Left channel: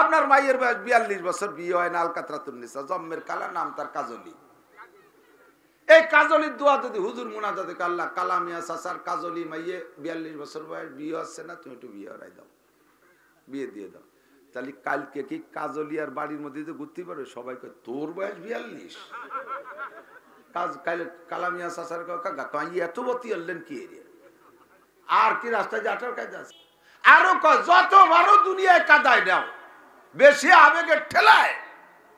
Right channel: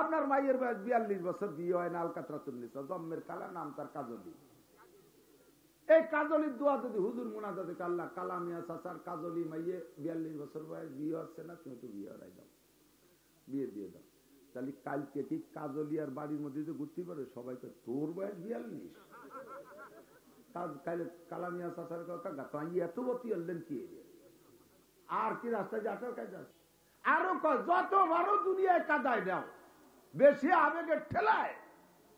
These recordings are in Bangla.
আপনার মায়ের বয়স 42 বছর, বিয়ে হয় না, আলকাতরাতুন নিসা, জম্মের কালা, নাম তার কাজলি। এই কাজলির দোয়া যদি হুজুর মুনাজাতে আল্লাহ কালামিয়া চাচার কাজলি মাইয়ে 42 বছর বয়স, বিয়ে হচ্ছে না, তুমি একটু বিয়ে হরাই দাও, বিয়ে দিয়ে দাও। তাহলে কালকে কি কাজলি আর বাড়ির মধ্যে ঘুরতে পারবে? সবাই কয় তোর বয়স 42, কালামিয়া চাচার এত বতি আনলেন কি এরিয়া, আর কি রাস্তায় যে আঠার কাজ আছে। আরো কয় যত বড় দুনিয়ায় কাদায় দাও, বেশি আবেগের ঠেলায়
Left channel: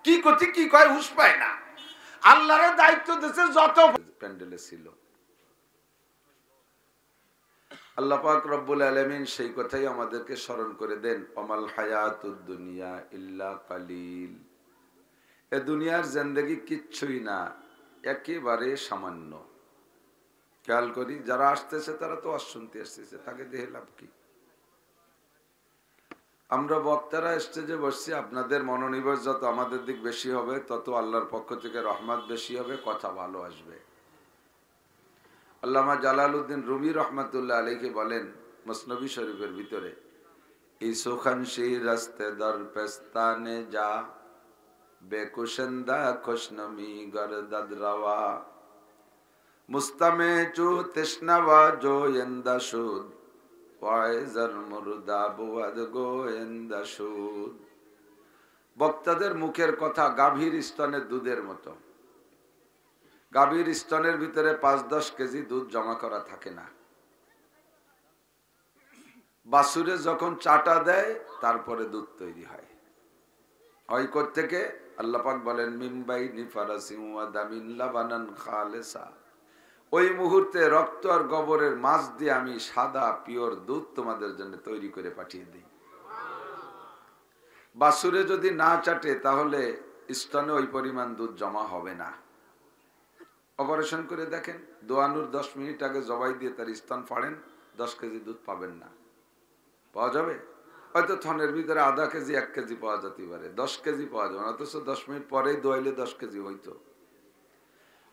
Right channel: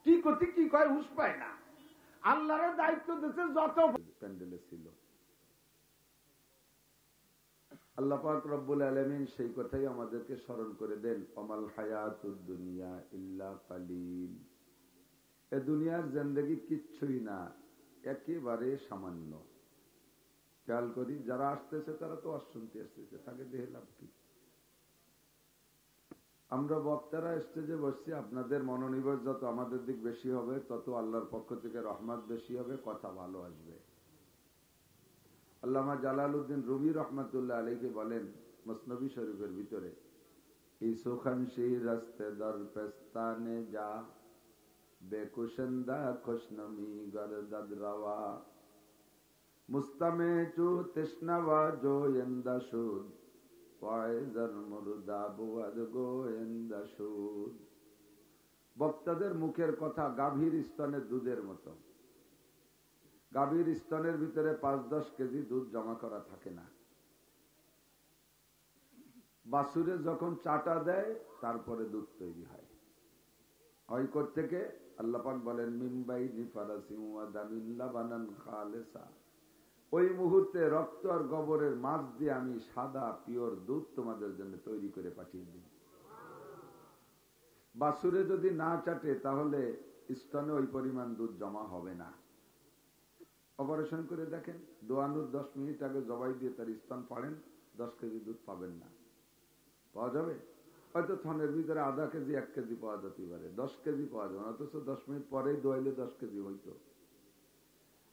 কি করছি কি কয় হুশ পায় না। আল্লাহর দায়িত্ব দিয়েছে যত প্যান্ডেলে ছিল। আল্লাহ পাক রব্বুল আলামিন সেই কথাই আমাদেরকে স্মরণ করে দেন, ওমাল হায়াতুদ দুনিয়া ইল্লা কালিল। এ দুনিয়ার জিন্দেগি কিচ্ছুই না, একেবারে সামান্য। খেয়াল করি যারা আসতেছে তারা তো শুনতে আসতেছে, তাকে দেখে লাভ কি? আমরা বক্তারা স্টেজে বসছি, আপনাদের মনোনিবেশ যত আমাদের দিক বেশি হবে তত আল্লাহর পক্ষ থেকে রহমত বেশি হবে, কথা ভালো আসবে। আল্লামা জালালউদ্দিন রুমি রহমাতুল্লাহ আলাইহি বলেন মসনবী শরীফের ভিতরে, এই সুখানশি রাস্তে দর পেস্তানে যা বেকুশন্দা খুশনমি গরদদ রওয়া মুস্তামে চু তৃষ্ণাওয়া জোয়েন্দা সুদ বক্তাদের মুখের কথা গাভীর স্তনের দুধের মতো। গাভীর স্তনের ভিতরে 5-10 কেজি দুধ জমা করা থাকে না। বাছুরে যখন চাটা দেয় তারপরে দুধ তৈরি হয়। হয় থেকে আল্লাহ পাক বলেন মিমবাই নিফারাসিম ওয়া দামিন লাবানান খালেসা, ওই মুহূর্তে রক্ত আর গোবরের মাছ দিয়ে আমি সাদা পিওর দুধ তোমাদের জন্য তৈরি করে পাঠিয়ে দিই। বাছুরে যদি না চাটে তাহলে স্তনে ওই পরিমাণ দুধ জমা হবে না। অপারেশন করে দেখেন, দোয়ানোর 10 মিনিট আগে জবাই দিয়ে তার স্তন ফাড়েন, 10 কেজি দুধ পাবেন না। পাওয়া যাবে হয়তো থনের ভিতরে আধা কেজি 1 কেজি পাওয়া যেতে পারে, 10 কেজি পাওয়া যাবে না। অথচ 10 মিনিট পরেই দোয়াইলে 10 কেজি হইতো।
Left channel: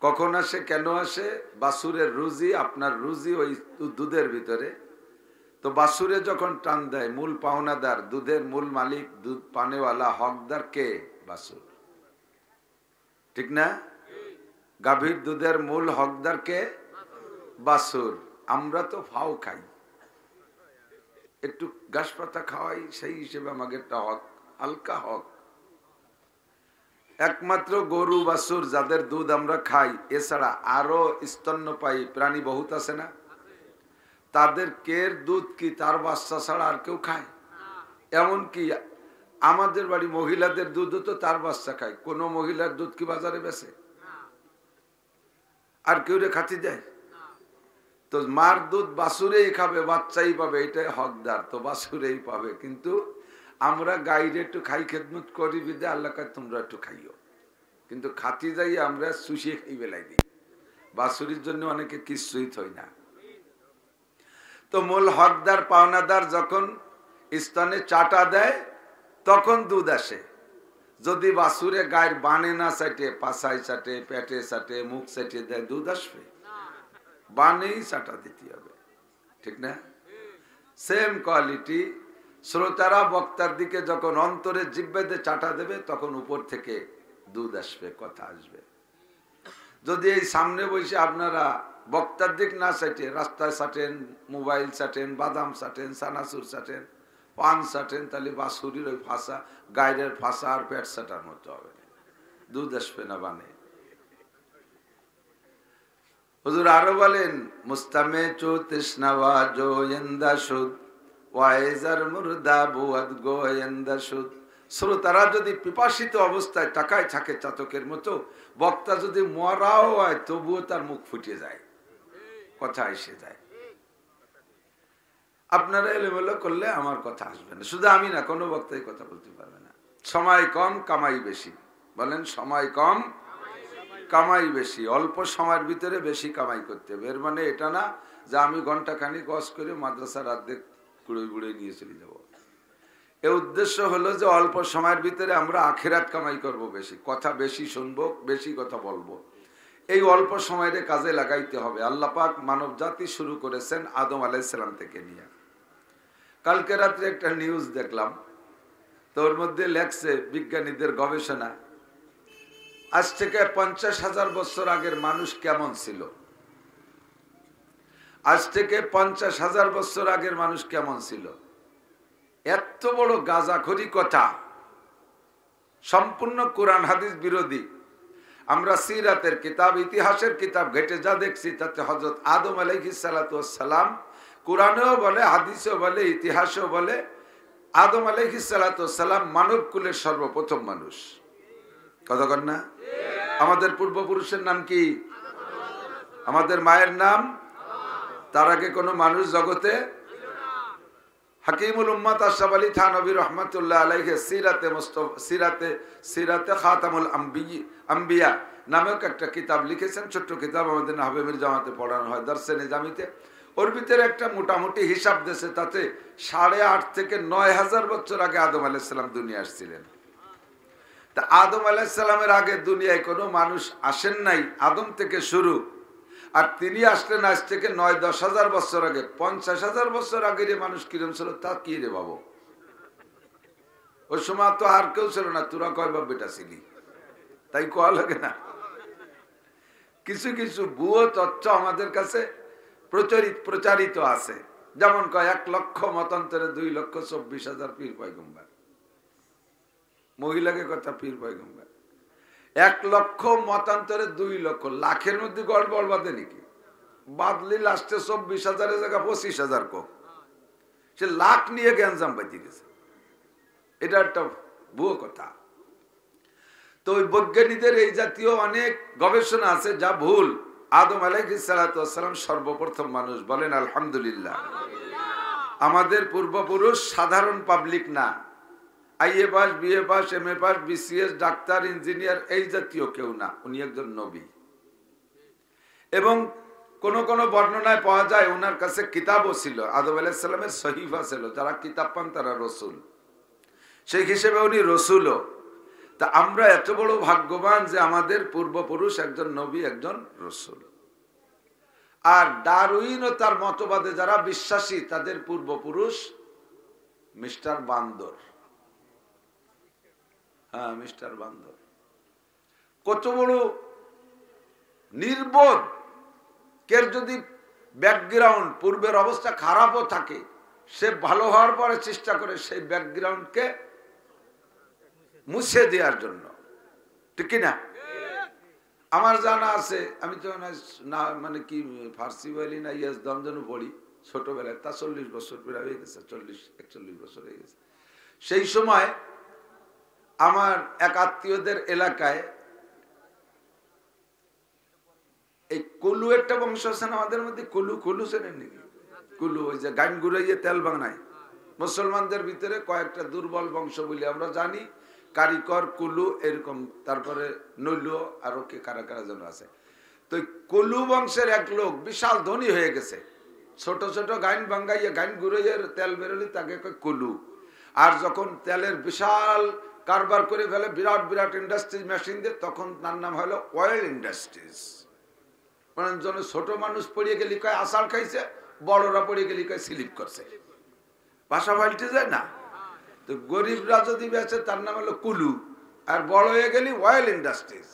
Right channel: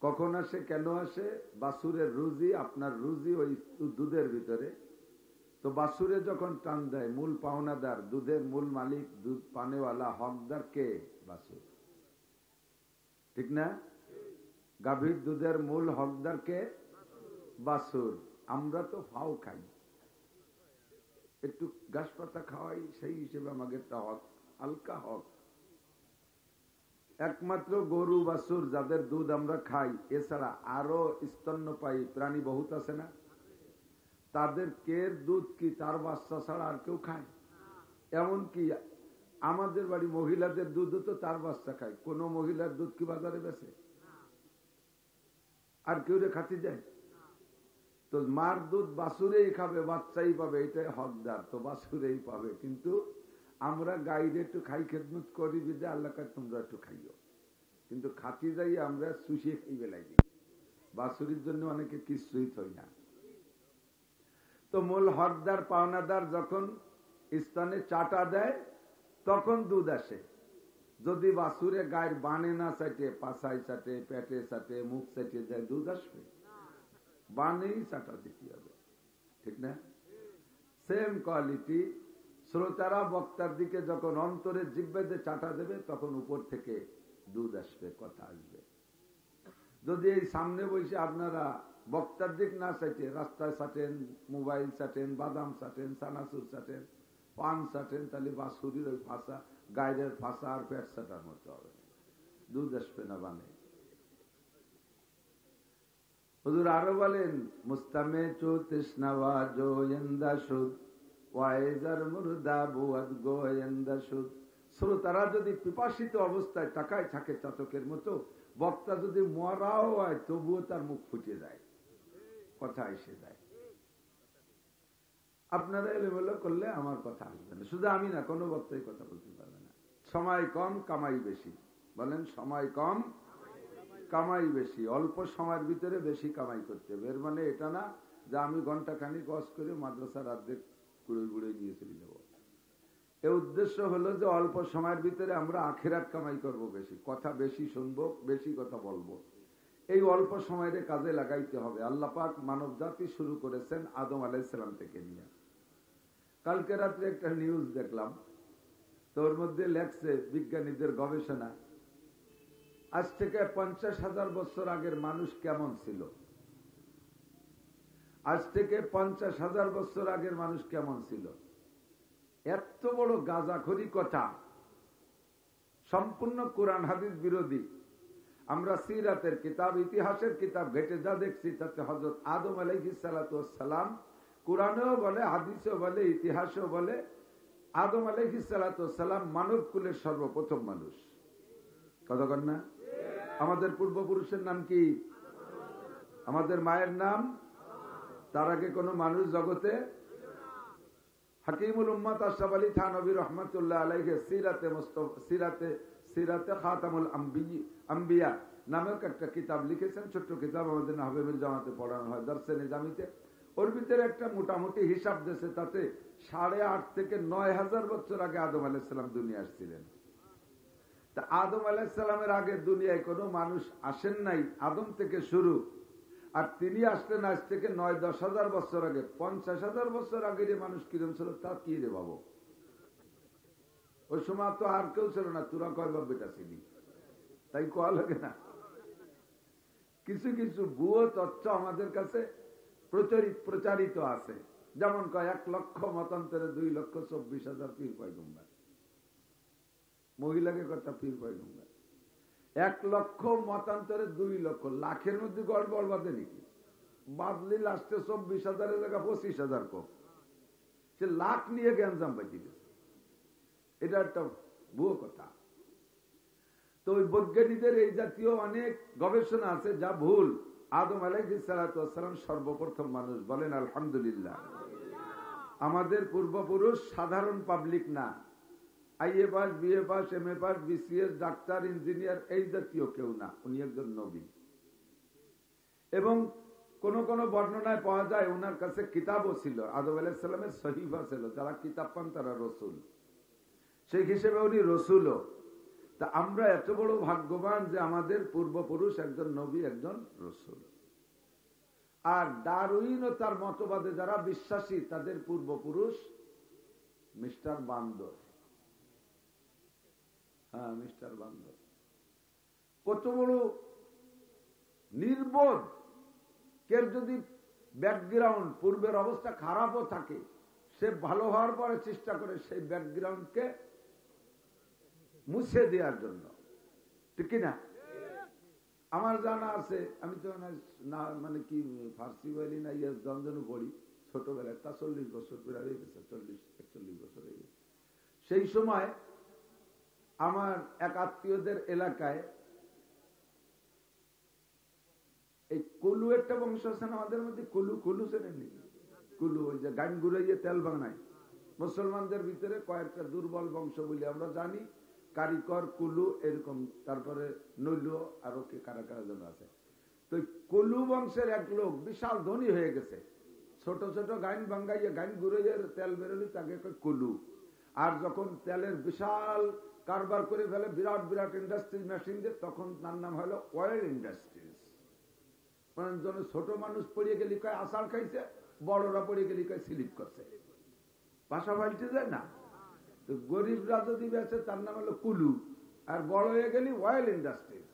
কখন আসে, কেন আসে? বাছুরের রুজি, আপনার রুজি ওই দুধের ভিতরে। তো বাছুরে যখন টান দেয়, মূল পাওনাদার, দুধের মূল মালিক, দুধ পানেওয়ালা, হকদার কে? বাছুর, ঠিক না? গাভীর দুধের মূল হকদার কে? বাছুর। আমরা তো ফাও খাই, একটু ঘাস পাতা খাওয়াই, সেই হিসেবে আমাকে একটা হক, হালকা হক। একমাত্র গরু বাছুর যাদের দুধ আমরা খাই, এছাড়া আরো স্তন্যপায়ী প্রাণী বহুত আছে না, তাদের কের দুধ কি তার বাচ্চা ছাড়া আর কেউ খায়? এমনকি আমাদের বাড়ি মহিলাদের দুধও তো তার বাচ্চা খায়। কোন মহিলার দুধ কি বাজারে বেচে? আর কেউ রে খাতি দেয়? তো মার দুধ বাছুরেই খাবে, বাচ্চাই পাবে, এটাই হকদার, তো বাছুরেই পাবে। কিন্তু আমরা গাইরে একটু খাই, খেদমত করি বিদে আল্লাহ কয় তোমরা একটু খাইও, কিন্তু খাতি যাই আমরা চুষিয়ে খাই বেলাই দিই। বাছুরির জন্য অনেকে কিছুই থই না। তো মূল হকদার পাওনাদার যখন স্তনে চাটা দেয় তখন দুধ আসে। যদি বাছুরে গায়ের বানে না চাটে, পাছায় চাটে, পেটে চাটে, মুখ চাটিয়ে দেয়, দুধ আসবে? বানেই চাটা দিতে হবে, ঠিক না? সেম কোয়ালিটি শ্রোতারা বক্তার দিকে যখন অন্তরে জিহ্বাতে চাটা দেবে তখন উপর থেকে দুধ আসবে, কথা আসবে। যদি এই সামনে বসে আপনারা বক্তার দিক না চাটে রাস্তায় চাটেন, মোবাইল চাটেন, বাদাম চাটেন, সানাসুর চাটেন, পান চাটেন, তাহলে বাছুরির ওই ফাঁসা, গায়ের ফাঁসা আর পেট চাটার মতো হবে, দুধ আসবে না বানে। হুজুর আরো বলেন মুস্তামে চো তৃষ্ণাওয়া জোয়েন্দা সুদ ওয়াইজার মুর্দা বুয়াদ গোয়েন্দা সুদ। শ্রোতারা যদি পিপাসিত অবস্থায় তাকায় থাকে চাতকের মতো, বক্তা যদি মরাও হয় তবুও তার মুখ ফুটে যায়, কথা এসে যায়। আপনারা এলোমেলো করলে আমার কথা আসবে না। শুধু আমি না, কোনো বক্তাই কথা বলতে পারবে না। সময় কম, কামাই বেশি। বলেন সময় কম, কামাই বেশি। অল্প সময়ের ভিতরে বেশি কামাই করতে হবে। এর মানে এটা না যে আমি ঘন্টা খানিক ওয়াজ করে মাদ্রাসার অর্ধেক কুড়ে কুড়ে নিয়ে চলে যাবো। এর উদ্দেশ্য হলো যে অল্প সময়ের ভিতরে আমরা আখিরাত কামাই করব, বেশি কথা বেশি শুনবো, বেশি কথা বলবো। এই অল্প সময়ের কাজে লাগাইতে হবে। আল্লাহ পাক মানব জাতি শুরু করেছেন আদম আলাইহিস সালাম থেকে নিয়ে। কালকে রাত্রে একটা নিউজ দেখলাম, তোর মধ্যে লেখছে বিজ্ঞানীদের গবেষণা, আজ থেকে 50,000 বছর আগের মানুষ কেমন ছিল, আজ থেকে 50,000 বছর আগের মানুষ কেমন ছিল। এত বড় গাঁজাখড়ি কথা, সম্পূর্ণ কোরআন হাদিস বিরোধী। আমরা সিরাতের কিতাব, ইতিহাসের কিতাব ঘেটে যা দেখছি তাতে হযরত আদম আলাইহিস সালাতু ওয়াস সালাম, কোরআনেও বলে, হাদিসেও বলে, ইতিহাসেও বলে, আদম আলাইহিস সালাতু ওয়াস সালাম মানব কুলের সর্বপ্রথম মানুষ। কথা কন না? আমাদের পূর্বপুরুষের নাম কি? আমাদের মায়ের নাম? তার আগে কোনো মানুষ জগতে? হাকিমুল উম্মাত আশরাফ আলী থানভী রহমাতুল্লাহ আলাইহি সিরাতে খাতামুল আম্বিয়া নামক একটা কিতাব লিখেছেন, ছোট্ট কিতাব, আমাদের নাহবে জামাতে পড়ানো হয় দর্শে নিজামিতে। ওর ভিতরে একটা মোটামুটি হিসাব দেশে, তাতে 8.5 থেকে 9,000 বছর আগে আদম আলাইহিস সালাম দুনিয়া আসছিলেন। তা আদম আলাইহিস সালামের আগে দুনিয়ায় কোনো মানুষ আসেন নাই, আদম থেকে শুরু। আর তিনি আসলেন আজ থেকে 9-10 হাজার বছর আগে। 50,000 বছর আগের মানুষ কিরম ছিল তা কি রে বাবু? ওই সময় তো আর কেউ ছিল না, তোরা কয় বাপ বেটা ছিলি, তাই কোয়া লাগে না? কিছু কিছু ভুয়ো তথ্য আমাদের কাছে প্রচারিত আছে, যেমন কয় 1 লক্ষ মতান্তরে 2,24,000 পীর পয়গম্বর। মহিলাকে কথা পীর পয়গম্বর। 1 লক্ষ মতান্তরে 2 লক্ষ, লাখের মধ্যে গড়বড় বাঁধে নাকি? বাদলি লাস্টে 24,000 জায়গা 25,000 কোক, সে লাখ নিয়ে গ্যাঞ্জাম বাঁধে গেছে। এটা একটা ভুয়ো কথা। তো ওই বৈজ্ঞানিকদের এই জাতীয় অনেক গবেষণা আছে যা ভুল। আদম আলাইহিস সালাতু ওয়াস সালাম সর্বপ্রথম মানুষ, বলেন আলহামদুলিল্লাহ। আমাদের পূর্বপুরুষ সাধারণ পাবলিক না, IA pass, BA pass, MA pass, BCS, doctor, engineer এই জাতীয় কেউ না, উনি একজন নবী। এবং কোন কোন বর্ণনায় পাওয়া যায় ওনার কাছে কিতাবও ছিল, আদম আলাইহিস সালামের সহিফা ছিল, যারা কিতাব পান তারা রসুল, সেই হিসেবে উনি রসুলও। তা আমরা এত বড় ভাগ্যবান যে আমাদের পূর্বপুরুষ একজন নবী, একজন রসুল। আর ডারউইন ও তার মতবাদে যারা বিশ্বাসী তাদের পূর্বপুরুষ মিস্টার বান্দর। হ্যাঁ, মিস্টার বান্দর। কত বড় নির্বোধ! কের যদি ব্যাকগ্রাউন্ড, পূর্বের অবস্থা খারাপও থাকে, সে ভালো হওয়ার পরে চেষ্টা করে সেই ব্যাকগ্রাউন্ডকে মুছে দেওয়ার জন্য, ঠিক কিনা? আমার জানা আছে, আমি তো না মানে কি ফার্সি বলি না, ইয়াস দমজনু পড়ি ছোটবেলায়, তা 40 বছর প্রায় হয়ে গেছে, 40-41 বছর হয়ে গেছে। সেই সময় আমার এক আত্মীয়দের এলাকায় এই কুলু একটা বংশ আছে না আমাদের মধ্যে, কুলু চেনেন নাকি? কুলু ওই যে গান গুড়াইয়ে তেল বানায়, মুসলমানদের ভিতরে কয়েকটা দুর্বল বংশ বলে আমরা জানি, কারিকর, কুলু, এরকম, তারপরে নৈল, আরো কে কারা কারা যেন আছে। তো কুলু বংশের এক লোক বিশাল ধনী হয়ে গেছে, ছোট ছোট গাইন ভাঙ্গাইয়ে গাইন গুড়াইয়ের তেল বেরোলি তাকে কয় কুলু। আর যখন তেলের বিশাল কারবার করে ফেলে, বিরাট বিরাট ইন্ডাস্ট্রিজ মেশিন দিয়ে, তখন তার নাম হলো অয়েল ইন্ডাস্ট্রিজ। মানে ছোট মানুষ পড়িয়ে গেলি কয় আষাঢ় খাইছে, বড়রা পড়িয়ে গেলি কয় স্লিপ করছে, ভাষা পাল্টে যায় না? তো গরিবরা যদি বেঁচে তার নাম হলো কুলু, আর বড় হয়ে গেলি অয়েল ইন্ডাস্ট্রিজ।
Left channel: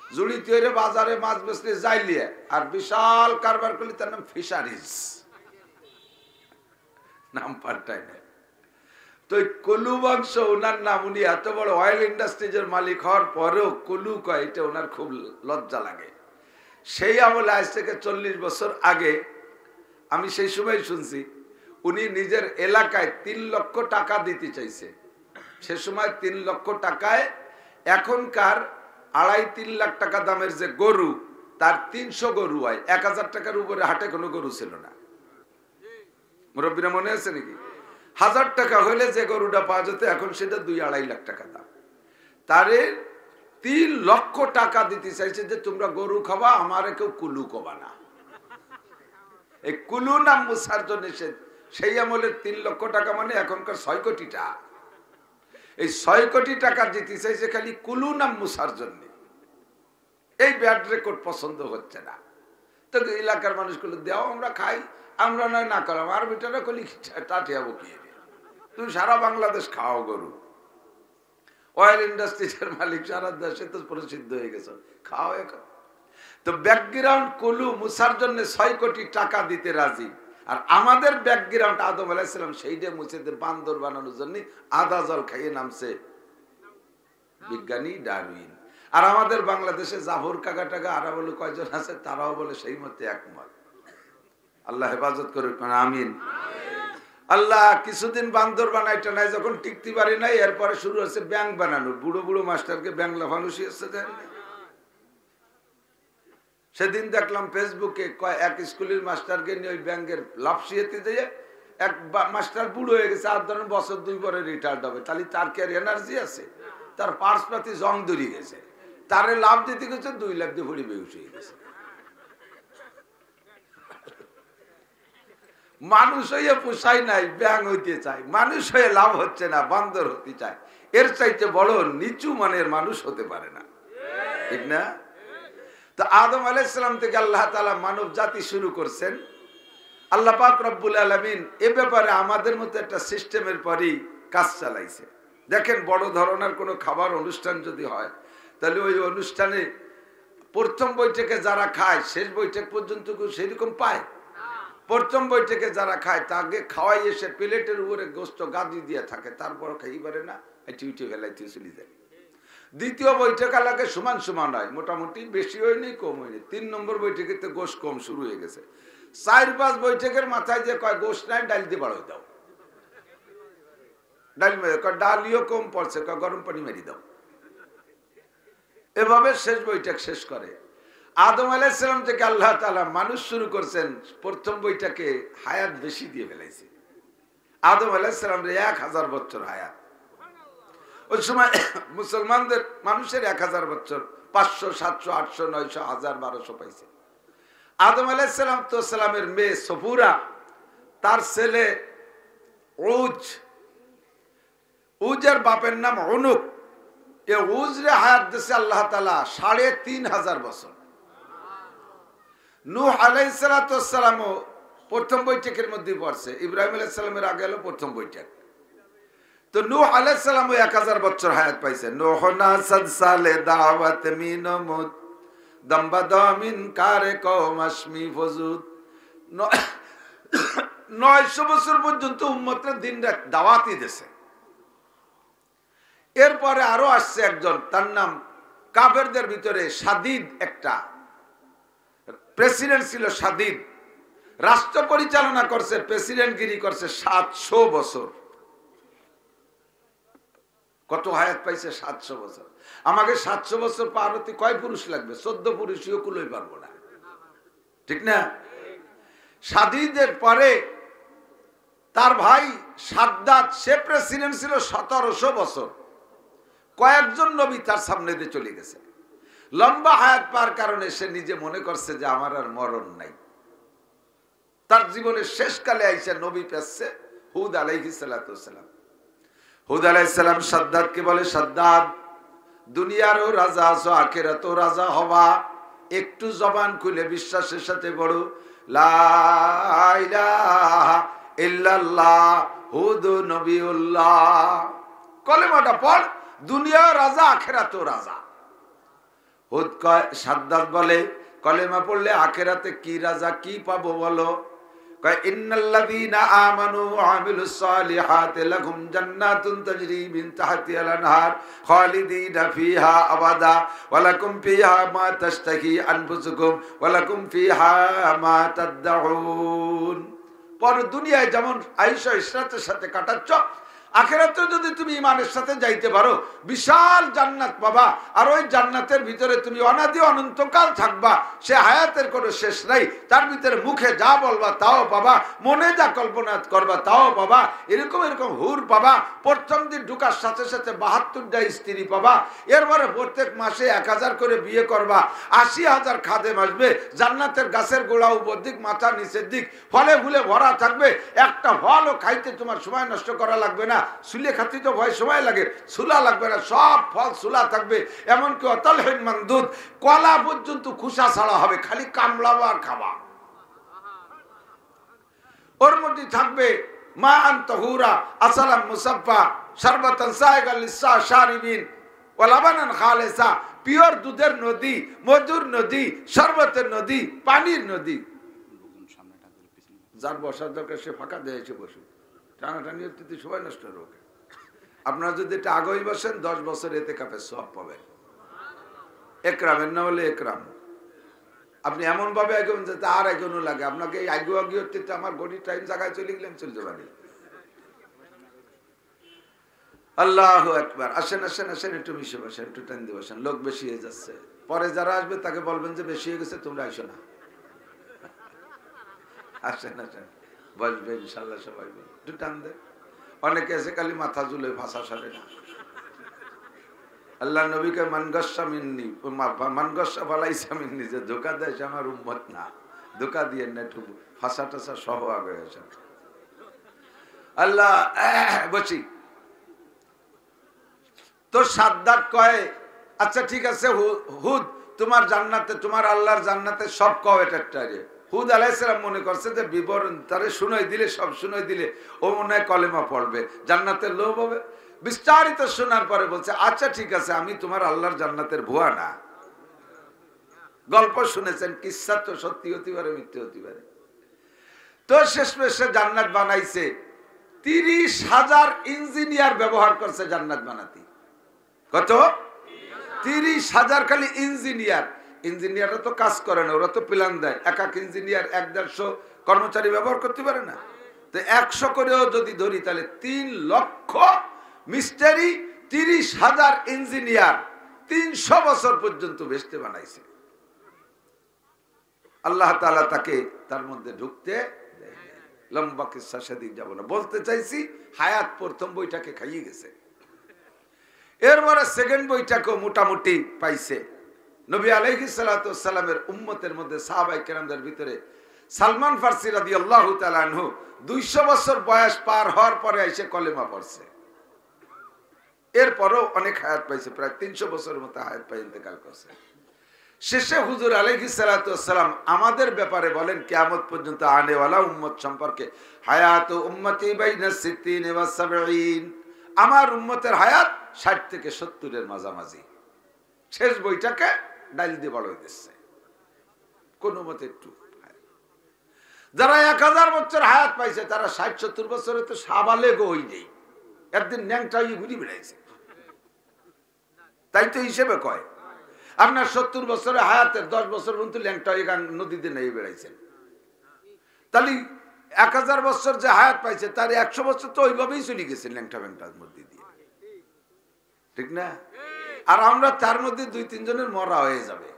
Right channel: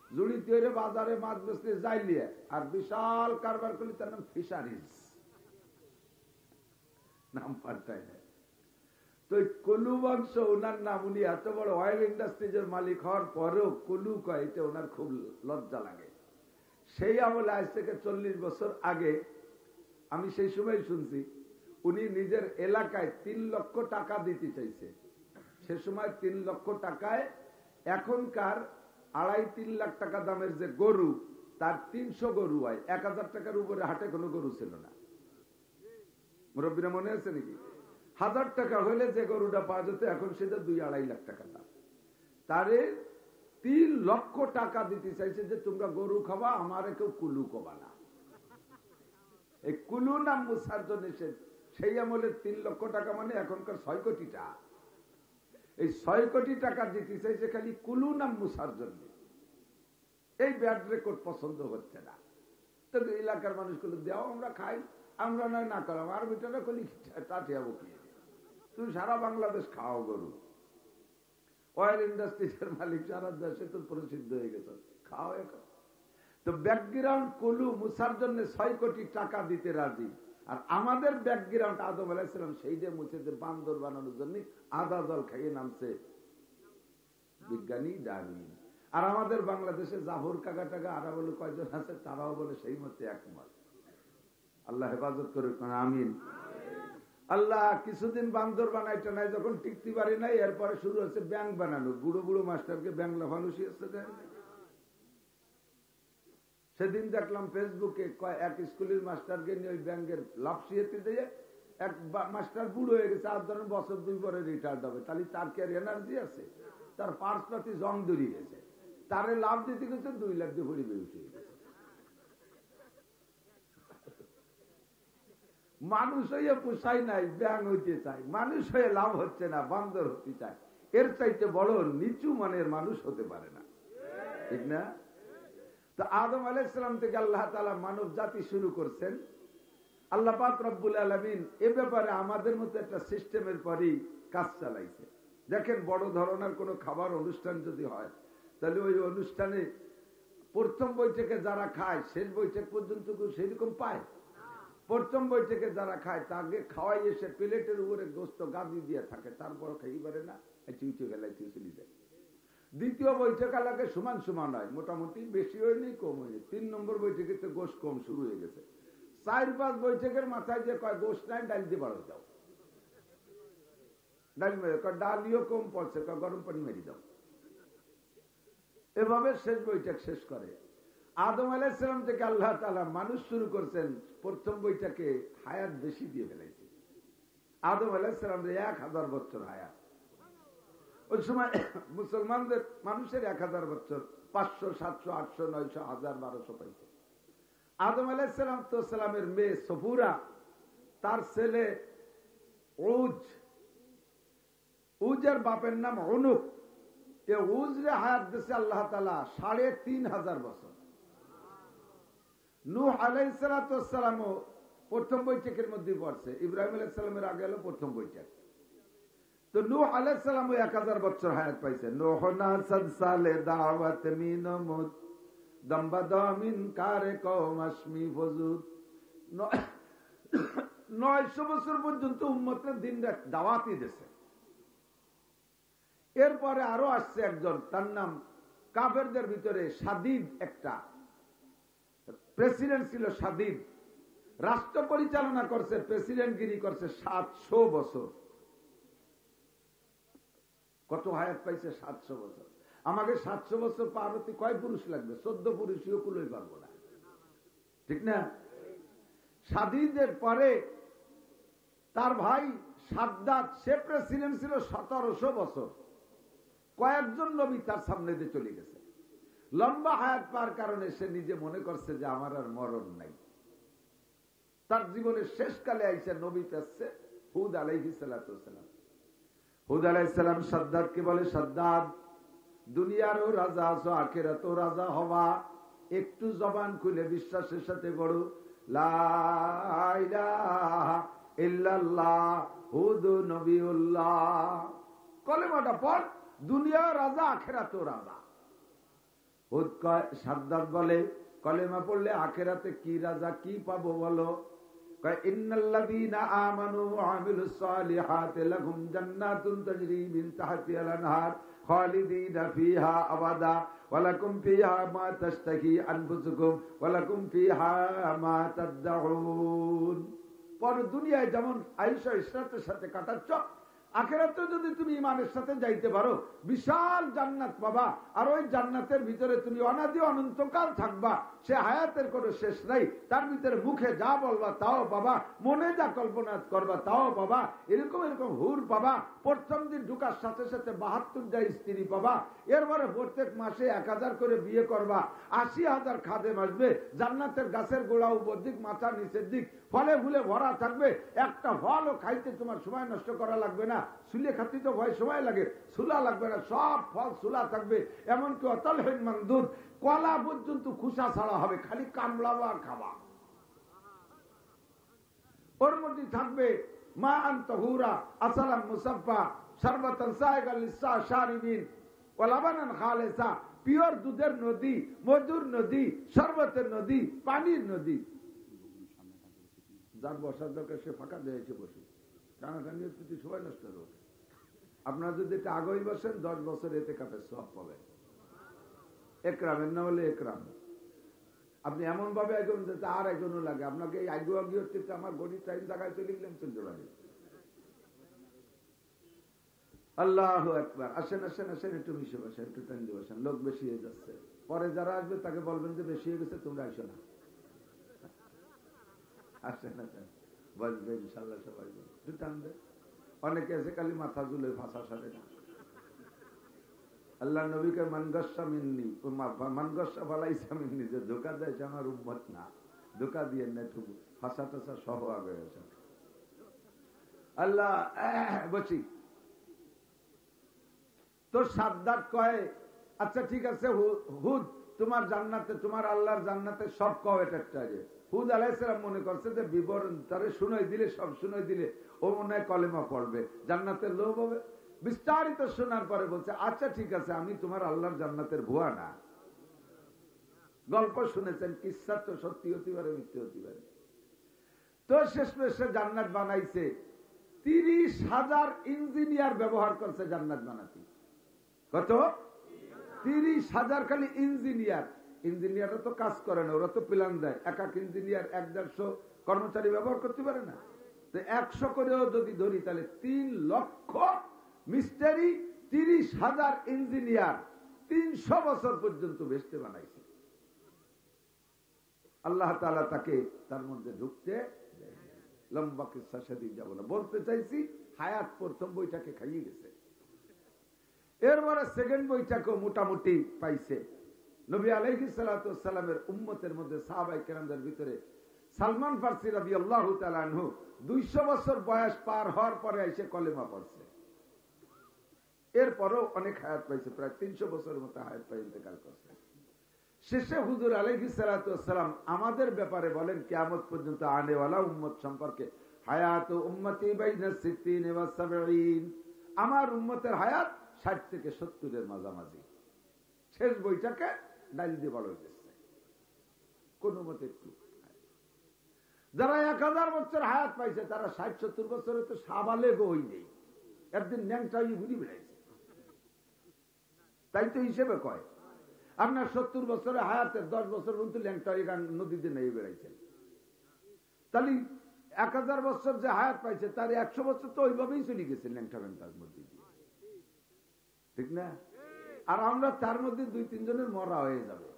জুড়ি তৈরি বাজারে মাছ বেচলে যাইলিয়ে, আর বিশাল কারবার করলি তার নাম ফিশারিজ, নাম পাল্টায় না। তো কুলু বংশ ওনার নাম, উনি এত বড় অয়েল ইন্ডাস্ট্রিজের মালিক হওয়ার পরেও কুলু কয়, এটা ওনার খুব লজ্জা লাগে। সেই আমলে আজ থেকে 40 বছর আগে আমি সেই সময় শুনছি উনি নিজের এলাকায় 3 লক্ষ টাকা দিতে চাইছে। সে সময় 3 লক্ষ টাকায় এখনকার 2.5-3 লাখ টাকা দামের যে গরু, তার 300 গরু হয়। 1000 টাকার উপরে হাটে কোনো গরু ছিল না। মুরব্বীরা মনে আছে নাকি? 1000 টাকা হলে যে গরুটা পাওয়া যেত, এখন সেটা 2-2.5 লাখ টাকা দাম। তারে 3 লক্ষ টাকা দিতে চাইছে যে তোমরা গরু খাবা, আমারে কেউ কুলু কবা না। এই কুলু নাম মুছার জন্য সেই আমলে 3 লক্ষ টাকা মানে এখনকার 6 কোটি টাকা। এই 6 কোটি টাকা দিতে চাইছে খালি কুলু নাম মুছার জন্য। এই ব্যাড রেকর্ড পছন্দ হচ্ছে না। তো এলাকার মানুষগুলো দেও, আমরা খাই, আমরা নয় না করলাম, আর বেটারা কলি টাটিয়াবো কি, তুমি সারা বাংলাদেশ খাও গরু, অয়েল ইন্ডাস্ট্রিজের মালিক সারা দেশে তো প্রসিদ্ধ হয়ে গেছে, খাও এখন। তো ব্যাকগ্রাউন্ড কুলু মুসার জন্য 6 কোটি টাকা দিতে রাজি। আর আমাদের ব্যাকগ্রাউন্ড আদম আলাইহিস সালাম সেইটা মুছে বান্দর বানানোর জন্য আদা জল খাইয়ে নামছে বিজ্ঞানী ডারউইন। আর আমাদের বাংলাদেশে জাফর কাকা টাকা আরা বলে কয়জন আছে, তারাও বলে সেই মতে একমত। আল্লাহ হেফাজত করুক, আমিন। আল্লাহ কিছুদিন বান্দর বানাইটা নাই, যখন টিকতে পারি নাই এরপরে শুরু হচ্ছে ব্যাংক বানানো। বুড়ো বুড়ো মাস্টারকে ব্যাংক লাফানো শিখছে। সেদিন দেখলাম ফেসবুকে এক স্কুলের মাস্টারকে নিয়ে ওই ব্যাংকের লাভ শিখাতে দিয়ে এক মাস্টার বুড়ো হয়ে গেছে, আর ধরেন বছর 2 পরে রিটায়ার্ড হবে। তাহলে তার কি আর এনার্জি আছে? তার পার্স পাতি জং দড়ি গেছে, তারে লাভ দিতে গেছে 2 লাখ দিয়ে ভরি বেউস হয়ে গেছে। মানুষ হয়ে পোষাই নাই, ব্যাং হইতে চায়। মানুষ হয়ে লাভ হচ্ছে না, বান্দর হতে চায়। এর চাইতে বড় নিচু মানের মানুষ হতে পারে না, ঠিক না? তো আদম আলাইহিস সালাম থেকে আল্লাহ তাআলা মানব জাতি শুরু করছেন। আল্লাহ পাক রব্বুল আলামিন এ ব্যাপারে আমাদের মতো একটা সিস্টেমের পরই কাজ চালাইছে। দেখেন, বড় ধরনের কোনো খাবার অনুষ্ঠান যদি হয়, তাহলে ওই অনুষ্ঠানে প্রথম বৈঠকে যারা খায় শেষ বৈঠক পর্যন্ত সেরকম পায়? প্রথম বৈঠকে যারা খায় তাকে খাওয়াই এসে প্লেটের উপরে গোস্ত গাদি দিয়ে থাকে, তারপর খাই পারে না, উঠে ফেলাইতে চলে যায়। দ্বিতীয় বৈঠক এলাকে সমান সমান হয়, মোটামুটি বেশি হয়নি কম হয়নি। 3 নম্বর বৈঠকে তো গোশ কম শুরু হয়ে গেছে। 4-5 বৈঠকের মাথায় যে কয় গোশ নাই, ডাল দিয়ে বাড়াই দাও, ডালিও কম পড়ছে, গরম পানি মেরি দাও। এভাবে শেষ বৈঠক শেষ করে। আদম আলাইহিস সালাম থেকে আল্লাহ তাআলা মানুষ শুরু করছেন, প্রথম বৈঠকে হায়াত বেশি দিয়ে ফেলাইছে। আদম আলাইহিস সালাম 1000 বছর হায়াত। ওই সময় মুসলমানদের মানুষের 1000 বছর 500, 700, 800, 900, 1000, 1200 পাইছে। আদম আলাইহিস সালামের মেয়ে সফুরা, তার ছেলে উজ, উজের বাপের নাম উনুক। এ উজরে হায়াত দিয়েছে আল্লাহ তাআলা 3500 বছর। নূহ আলাইহিস সালামও প্রথম বৈঠকের মধ্যে পড়ছে। ইব্রাহিম আলাইহিস সালামের আগে হলো প্রথম বৈঠক। তো নূহ আলাইহিস সালামও 1000 বছর হায়াত পাইছে। নূহ না সালে দাওয়াত মিনমুত দমবাদামিন কারে কওম আশমি ফজুদ। 900 বছর পর্যন্ত উম্মতরা দিন রাত দাওয়াতই দিয়েছে। এরপরে আরো আসছে একজন, তার নাম কাফেরদের ভিতরে সাদিদ, একটা প্রেসিডেন্ট ছিল। সাদিদ রাষ্ট্র পরিচালনা করছে, প্রেসিডেন্টগিরি করছে 700 বছর। কত হায়াত পাইছে? 700 বছর। আমাকে 700 বছর পার হতে কয় পুরুষ লাগবে? 14 পুরুষও কুলোই পারবো না, ঠিক না? সাদিদের পরে তার ভাই সাদ্দাত, সে প্রেসিডেন্ট ছিল 1700 বছর। কয়েকজন নবী তার সামনে দিয়ে চলে গেছে। লম্বা হায়াত পাওয়ার কারণে সে নিজে মনে করছে যে আমার আর মরণ নাই। তার জীবনের শেষকালে আইসা নবী পেয়েছে হুদ আলাইহিস সালাম। হুদ আলাইহিস সালাম সাদ্দাতকে বলে, সাদ্দাত, দুনিয়ারও রাজা আছো, আখিরাতেও রাজা হবা। একটু জবান খুলে বিশ্বাসের সাথে বড় লা ইলাহা ইল্লাল্লাহ হুদ নবিউল্লাহ, কলেমাটা পড়, দুনিয়াও রাজা আখিরাতেও রাজা। হুদ কয়, সাদ্দাত বলে, কলেমা পড়লে আখিরাতে কি রাজা কি পাবো বলো? কয়, ইন্নাল্লাযীনা আমানু ওয়া আমিলুস সালিহাতি লাহুম জান্নাতুন তাজরি মিন তাহতিহাল আনহার খালিদিনা ফিহা আবাদা ওয়া লাকুম ফিহা মা তাশতাহি আনফুসুকুম ওয়া লাকুম ফিহা মা তাদউন। পর দুনিয়ায় যেমন আয়েশা ইশরাতের সাথে কাটাচ্ছ, আখিরাতে যদি তুমি ইমানের সাথে যাইতে পারো, বিশাল জান্নাত পাবা। আর ওই জান্নাতের ভিতরে তুমি অনাদি অনন্তকাল থাকবা। সে হায়াতের কোনো শেষ নাই। তার ভিতরে মুখে যা বলবা তাও পাবা, মনে যা কল্পনা করবা তাও পাবা। এরকম এরকম হুর পাবা। প্রথম দিন ঢুকার সাথে সাথে 72টা স্ত্রী পাবা। এরপরে প্রত্যেক মাসে 1000 করে বিয়ে করবা। 80,000 খাদেম আসবে। জান্নাতের গাছের গোড়া উপর দিক, মাথা নিচের দিক ফলে ফুলে ভরা থাকবে। একটা ফলও খাইতে তোমার সময় নষ্ট করা লাগবে না। সুলে খাতি তো ভয় সময় লাগে, সুলা লাগবে না, সব ফল সুলা থাকবে। এমনকি অতলহীন মানদুদ, কলা পর্যন্ত খুশা ছাড়া হবে, খালি কামড়াবো আর খাবা। ওর মধ্যে থাকবে মা আন তাহুরা, আসালাম মুসাফফা, শারবাতান সায়গাল লিশারিবিন ওয়া লাবানান খালিসা, পিওর দুধের নদী, মধুর নদী, শরবতের নদী, পানির নদী। যার বসার দরকার সে ফাঁকা দিয়ে এসে বসুন, টানাটানি হতে সবাই নষ্ট হবে। আপনারা যদি এটা আগেই বসেন 10 বছর এতে কাপের সব পাবেন। একরামের না হলে একরাম। আপনি এমন ভাবে এগোন যাতে আর এগোনো লাগে আপনাকে। এই আগে আগে হচ্ছে আমার গড়ির টাইম জায়গায় চলে গেলেন, চলতে পারি। আল্লাহু আকবার। আসেন আসেন আসেন, একটু মিশে বসেন, একটু টাইম দিয়ে বসেন। লোক বেশি হয়ে যাচ্ছে, পরে যারা আসবে তাকে বলবেন যে বেশি হয়ে গেছে, তোমরা আইসো না। আসেন আসেন, বসবে ইনশাল্লাহ সবাই। একটু টান দে। অনেকে এসে খালি মাথা ঝুলে, ভাষা সারে না। আল্লাহ নবীকে মানগস্যা মিন্নি, মানগস্যা ফালাইসা মিন্নি, যে ধোকা দেয় সে আমার উম্মত না। ধোকা দিয়ে না, একটু ফাঁসা টাসা সহ আগে আসেন। আল্লাহ বসি তো সাদ্দাত কয়, আচ্ছা ঠিক আছে হুদ, তোমার জান্নাতে, তোমার আল্লাহর জান্নাতে সব কও এটা। হুদ আলাইহিস সালাম মনে করছে যে বিবরণ তারে শুনাই দিলে, সব শুনাই দিলে ও মনে হয় কলেমা পড়বে, জান্নাতের লোভ হবে। বিস্তারিত শোনার পরে বলছে, আচ্ছা ঠিক আছে, আমি তোমার আল্লাহর জান্নাতের ভুয়া না। গল্প শুনেছেন, কিসসা তো সত্যি হতে পারে, মিথ্যে হতে পারে। তো শেষমেশ সে জান্নাত বানাইছে। 30,000 ইঞ্জিনিয়ার ব্যবহার করছে জান্নাত বানাতে। কত? 30,000 খালি ইঞ্জিনিয়ার। ইঞ্জিনিয়াররা তো কাজ করে না, ওরা তো প্ল্যান দেয়। এক এক ইঞ্জিনিয়ার 1-150 কর্মচারী ব্যবহার করতে পারে না। তো 100 করেও যদি ধরি তাহলে 3 লক্ষ মিস্ত্রি, 30,000 ইঞ্জিনিয়ার 300 বছর পর্যন্ত বেহেশতে বানাইছে। আল্লাহ তাআলা তাকে তার মধ্যে ঢুকতে দেয়। লম্বা কিসসা সেদিক যাব না, বলতে চাইছি হায়াত প্রথম বইটাকে খাইয়ে গেছে। এরপরে সেকেন্ড বইটাকেও মোটামুটি পাইছে। নবী আলাইহিস সালাতু ওয়াস সালামের উম্মতের মধ্যে সাহাবায়ে কেরামদের ভিতরে সালমান ফারসি রাদিয়াল্লাহু তাআলা আনহু 200 বছর বয়স পার হওয়ার পরে এসে কলেমা পড়ছে। এরপরও অনেক হায়াত পাইছে, প্রায় 300 বছরের মতো হায়াত পাই ইন্তেকাল করছে। শেষে হুজুর আলাইহিস সালাতু ওয়াস সালাম আমাদের ব্যাপারে বলেন, কিয়ামত পর্যন্ত আনেওয়ালা উম্মত সম্পর্কে, হায়াতু উম্মতি বাইনা 60 ওয়া 70, আমার উম্মতের হায়াত 60 থেকে 70 এর মাঝামাঝি। শেষ বইটাকে ডাইল দিয়ে বড় হয়ে দিচ্ছে কোন মতে একটু। যারা 1000 বছর হায়াত পাইছে তারা 60-70 বছরে তো সাবালেগ হই নেই, একদিন ন্যাংটা হয়ে ঘুরি বেড়াইছে। তাই তো হিসেবে কয়, আপনার 70 বছরে হায়াতের 10 বছর পর্যন্ত ল্যাংটা হয়ে নদীতে নেই বেড়াইছেন। তাহলে 1000 বছর যে হায়াত পাইছে তার 100 বছর তো ওইভাবেই চলে গেছে ল্যাংটা ব্যাংটার মধ্যে দিয়ে, ঠিক না? আর আমরা তার মধ্যে 2-3 জনের মরা হয়ে যাবে।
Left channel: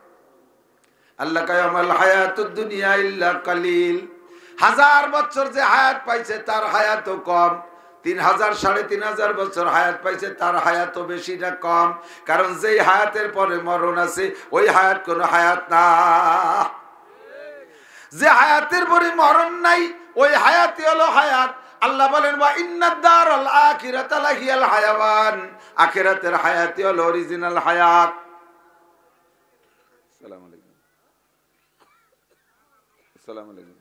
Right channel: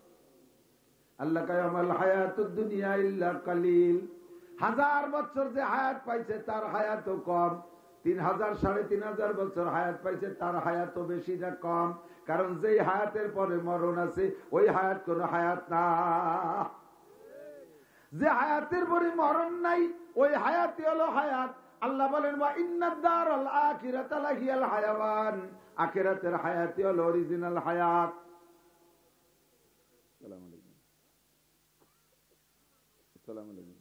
আল্লাহ কয় আমাল হায়াতুদ দুনিয়া ইল্লা কালিল। 1000 বছর যে হায়াত পাইছে তার হায়াতও কম। 3000 3500 বছর হায়াত পাইছে তার হায়াতও বেশি না কম। কারণ যেই হায়াতের পরে মরণ আছে ওই হায়াত কোনো হায়াত না। যে হায়াতের পরে মরণ নাই ওই হায়াতই হলো হায়াত। আল্লাহ বলেন, ওয়া ইন্নাদ দারাল আখিরাতা লাহিয়াল হায়াওয়ান, আখিরাতের হায়াতই হলো অরিজিনাল হায়াত। আসসালামু আলাইকুম। আসসালামু আলাইকুম।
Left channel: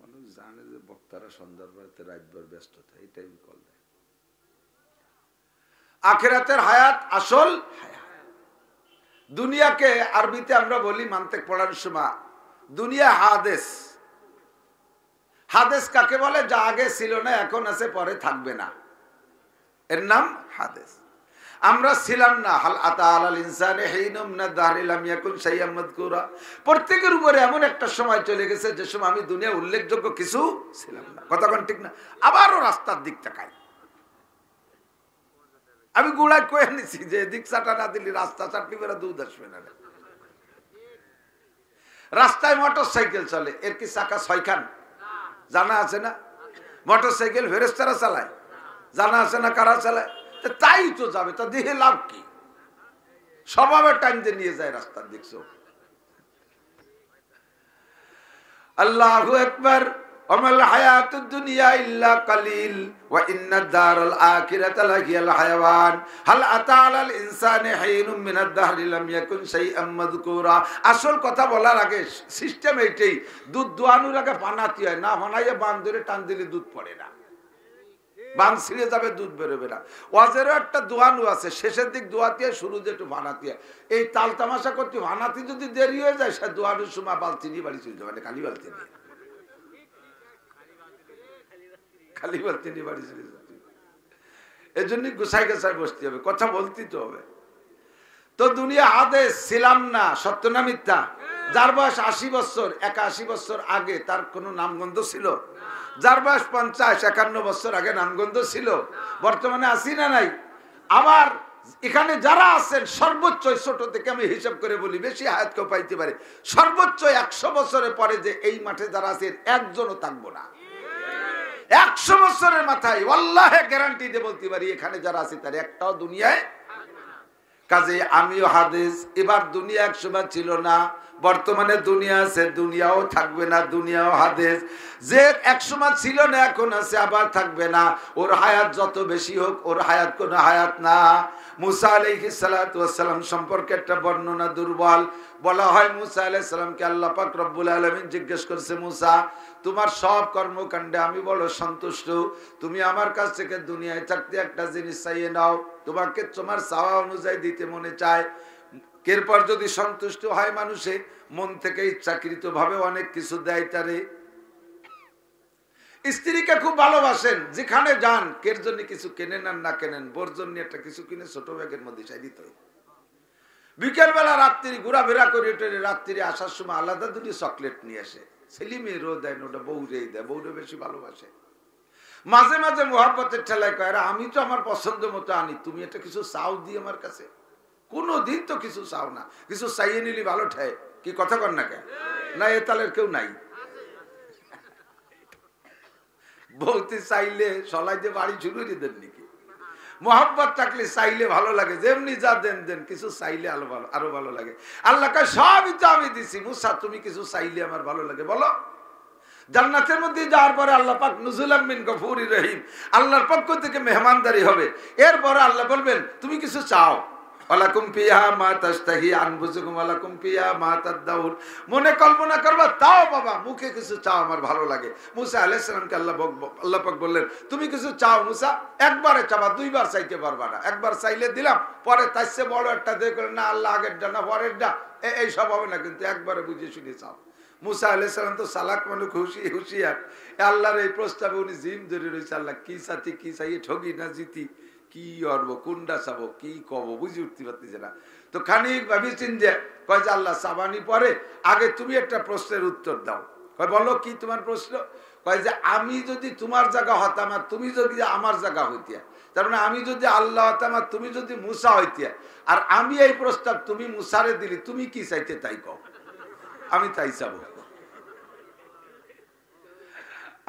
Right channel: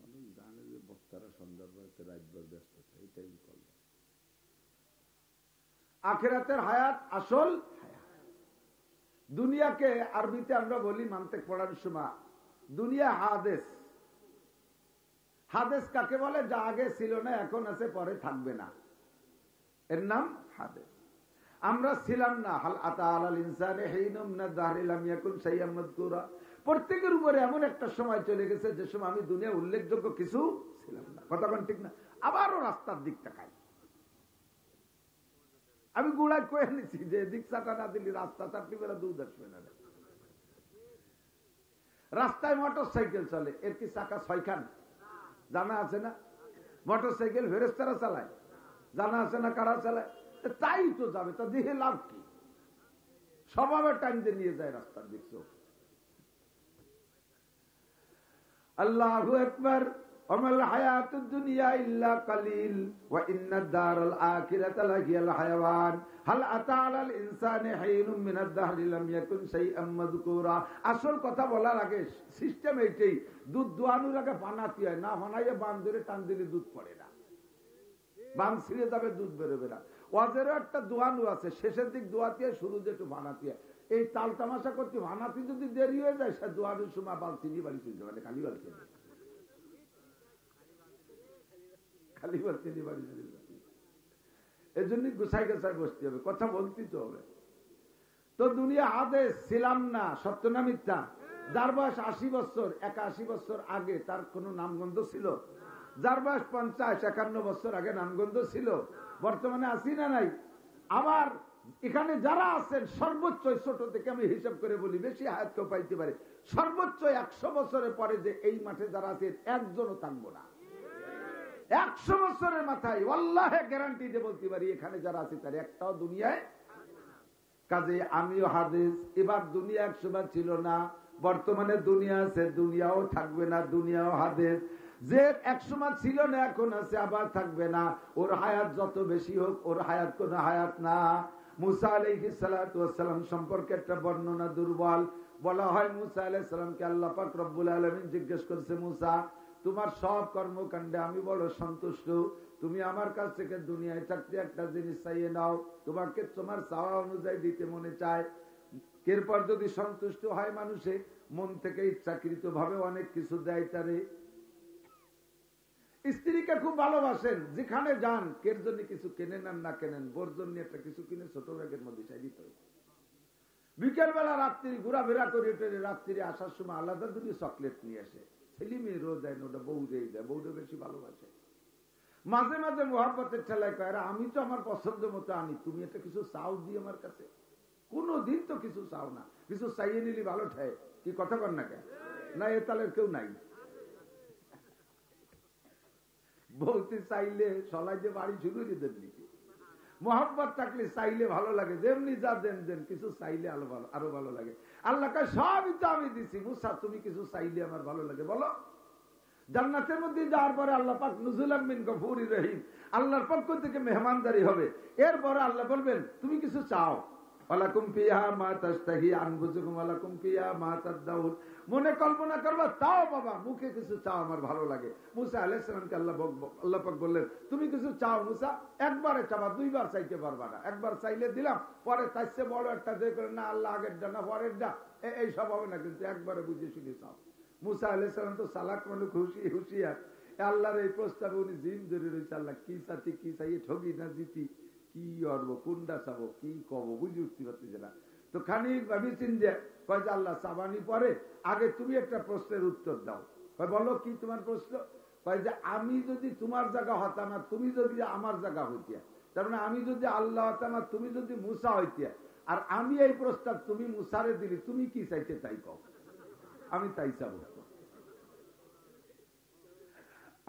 মানুষ জানে যে বক্তারা সন্ধ্যার পরে রাতভর ব্যস্ত থাকে, এটাই কল দেয়। আখিরাতের হায়াত আসল হায়াত। দুনিয়াকে আরবিতে আমরা বলি মান্তেক পড়ার সময়, দুনিয়া হাদেস। হাদেস কাকে বলে? যা আগে ছিল না, এখন আছে, পরে থাকবে না, এর নাম হাদেস। আমরা ছিলাম না। হাল আতা আলাল ইনসানি হিনুম মিনাদ দাহরি লাম ইয়াকুন শাইআম মাযকুরা। প্রত্যেকের উপরে এমন একটা সময় চলে গেছে যে সময় আমি দুনিয়া উল্লেখযোগ্য কিছু ছিলাম না। কথা কোন ঠিক না? আবারও রাস্তার দিক তাকাই। আমি গুড়ায় কয়ে নিছি যে দিক চাটা না দিলি রাস্তা চাটনি বেড়া দুধ আসবে না। রাস্তায় মোটর সাইকেল চলে, এর কি চাকা 6 খান? জানা আছে না? মোটর সাইকেল ফেরেশতারা চালায়, জানা আছে না কারা চালায়? তাই তো যাবে, তা দেখে লাভ কি? স্বভাবে টাইম দিয়ে নিয়ে যায় রাস্তার, দেখছো? আল্লাহু আকবার। ওমাল হায়াতুদ দুনিয়া ইল্লা কালিল ওয়া ইন্নাদ দারাল আখিরাতা লাহিয়াল হায়াওয়ান হাল আতা আলাল ইনসানি হিনুম মিনাদ দাহরি লাম ইয়াকুন শাইআম মাযকুরা। আসল কথা বলার আগে সিস্টেম এইটাই, দুধ দোয়ানোর আগে বানাতে হয়, না বানাইয়ে বান ধরে টান দিলে দুধ পড়ে না, বান ছিঁড়ে যাবে, দুধ বেরোবে না। ওয়াজেরও একটা দোয়ানো আছে, শেষের দিক দোয়াতে হয়, শুরু যে একটু বানাতে হয়। এই তাল তামাশা করতে বানাতে যদি দেরি হয়ে যায়, সে দোয়ানোর সময় বালতি নিয়ে বাড়ি চলে যাবে, খালি বালতি নিয়ে, খালি বালতি নিয়ে বাড়ি চলে যাবে। এই জন্যই গুছাই গুছাই বসতে হবে, কথা বলতেই তো হবে। তো দুনিয়া আদেশ ছিলাম না, সত্য না মিথ্যা? যার বয়স 80 বছর, 81 বছর আগে তার কোনো নামগন্ধ ছিল? যার বয়স 50-51 বছর আগে নামগন্ধ ছিল? বর্তমানে আছি না নাই? আবার এখানে যারা আছেন সর্বোচ্চ, ছোট থেকে আমি হিসাব করে বলি, বেশি হায়াত কেউ পাইতে পারে, সর্বোচ্চ 100 বছরের পরে যে এই মাঠে যারা আছেন একজনও থাকবো না। 100 বছরের মাথায় আল্লাহে গ্যারান্টি দিয়ে বলতে পারি, এখানে যারা আছে তার একটাও দুনিয়ায়। কাজে আমিও হাদিস, এবার দুনিয়া একসময় ছিল না, বর্তমানে দুনিয়া আছে, দুনিয়াও থাকবে না, দুনিয়াও হাদিস। যে একসময় ছিল না এখন আছে, আবার থাকবে না। ওর হায়াত যত বেশি হোক, ওর হায়াত কোনো হায়াত না। মুসা আলাইহিস সালাতু ওয়াস সালাম সম্পর্কে একটা বর্ণনা দুর্বল। বলা হয় মুসা আলাইহিস সালামকে আল্লাহ পাক রব্বুল আলামিন জিজ্ঞেস করছে, মুসা তোমার সব কর্মকাণ্ডে আমি বড় সন্তুষ্ট, তুমি আমার কাছ থেকে দুনিয়ায় থাকতে একটা জিনিস চাইয়ে নাও, তোমাকে তোমার চাওয়া অনুযায়ী দিতে মনে চায়। এরপর যদি সন্তুষ্ট হয় মানুষে, মন থেকে ইচ্ছাকৃত ভাবে অনেক কিছু দেয় তারে। স্ত্রীকে খুব ভালোবাসেন, যেখানে যান, কের জন্য কিছু কেনেন আর না কেনেন, বোর জন্য একটা কিছু কিনে ছোট ব্যাগের মধ্যে চাই দিত। বিকেল বেলা রাত্রি ঘোরাফেরা করে রাত্রি আসার সময় আলাদা দুটি চকলেট নিয়ে আসে, ছেলে মেয়েরও দেয়, ওটা বউরেই দেয়, বউরে বেশি ভালোবাসে। মাঝে মাঝে মোহাব্বতের ঠেলায় কয়, আমি তো আমার পছন্দ মতো আনি, তুমি এটা কিছু চাও দিই আমার কাছে? কোনদিন তো কিছু চাও না, কিছু চাইয়ে নিলি ভালো ঠায়, কি কথা কর না কেন? না এ তালের কেউ নাই। বলতে চাইলে সলাই দিয়ে বাড়ি শুরু করে দেন নাকি? মোহাব্বত থাকলে চাইলে ভালো লাগে, যেমনি যা দেন দেন, কিছু চাইলে আরো ভালো লাগে। আল্লাহ কয় সবই তো আমি দিছি, মুসা তুমি কিছু চাইলে আমার ভালো লাগে, বলো। জান্নাতের মধ্যে যাওয়ার পরে আল্লাহ পাক নুজুলাম মিন গফুরির রহিম, আল্লাহর পক্ষ থেকে মেহমানদারি হবে। এরপরে আল্লাহ বলবেন তুমি কিছু চাও, ওয়ালাকুম ফিহা মা তাশতাহি আনফুসুকুম ওয়ালাকুম ফিহা মা তাদদাউন, মনে কল্পনা করবা তাও বাবা, মুখে কিছু চাও আমার ভালো লাগে। মুসা আলাইহিস সালামকে আল্লাহ পাক বললেন তুমি কিছু চাও মুসা, একবারে চাবা, দুইবার চাইতে পারবা না। একবার চাইলে দিলাম, পরে তার চেয়ে বড় একটা দিয়ে করে না, আল্লাহ আগেরটা না পরেরটা, এই সব হবে না, কিন্তু একবারে বুঝে শুনে চাও। মুসা আলাইহিস সালাম তো চালাক মানুষ, হুঁশিয়ার। আল্লাহর এই প্রস্তাবে উনি জিম ধরে রয়েছে, আল্লাহ কি চাতি, কি চাইয়ে ঠগি না জিতি, কি অর্ব, কোনটা চাবো, কি কব, বুঝে উঠতে পারতেছে না। তো খানিক ভাবিছেন যে কয় যে আল্লাহ চাবানি পরে আগে তুমি একটা প্রশ্নের উত্তর দাও। কয় বলো কি তোমার প্রশ্ন? কয় যে আমি যদি তোমার জায়গা হতাম আর তুমি যদি আমার জায়গা হইতিয়া, তার মানে আমি যদি আল্লাহ হতাম আর তুমি যদি মুসা হইতিয়া, আর আমি এই প্রস্তাব তুমি মুসারে দিলি, তুমি কি চাইতে তাই কও, আমি তাই চাবো।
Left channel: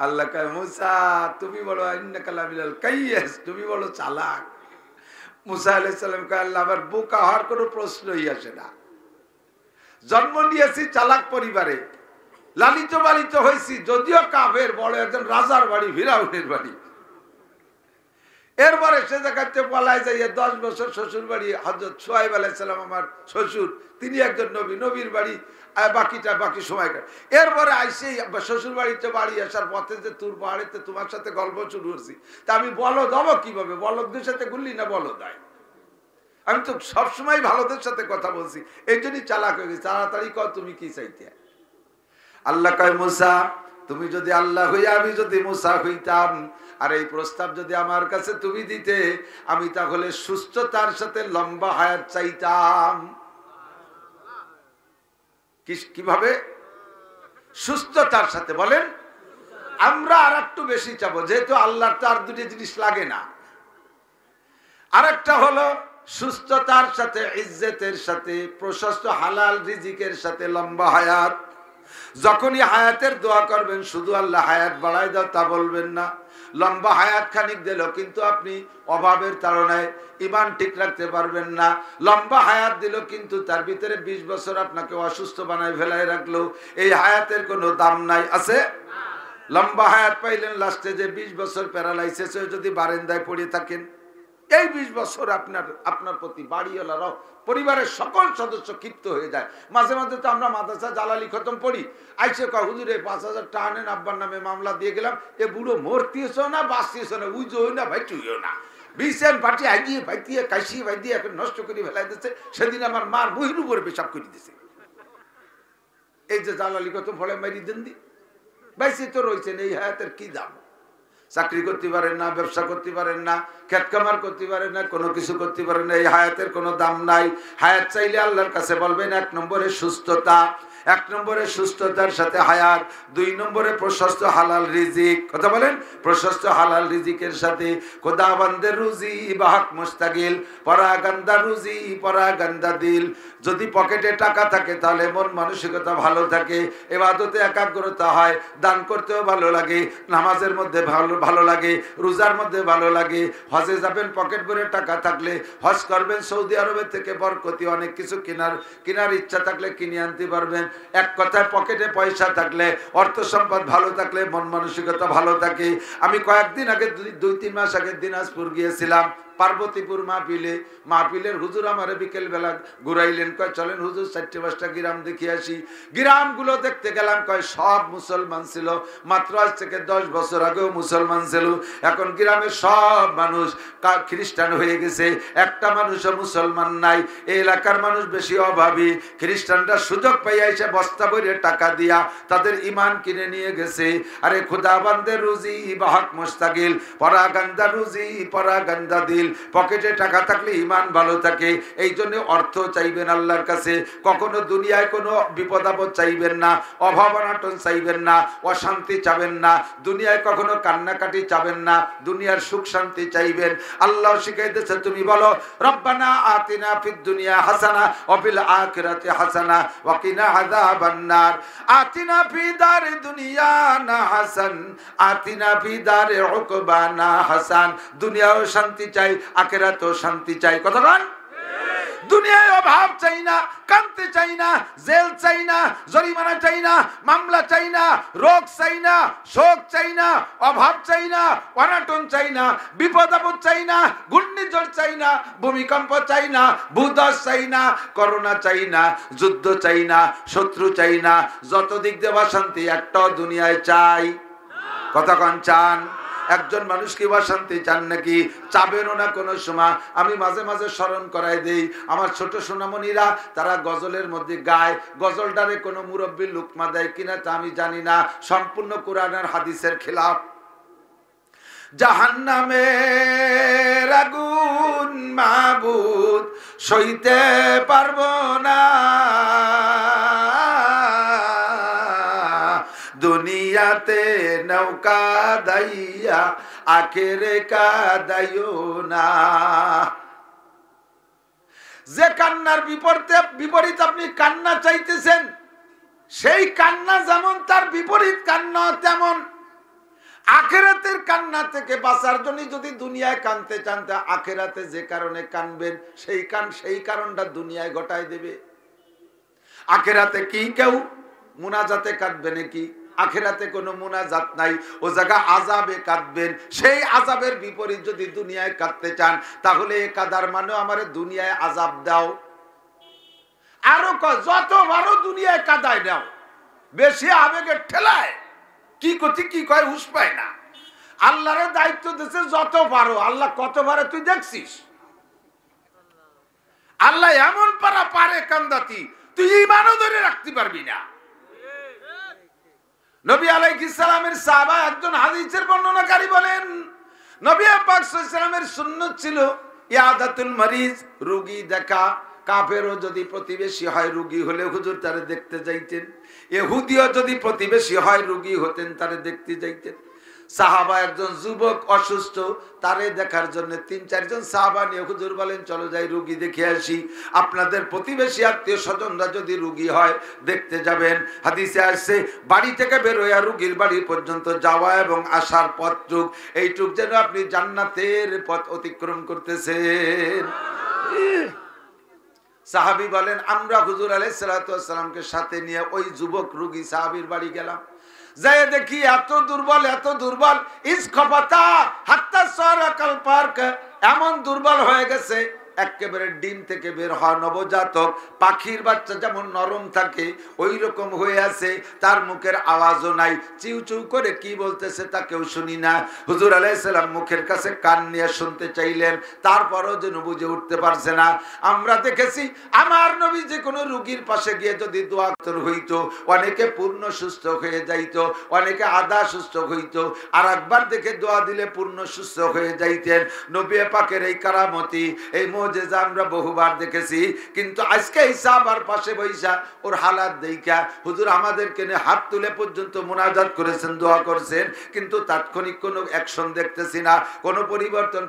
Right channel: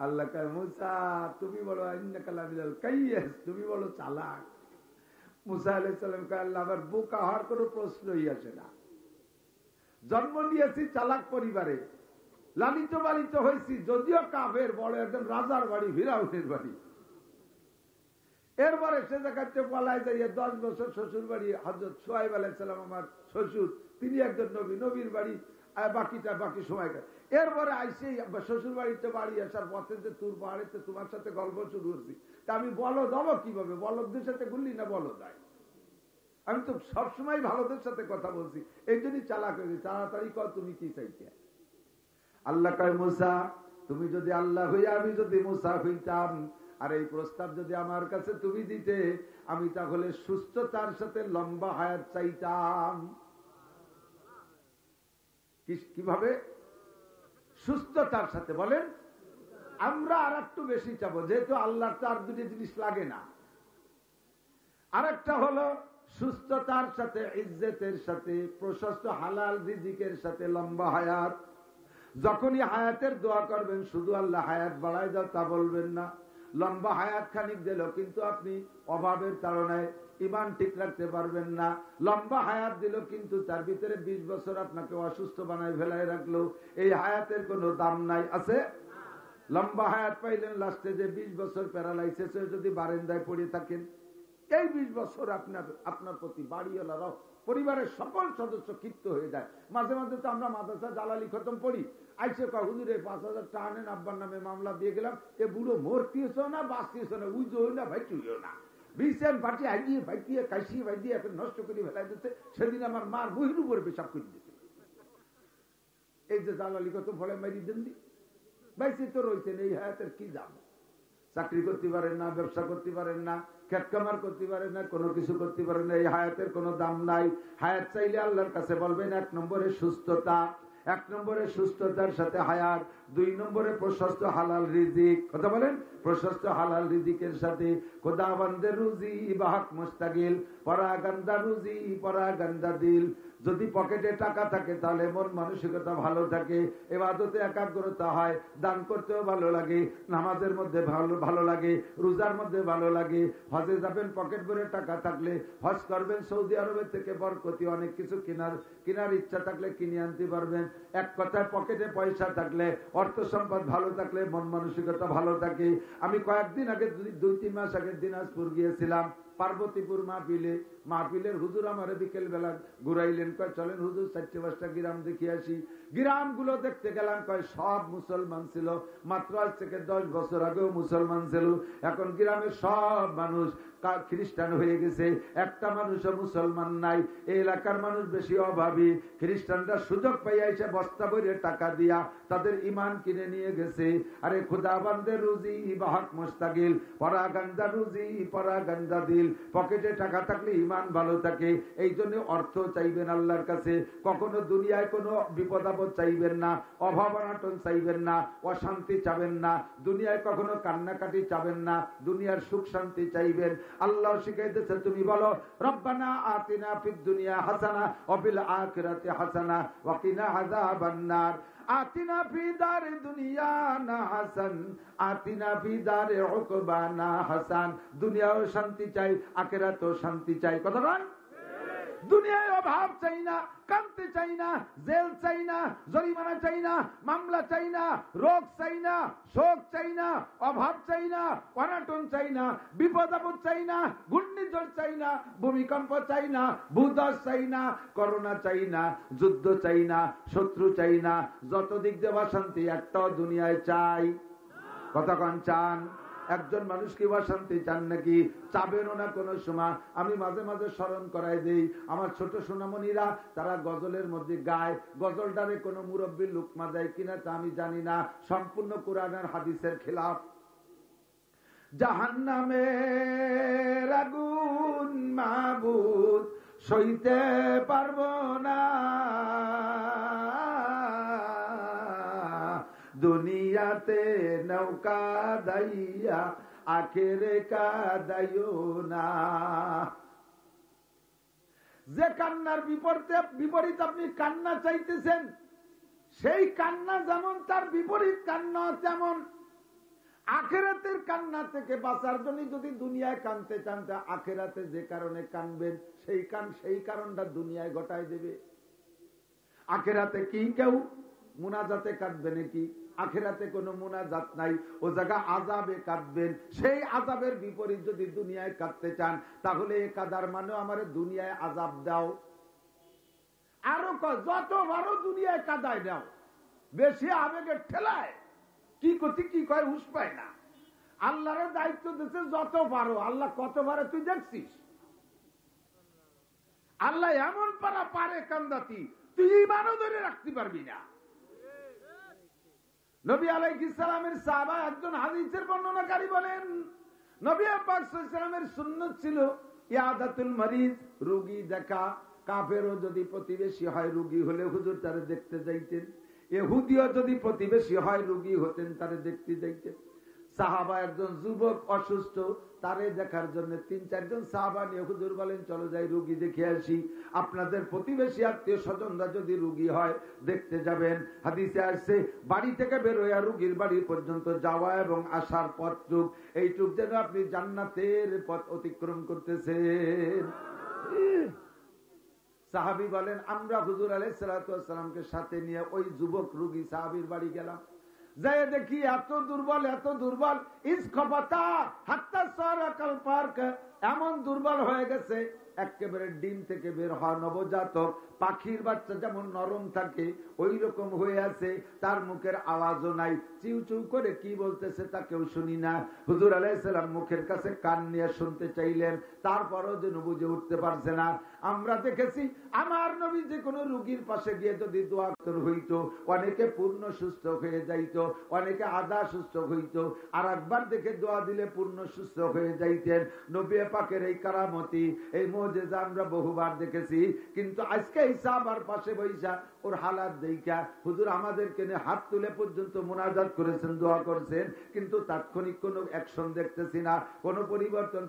আল্লাহ কয় মুসা তুমি বলো ইন্নাকা লামিনাল কাইয়্যিস, তুমি বলো চালাক। মুসা আলাইহিস সালাম কয় আল্লাহ আমার বোকা হওয়ার কোনো প্রশ্নই আসে না, জন্ম নিয়েছি চালাক পরিবারে, লালিত পালিত হয়েছি যদিও কাফের, বড় একজন রাজার বাড়ি, ফিরাউনের বাড়ি। এরপরে সে জায়গাতে পলায় যাইয়ে 10 বছর শ্বশুর বাড়ি, হযরত শুআয়ব আলাইহিস সালাম আমার শ্বশুর, তিনি একজন নবী, নবীর বাড়ি বাকি সময়। এরপরে আইসেই শ্বশুর বাড়িতে বাড়ি আসার পথে যে তুর পাহাড়েতে তোমার সাথে গল্প শুরু করছি, তা আমি বলদ হবো কিভাবে? বলদদের সাথে গুললি না বলদ হয়? আমি তো সবসময় ভালোদের সাথে কথা বলছি, এই জন্যই চালাক হয়ে গেছি। তাড়াতাড়ি কর তুমি কি চাইতে? আল্লাহ কয় মুসা তুমি যদি আল্লাহ হইয়া আমি যদি মুসা হইতাম, আর এই প্রস্তাব যদি আমার কাছে তুমি দিতে, আমি তাহলে সুস্থতার সাথে লম্বা হায়াত চাইতাম। কিভাবে? সুস্থতার সাথে। বলেন আমরা আর একটু বেশি চাবো, যেহেতু আল্লাহর তো আর দুটি জিনিস লাগে না। আরেকটা হলো সুস্থতার সাথে, ইজ্জতের সাথে, প্রশস্ত হালাল রিজিকের সাথে লম্বা হায়াত। যখনই হায়াতের দোয়া করবেন, শুধু আল্লাহ হায়াত বাড়ায় দাও তা বলবেন না। লম্বা হায়াত খানিক দিল, কিন্তু আপনি অভাবের তাড়নায় ঈমান ঠিক রাখতে পারবেন না। লম্বা হায়াত দিল, কিন্তু তার ভিতরে 20 বছর আপনাকে অসুস্থ বানায় ফেলায় রাখলো, এই হায়াতের কোনো দাম নাই। আছে? লম্বা হায়াত পাইলেন, লাস্টে যে 20 বছর প্যারালাইসিস হয়ে যদি বারান্দায় পড়ে থাকেন, এই 20 বছর আপনার প্রতি বাড়িওয়ালারাও পরিবারের সকল সদস্য ক্ষিপ্ত হয়ে যায়। মাঝে মাঝে তো আমরা মাদ্রাসা জালালি খতম পড়ি, আইসে কয় হুজুর 5,000 টাকা আনেন, আব্বার নামে মামলা দিয়ে গেলাম, এ বুড়ো মরতিয়েছ না বাঁচতিয়েছ না, উইজো না ভাই চুইও না, বিশেন পাটি আগিয়ে ভাইতিয়ে কাশিয়ে ভাই দিয়ে এখন নষ্ট করে ফেলাই দিচ্ছে। সেদিন আমার মার বহির উপরে পেশাব করে দিছে, এই যে জালালি খতম ফলে মারি দেন দি বাইসি তো রয়েছেন। এই হায়াতের কি দাম? চাকরি করতে পারেন না, ব্যবসা করতে পারেন না, খেত কামার করতে পারেন না, কোনো কিছু করতে পারেন না, এই হায়াতের কোনো দাম নাই। হায়াত চাইলে আল্লাহর কাছে বলবেন 1 নম্বরে সুস্থতা, 1 নম্বরে সুস্থতার সাথে হায়াত, 2 নম্বরে প্রশস্ত হালাল রিজিক। কথা বলেন, প্রশস্ত হালাল রিজিকের সাথে খোদাবন্দের রুজি বাহক মুস্তাকিল, পরাগান্দা রুজি পরাগান্দা দিল। যদি পকেটে টাকা থাকে তাহলে মন মানসিকতা ভালো থাকে, ইবাদতে একাগ্রতা হয়, দান করতেও ভালো লাগে, নামাজের মধ্যে ভালো লাগে, রোজার মধ্যে ভালো লাগে। হজে যাবেন পকেট ভরে টাকা থাকলে, হজ করবেন সৌদি আরবের থেকে বরকতি অনেক কিছু কেনার ইচ্ছা থাকলে কিনে আনতে পারবেন। এক কথায় পকেটে পয়সা থাকলে, অর্থ সম্পদ ভালো থাকলে মন মানসিকতা ভালো থাকে। আমি কয়েকদিন আগে 2-3 মাস আগে দিনাজপুর গিয়েছিলাম পার্বতীপুর মাহফিলের হুজুর আমারে বিকেল বেলা ঘুরাইলেন, কয় চলেন হুজুর 4-5টা গ্রাম দেখে আসি। গ্রামগুলো দেখতে গেলাম, কয় সব মুসলমান ছিল, মাত্র আজ থেকে 10 বছর আগেও মুসলমান ছিল, এখন গ্রামের সব মানুষ খ্রিস্টান হয়ে গেছে, একটা মানুষও মুসলমান নাই। এই এলাকার মানুষ বেশি অভাবী, খ্রিস্টানরা সুযোগ পাইয়া এসে বস্তা ভরে টাকা দিয়া তাদের ইমান কিনে নিয়ে গেছে। আরে খুদাবান্দের রুজি বাহক মুস্তাকিল, পরাগান্দা রুজি পরাগান্দা দিল। পকেটে টাকা থাকলে ইমান ভালো থাকে, এই জন্য অর্থ চাইবেন আল্লাহর কাছে। কখনো দুনিয়ায় কোনো বিপদ আপদ চাইবেন না, অভাব অনটন চাইবেন না, অশান্তি চাবেন না, দুনিয়ায় কখনো কান্নাকাটি চাবেন না, দুনিয়ার সুখ শান্তি চাইবেন। আল্লাহ শিখাইতেছে, তুমি বলো রব্বানা আতিনা ফিদ দুনিয়া হাসানা ওয়া ফিল আখিরাতি হাসানা ওয়া কিনা আযাবান নার। আতিনা ফি দারি দুনিয়া না হাসান, আতিনা ফি দারি উকবানা হাসান। দুনিয়াও শান্তি চাই, আখিরাতেও শান্তি চাই। কথা বলেন, দুনিয়ায় অভাব চাই না, কান্তি চাই না, জেল চাই না, জরিমানা চাই না, মামলা চাই না, রোগ চাই না, শোক চাই না, অভাব চাই না, অনাটন চাই না, বিপদ আপদ চাই না, ঘূর্ণিঝড় চাই না, ভূমিকম্প চাই না, ভূধস চাই না, করোনা চাই না, যুদ্ধ চাই না, শত্রু চাই না, যত দিক দেওয়া শান্তি একটাও দুনিয়ায় চাই। কতক্ষণ চান? একজন মানুষ কি বা শান্তি চান নাকি? চাবেনও না কোনো সময়। আমি মাঝে মাঝে স্মরণ করাই দেই, আমার ছোট সোনামণিরা তারা গজলের মধ্যে গায়, গজলটারে কোনো মুরব্বী লুকমা দেয় কিনা তা আমি জানি না, সম্পূর্ণ কোরআন আর হাদিসের খেলাফ। জাহান্নামের আগুন মাবুদ সইতে পারবো না, দুনিয়াতে নৌকা দাইয়া আখেরে কাদাইও না। যে কান্নার বিপরীত আপনি কান্না চাইতেছেন, সেই কান্না যেমন তার বিপরীত কান্না তেমন। আখেরাতের কান্না থেকে বাঁচার জন্য যদি দুনিয়ায় কানতে চান, আখেরাতে যে কারণে কানবেন সেই কারণটা দুনিয়ায় ঘটায় দেবে। আখেরাতে কি কেউ মুনাজাতে কাঁদবে নাকি? আখেরাতে কোনো মুনাজাত নাই, ও জায়গা আযাবে কাঁদবেন। সেই আযাবের বিপরীত যদি দুনিয়ায় কাঁদতে চান, তাহলে এ কাদার মানে আমারে দুনিয়ায় আযাব দাও। আরো যত বারো দুনিয়ায় কাদায় দাও, বেশি আবেগের ঠেলায় কি করতে কি কয় হুঁশ পায় না। আল্লাহর দায়িত্ব দিয়েছে যত পারো। আল্লাহ কত পারে তুই দেখছিস? আল্লাহ এমন পারে কান্দাতি, তুই ঈমানও ধরে রাখতে পারবি না। নবী আলাইহিস সালামের সাহাবা একজন হাদিসের বর্ণনাকারী বলেন, নবী পাক সাল্লাল্লাহু আলাইহি ওয়াসাল্লামের সুন্নাত ছিল ইয়াদাতুল মারিজ, রোগী দেখা। কাফেরও যদি প্রতিবেশী হয়, রোগী হলে হুজুর তারে দেখতে যাইতেন। ইহুদিও যদি প্রতিবেশী হয়, রোগী হতেন, তারে দেখতে যাইতেন। সাহাবা একজন যুবক অসুস্থ, তারে দেখার জন্য 3-4 জন সাহাবা নিয়ে হুজুর বলেন চলো যাই রোগী দেখে আসি। আপনাদের প্রতিবেশী আত্মীয় স্বজনরা যদি রোগী হয় দেখতে যাবেন। হাদিসে আসছে বাড়ি থেকে বের হইয়া রোগীর বাড়ি পর্যন্ত যাওয়া এবং আসার পথটুক, এইটুক যেন আপনি জান্নাতের পথ অতিক্রম করতেছেন। সাহাবী বলেন আমরা হুজুর আলাইহিস সালাতু ওয়াস সালামকে সাথে নিয়ে ওই যুবক রোগী সাহাবীর বাড়ি গেলাম। যায় দেখি এত দুর্বল ইসখফাতা হাত্তা সারাকাল পার্ক, এমন দুর্বল হয়ে গেছে একেবারে ডিম থেকে বের হওয়া নবজাতক পাখির বাচ্চা যেমন নরম থাকে ওই রকম হয়ে আছে, তার মুখের আওয়াজও নাই, চিউ চিউ করে কি বলতেছে তা কেউ শুনি না। হুজুর আলাইহিস সালাম মুখের কাছে কান নিয়ে শুনতে চাইলেন, তারপরও যেন বুঝে উঠতে পারছে না। আমরা দেখেছি আমার নবী যে কোনো রোগীর পাশে গিয়ে যদি দোয়া হইতো, অনেকে পূর্ণ সুস্থ হয়ে যাইতো, অনেকে আধা সুস্থ হইতো, আর একবার দেখে দোয়া দিলে পূর্ণ সুস্থ হয়ে যাইতেন। নবী পাকের এই কারামতি, এই মুজিজা আমরা বহুবার দেখেছি। কিন্তু আজকে সাহাবার পাশে বৈশা ওর হালাত দেখা হুজুর আমাদেরকে নিয়ে হাত তুলে পর্যন্ত মুনাজাত করেছেন, দোয়া করছেন, কিন্তু তাৎক্ষণিক কোনো অ্যাকশন দেখতেছি না, কোনো পরিবর্তন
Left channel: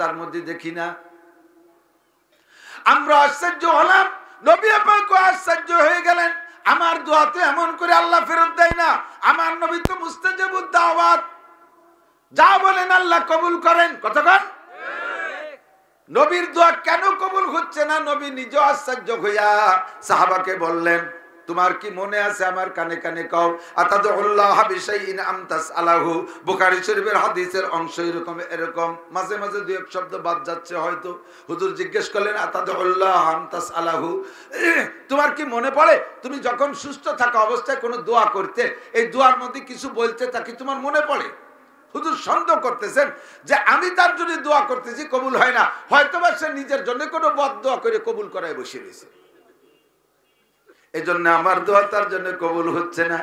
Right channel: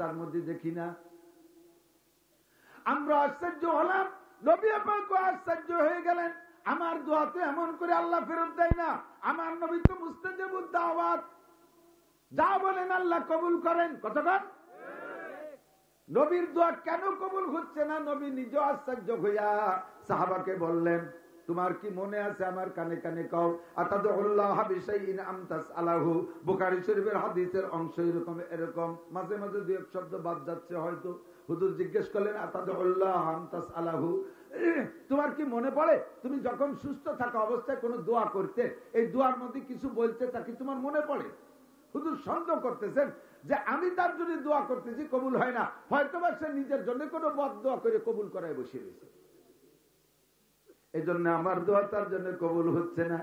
তার মধ্যে দেখি না। আমরা আশ্চর্য হলাম, নবী পাক আশ্চর্য হয়ে গেলেন। আমার দোয়াতে এমন করে আল্লাহ ফেরত দেয় না। আমার নবী তো মুস্তাজাবুদ দাওয়াত, যা বলেন আল্লাহ কবুল করেন। কতক্ষণ নবীর দোয়া কেন কবুল হচ্ছে না? নবী নিজে আশ্চর্য হইয়া সাহাবাকে বললেন, তোমার কি মনে আছে? আমার কানে কানে কও, আতাদুল্লাহ বিশাইইন আমতাস আলাহু। বুখারী শরীফের হাদিসের অংশ এরকম মাঝে মাঝে দুই এক শব্দ বাদ যাচ্ছে হয়তো। হুজুর জিজ্ঞেস করলেন, আতাদুল্লাহ আমতাস আলাহু, তোমার কি মনে পড়ে তুমি যখন সুস্থ থাকা অবস্থায় কোনো দোয়া করতে, এই দোয়ার মধ্যে কিছু বলতে তা কি তোমার মনে পড়ে? হুজুর সন্দেহ করতেছেন যে আমি তার জন্য দোয়া করতেছি, কবুল হয় না, হয়তোবা সে নিজের জন্য কোনো বদদোয়া করে কবুল করায় বসে রয়েছে, এই জন্য আমার দোয়া তার জন্য কবুল হচ্ছে না।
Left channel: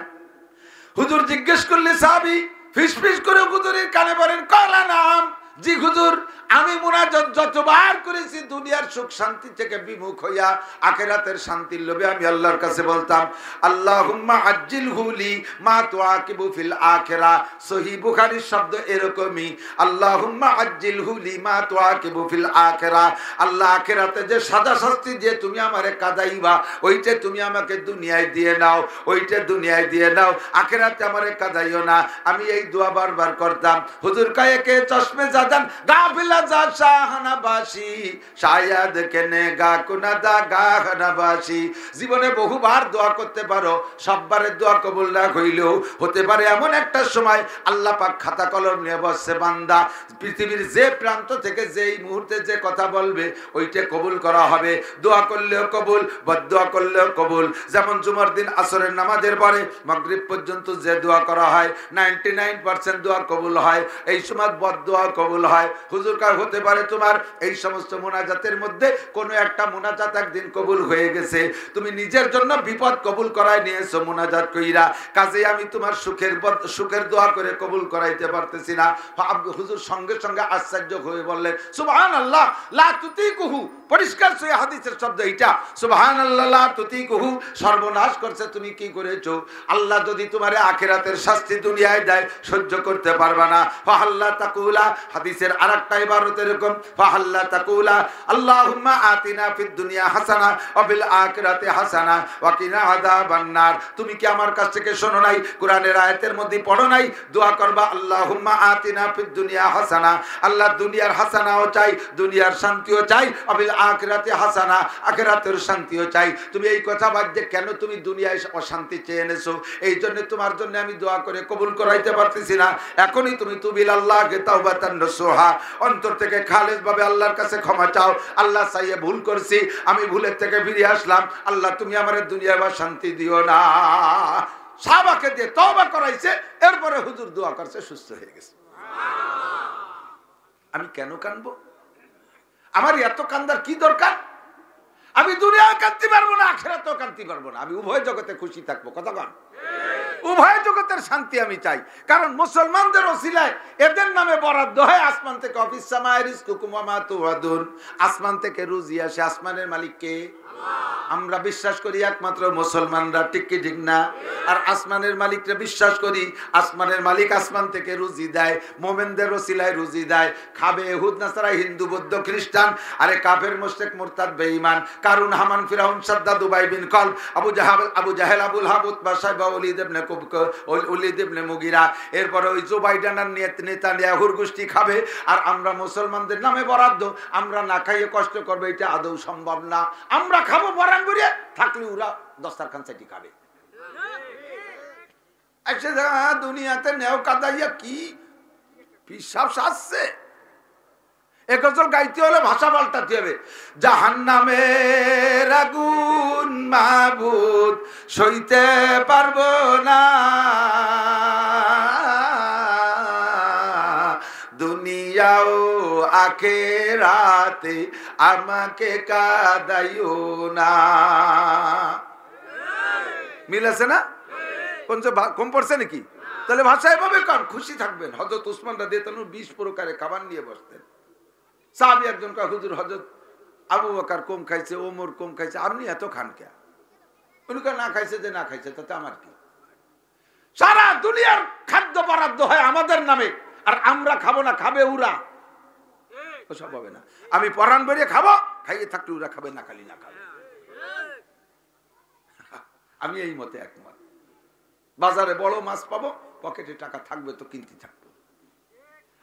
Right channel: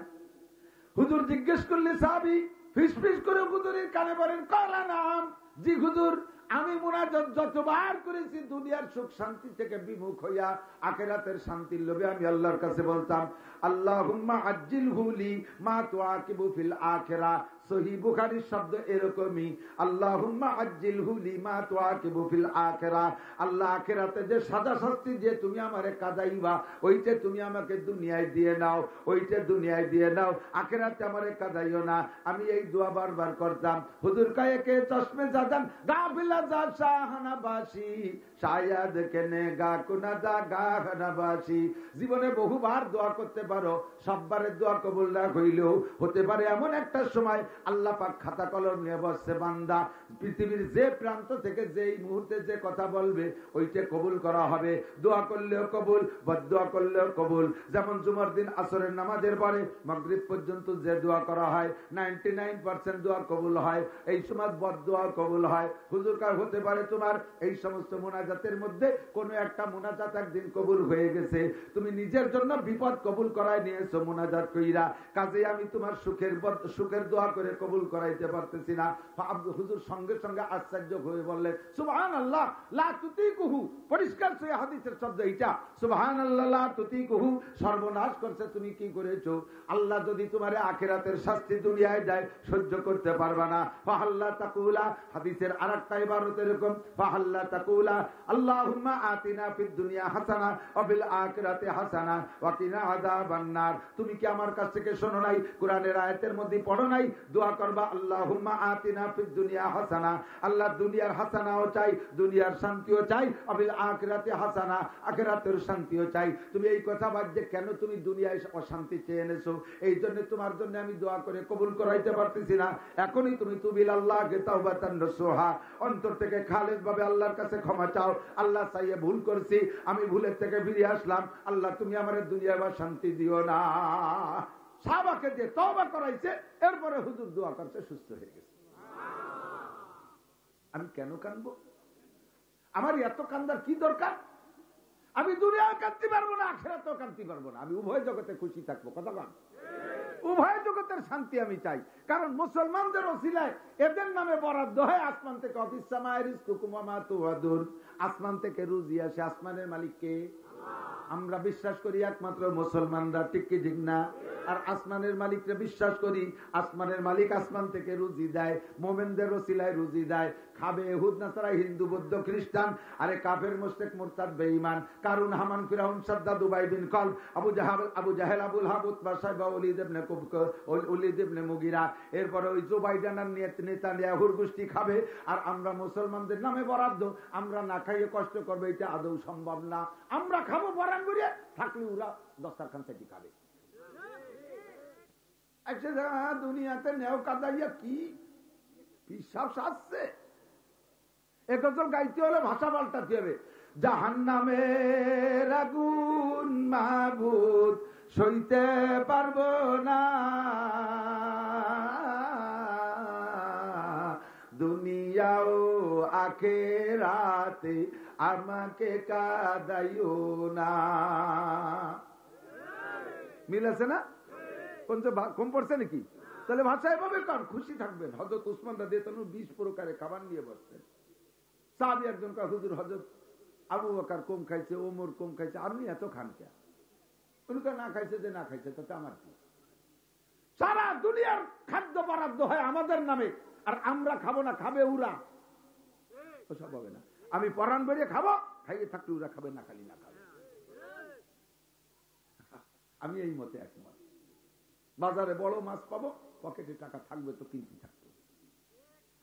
হুজুর জিজ্ঞেস করলে সাহাবী ফিসফিস করে হুজুরের কানে বলেন, কালা নাম, জি হুজুর, আমি মুনাজাত যতবার করেছি দুনিয়ার সুখ শান্তি থেকে বিমুখ হইয়া আখিরাতের শান্তির লোভে আমি আল্লাহর কাছে বলতাম, আল্লাহুম্মা আজ্জিলহু লি মা তুআকিবু ফিল আখিরা। সহিহ বুখারীর শব্দ এরকমই, আল্লাহুম্মা আজ্জিলহু লি মা তুআকিবু ফিল আখিরা। আল্লাহ আখিরাতে যে সাজা শাস্তি দিয়ে তুমি আমারে কাদাইবা, ওইটা তুমি আমাকে দুনিয়ায় দিয়ে নাও, ওইটা দুনিয়ায় দিয়ে নাও, আখিরাতে আমারে কাদাইও না। আমি এই দোয়া বারবার করতাম। হুজুর কয়ে কে চশমে জাদান গাফিলা যা শাহনাবাসী শায়াদ কেনে গা কুনাদা গাহনাবাসী। জীবনে বহুবার দোয়া করতে পারো, সববারের দোয়া কবুল না হইলেও হতে পারে এমন একটা সময় আল্লাহ পাক খাতা কলম নিয়ে বসছে, বান্দা পৃথিবীর যে প্রান্ত থেকে যেই মুহূর্তে যে কথা বলবে ওইটা কবুল করা হবে। দোয়া করলেও কবুল, বদদোয়া করলেও কবুল। যেমন জুমার দিন আসরের নামাজের পরে মাগরিব পর্যন্ত যে দোয়া করা হয় 99% দোয়া কবুল হয়, এই সময় বদদোয়া কবুল হয়। হুজুর কার হতে পারে তোমার এই সমস্ত মুনাজাতের মধ্যে কোনো একটা মুনাজাত একদিন কবুল হয়ে গেছে, তুমি নিজের জন্য বিপদ কবুল করায় নিয়েছো মুনাজাত কইরা, কাজে আমি তোমার সুখের দোয়া করে কবুল করাইতে পারতেছি না। হুজুর সঙ্গে সঙ্গে আশ্চর্য হয়ে বললেন, সুবহানাল্লাহ লা তুতিকুহু। পরিষ্কার সই হাদিসের শব্দ এটা, সুবহানাল্লাহ লা তুতিকুহু, সর্বনাশ করছে তুমি কি করেছো। আল্লাহ যদি তোমারে আখিরাতের শাস্তি দুনিয়ায় দেয় সহ্য করতে পারবা না। ফাহাল্লা তাকুলা, হাদিসের আরেকটা ইবারত এরকম, ফাহাল্লা তাকুলা আল্লাহুম্মা আতিনা ফিদ দুনিয়া হাসানা ওয়া ফিল আখিরাতি হাসানা ওয়া কিনা আযাবান নার। তুমি কি আমার কাছ থেকে শোনো নাই? কোরআনের আয়াতের মধ্যে পড়ো নাই? দোয়া করবা আল্লাহুম্মা আতিনা ফিদ দুনিয়া হাসানা, আল্লাহ দুনিয়ার হাসানাও চাই, দুনিয়ার শান্তিও চাই, ওয়া ফিল আখিরাতি হাসানা, আখিরাতের শান্তিও চাই। তুমি এই কথা বাদে কেন তুমি দুনিয়ায় অশান্তি চেয়ে এনেছো? এই জন্য তোমার জন্য আমি দোয়া করে কবুল করাইতে পারতেছি না। এখনই তুমি তুবিল আল্লাহকে তাওবাতান নসুহা, অন্তর থেকে খালেস ভাবে আল্লাহর কাছে ক্ষমা চাও। আল্লাহ চাইয়ে ভুল করছি, আমি ভুলের থেকে ফিরে আসলাম, আল্লাহ তুমি আমার দুনিয়ায় বা শান্তি দিও না। সাহাবাকে দিয়ে তওবা করাইছে, এরপরে হুজুর দোয়া করছে, সুস্থ হয়ে গেছে। আমি কেন কাঁদবো? আমার এত কান্দার কি দরকার? আমি দুনিয়ায় কাঁদতে পারবো না, আখিরাতেও কাঁদতে পারবো না, আমি উভয় জগতে খুশি থাকবো। কথা কন, উভয় জগতের শান্তি আমি চাই। কারণ মুসলমানদের ওসিলায় এদের নামে বরাদ্দ হয় আসমান থেকে, অফিস সামায় রিজকুকুম ওয়া মা তুআদুন, আসমান থেকে রুজি আসে। আসমানের মালিক কে? আমরা বিশ্বাস করি একমাত্র মুসলমানরা, ঠিক কি ঠিক না? আর আসমানের মালিককে বিশ্বাস করি, আসমানের মালিক আসমান থেকে রুজি দেয়, মোমেনদের ওসিলায় রুজি দেয়। খাবে ইহুদ নাসারা, হিন্দু বৌদ্ধ খ্রিস্টান, আরে কাফের মুশরিক মুরতাদ বেঈমান, কারুন হামান ফিরাউন সাদ্দাদ উবাই বিন কলব, আবু জাহেল Abul hub Utba Saiba Walid ইবনে মুগিরা, এরপরে ওই জো বাইডেনের নেতানিয়াহুর গোষ্ঠী খাবে, আর আমরা মুসলমানদের নামে বরাদ্দ, আমরা না খাইয়ে কষ্ট করবো, এটা আদৌ সম্ভব না। আমরা খাবো বরান করে, থাকলে ওরা দস্তারখান চাইটি খাবে। এসে দুনিয়াতে নেও কাদাইয়া কি পিসাব সাজছে। এ গজল গাইতে হলে ভাষা পাল্টাতে হবে। জাহান্নামের আগুন মাবুদ সইতে পারবো না, দুনিয়াও আখিরাতে আমাকে কাদাইও না। মিল আছে না? কোন কম পড়ছে নাকি? তাহলে ভাষা এভাবে কান খুশি থাকবেন। হযরত উসমান রাদিয়াল্লাহু আনহু 20 প্রকারে খাবার নিয়ে বসতেন। সাহাবী একজন কয়, হুজুর হযরত আবু বকর কম খাইছে, ওমর কম খাইছে, আপনি এত খান কে? উনি কয়, না খাইছে যে না খাইছে তাতে আমার কি? সারা দুনিয়ার খাদ্য বরাদ্দ হয় আমাদের নামে, আর আমরা খাবো না, খাবে ওরা। ওসব হবে না। আমি পরাণ বেরিয়ে খাবো, খাইয়ে থাকলে ওরা খাবে, না খালি না খাবে। আমি এই মতে একমত। বাজারে বড় মাছ পাবো, পকেটে টাকা থাকবে তো কিনতে থাকবো।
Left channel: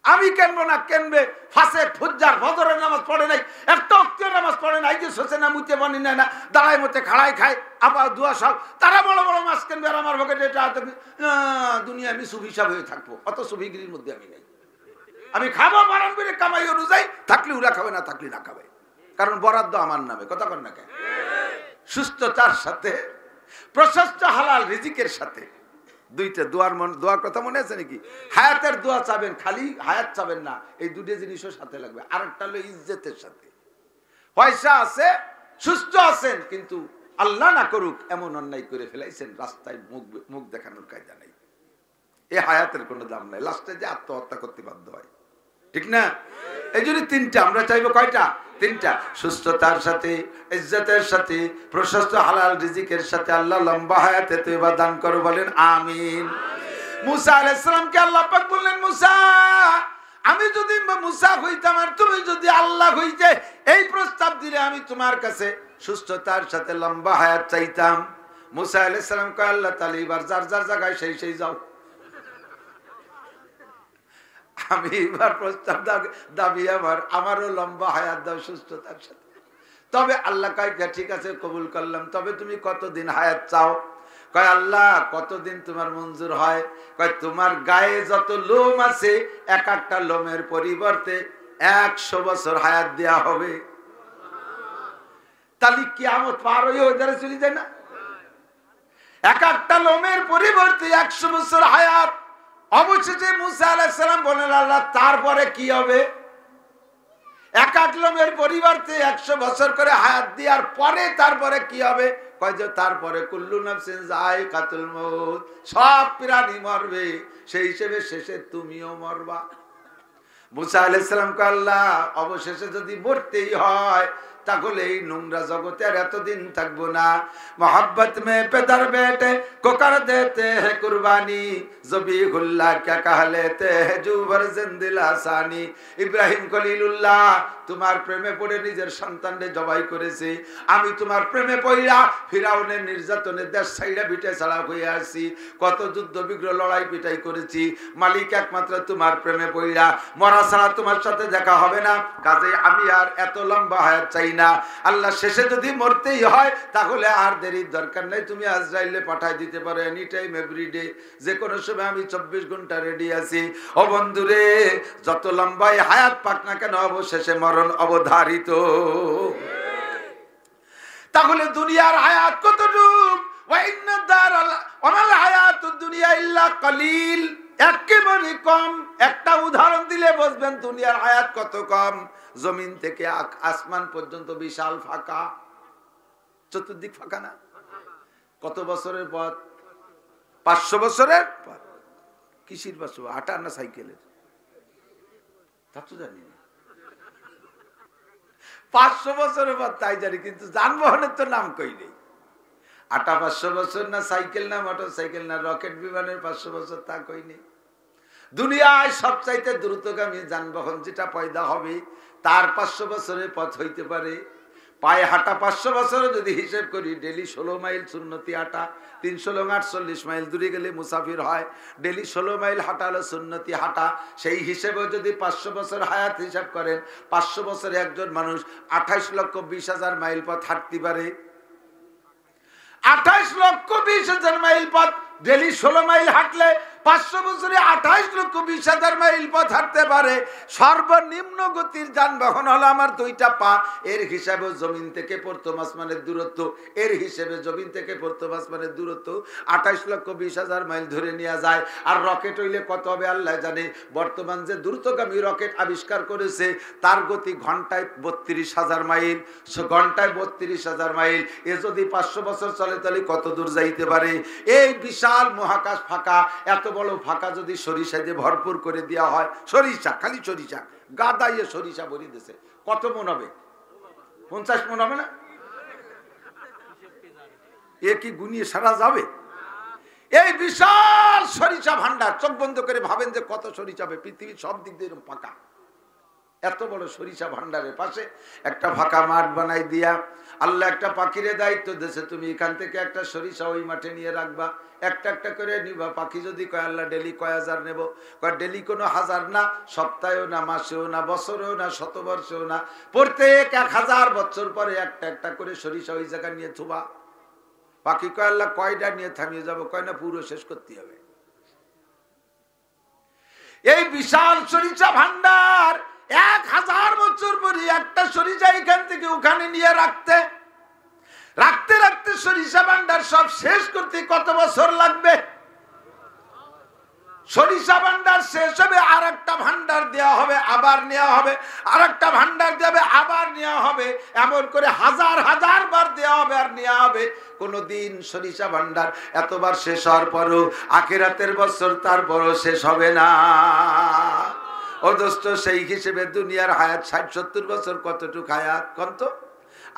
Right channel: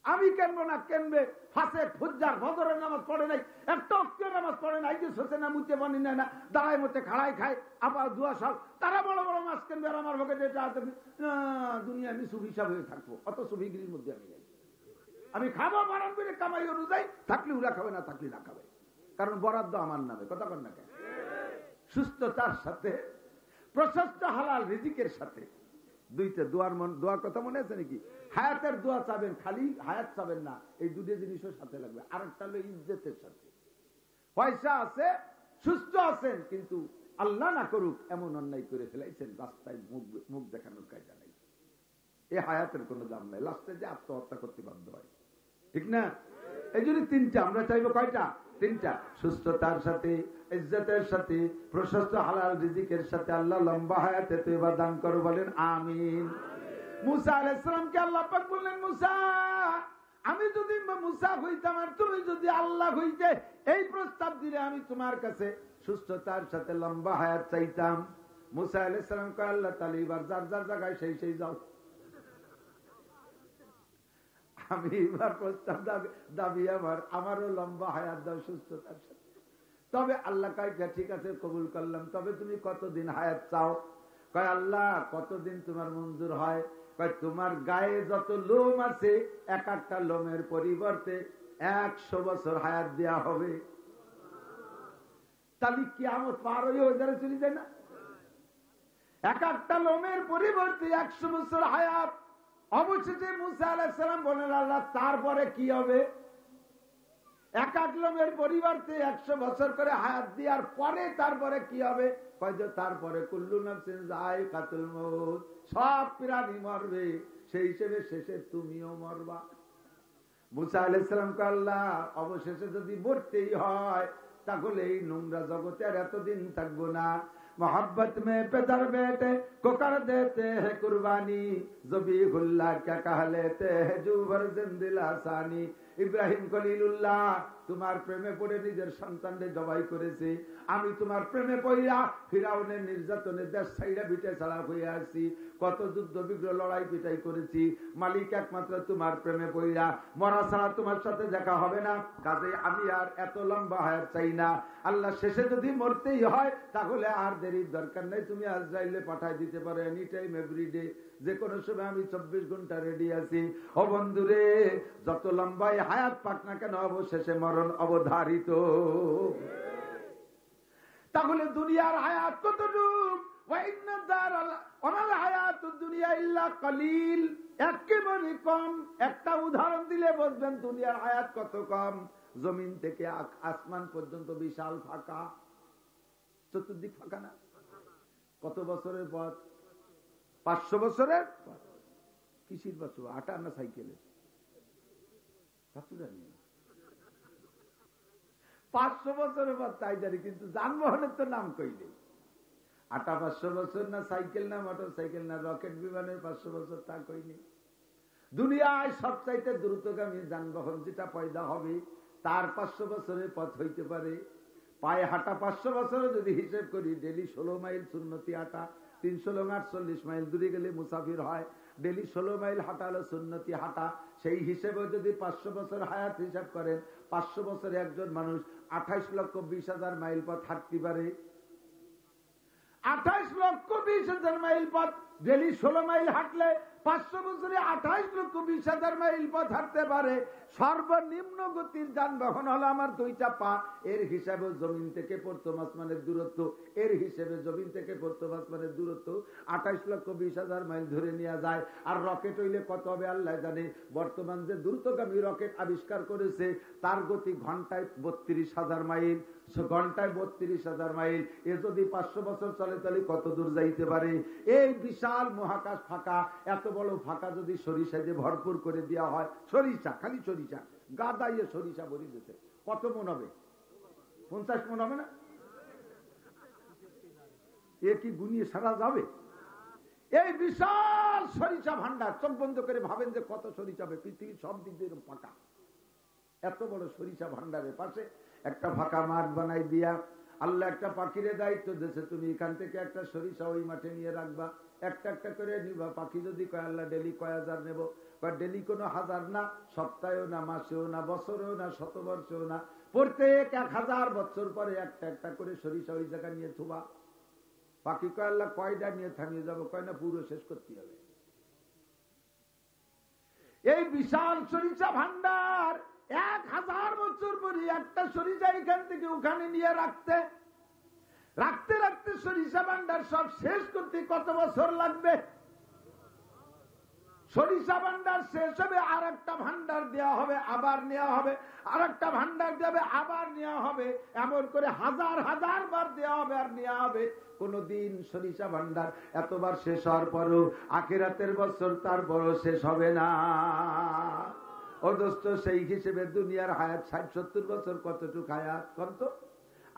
আমি কেনবো না, কেনবে ফাসেক ফুজ্জার, ফজরের নামাজ পড়ে নাই, একটা ওয়াক্তের নামাজ পড়ে নাই, যে সোসে না মুতে বানি নেয় না, দাঁড়ায় মতে খাড়ায় খায়, আবার দুয়া সাল, তারা বড় বড় মাছ কেনবে, আর আমার পকেটে দুনিয়া আমি সুফি হিসাব হয়ে থাকবো। অত সুফিগিরির মধ্যে আমি নেই। আমি খাবো বারান করে কামাই অনুযায়ী, থাকলে ওরা খাবে, না থাকলে না খাবে, কারণ বরাদ্দ আমার নামে। কথা কর না কেন? সুস্থতার সাথে, প্রশস্ত হালাল রিজিকের সাথে, দুইটা দোয়ার কথা মনে আছে নাকি? হায়াতের দোয়া চাবেন, খালি হায়াত চাবেন না, এই দুটো জিনিসও সাথে লাগবে। আরেকটা হলো ইজ্জতের সাথে। পয়সা আছে, সুস্থ আছেন, কিন্তু আল্লাহ না করুক এমন অন্যায় করে ফেলাইছেন, রাস্তায় মুখ দেখানোর কায়দা নাই, এই হায়াতের কোনো দাম নাই, লাস্টে যে আত্মহত্যা করতে বাধ্য হয়। ঠিক না? এই জন্য তিনটা আমরা চাইবো। কয়টা? তিনটা। সুস্থতার সাথে, ইজ্জতের সাথে, প্রশস্ত হালাল রিজিকের সাথে। আল্লাহ লম্বা হায়াতে তওবা দান করো, বলেন আমিন। মুসা আলাইহিস সালামকে আল্লাহ পাক বললেন, মুসা আমি যদি মুসা হইতাম আর তুমি যদি আল্লাহ হইতে, এই প্রস্তাব দিলে আমি তোমার কাছে সুস্থতার সাথে লম্বা হায়াত চাইতাম। মুসা আলাইহিস সালাম কয়, আল্লাহ তাআলা এবার যার যার জায়গায় সেই যাও, আমি এবার প্রস্তাব দাবি আমারও লম্বা হায়াত দাও সুস্থতার সাথে। তবে আল্লাহ কয়, ঠিক আছে কবুল করলাম, তবে তুমি কতদিন হায়াত চাও? কয়, আল্লাহ কতদিন তোমার মঞ্জুর হয়? কয়, তোমার গায়ে যত লোম আছে, এক একটা লোমের পরিবর্তে 100 বছর হায়াত দেয়া হবে। তাহলে কিয়ামত পার হয়ে ওইধারে চলে যায় না? এক একটা লোমের পরিবর্তে 100 বছর হায়াত। অবশেষে মুসা আলাইহিস সালাম বলেন, আল্লাহ তারপরে কি হবে? এক এক লোমের পরিবর্তে 100 বছর করে হায়াত দেওয়ার পরে তারপরে কি হবে? কয় যে তারপরে কুল্লু নাফসিন যায়কাতুল মউত, সব প্রাণী মরবে, সেই হিসেবে শেষে তুমিও মরবা। মুসা আলাইহিস সালাম কয়, আল্লাহ অবশেষে যদি মরতেই হয় তাহলে এই নোংরা জগতে আর এতদিন থাকবো না। मोहब्बत में पेदर बेटे को कर देते हैं कुर्बानी, ज़बीहुल्लाह क्या कह लेते हैं जुबर जिंदिल आसानी। ইব্রাহিম খলিলুল্লাহ তোমার প্রেমে পড়ে নিজের সন্তানকে জবাই করেছে। আমি তোমার প্রেমে পড়িয়া ফিরাউনের নির্যাতনে দেশ ছাইড়া ভিটে ছাড়া হয়ে আসি, কত যুদ্ধ বিগ্রহ লড়াই পিটাই করেছি। মালিক একমাত্র তোমার প্রেমে পড়িয়া, মরা ছাড়া তোমার সাথে দেখা হবে না, কাজেই আমি আর এত লম্বা হায়াত চাই না। আল্লাহ শেষে যদি মরতেই হয় তাহলে আর দেরির দরকার নাই, তুমি আজরাইলে পাঠাই দিতে পারো এনি টাইম এভরিডে, যে কোনো সময় আমি 24 ঘন্টা রেডি আছি। ও বন্ধুরে, যত লম্বাই হায়াত পাক না কেন অবশেষে মরণ অবধারিত। তাহলে দুনিয়ার হায়াত কতটুক? ওয়া ইন্না দারাল ওয়ামাল হায়াতুদ দুনিয়া ইল্লা কলিল, একেবারে কম। একটা উদাহরণ দিলে বুঝবেন দুনিয়ার হায়াত কত কম। জমিন থেকে আসমান পর্যন্ত বিশাল ফাঁকা, চতুর্দিক ফাঁকা না? কত বছরের পথ? 500 বছরের পথ। কিসির 500? আটা না সাইকেলের? তা তো জানি না। 500 বছরের পথ তাই জানি, কিন্তু যানবাহনের তো নাম কই নেই। আটা 500 বছর না, সাইকেল না, মোটর সাইকেল না, রকেট বিমানের 500 বছর তা কই নেই। দুনিয়ায় সবচাইতে দ্রুতগামী যানবাহন যেটা পয়দা হবে তার 500 বছরের পথ হইতে পারে। পায়ে হাঁটা 500 বছরে যদি হিসেব করি, ডেলি 16 মাইল সুন্নতি হাঁটা, 348 মাইল দূরে গেলে মুসাফির হয়। ডেলি 16 মাইল হাঁটা হলো সুন্নতি হাঁটা। সেই হিসেবে যদি 500 বছর হায়াত হিসাব করেন, 500 বছরে একজন মানুষ 28,20,000 মাইল পথ হাঁটতে পারে। 28,20,000 মাইল পথ ডেলি 16 মাইল হাঁটলে 500 বছরে 28 লক্ষ 20,000 মাইল পথ হাঁটতে পারে। সর্বনিম্ন গতির যানবাহন হলো আমার 2টা পা। এর হিসাবে জমিন থেকে প্রথম আসমানের দূরত্ব, এর হিসেবে জমিন থেকে প্রথম আসমানের দূরত্ব 28 লক্ষ 20,000 মাইল ধরে নেওয়া যায়। আর রকেট হইলে কত হবে আল্লাহ জানে। বর্তমান যে দ্রুতগামী রকেট আবিষ্কার করেছে তার গতি ঘন্টায় 32,000 মাইল, ঘন্টায় 32,000 মাইল। এ যদি 500 বছর চলে তাহলে কত দূর যাইতে পারে। এই বিশাল মহাকাশ ফাঁকা, এত বড় ফাঁকা যদি সরিষা দিয়ে ভরপুর করে দেওয়া হয়, সরিষা খালি সরিষা গাদাইয়ে সরিষা ভরি দিয়েছে, কত মন হবে? 50 মন হবে না? এ কি গুনিয়ে সারা যাবে? এই বিশাল সরিষা ভান্ডার, চোখ বন্ধ করে ভাবেন যে কত সরিষা হবে। পৃথিবীর সব দিক দিয়ে এরকম ফাঁকা, এত বড় সরিষা ভান্ডারের পাশে একটা ফাঁকা মাঠ বানাই দিয়া আল্লাহ একটা পাখিরে দায়িত্ব দিয়েছে, তুমি এখান থেকে একটা সরিষা ওই মাঠে নিয়ে রাখবা, একটা একটা করে নিবা। পাখি যদি কয় আল্লাহ ডেলি কয় হাজার নেব, কয় ডেলি কোনো হাজার না, সপ্তাহেও না, মাসেও না, বছরেও না, শতবর্ষেও না, প্রত্যেক 1000 বছর পরে একটা একটা করে সরিষা ওই জায়গায় নিয়ে থুবা। পাখি কয় আল্লাহ কয়টা নিয়ে থামিয়ে যাবো, কয় না পুরো শেষ করতে হবে। এই বিশাল সরিষা ভান্ডার 1000 বছর পরে একটা সরিষা এখান থেকে ওখানে নিয়ে রাখতে রাখতে রাখতে সরিষা ভান্ডার সব শেষ করতে কত বছর লাগবে? সরিষা ভান্ডার শেষ হবে, আর একটা ভান্ডার দেওয়া হবে, আবার নেওয়া হবে, আর একটা ভান্ডার দেবে, আবার নেওয়া হবে, এমন করে 1000 বার দেওয়া হবে আর নেওয়া হবে। কোনদিন সরিষা ভান্ডার এতবার শেষ হওয়ার পরও আখিরাতের বছর তার বড় শেষ হবে না। অদস্ত সেই হিসেবে দুনিয়ার হায়াত 60-70 বছর কতটুক হায়াত কত?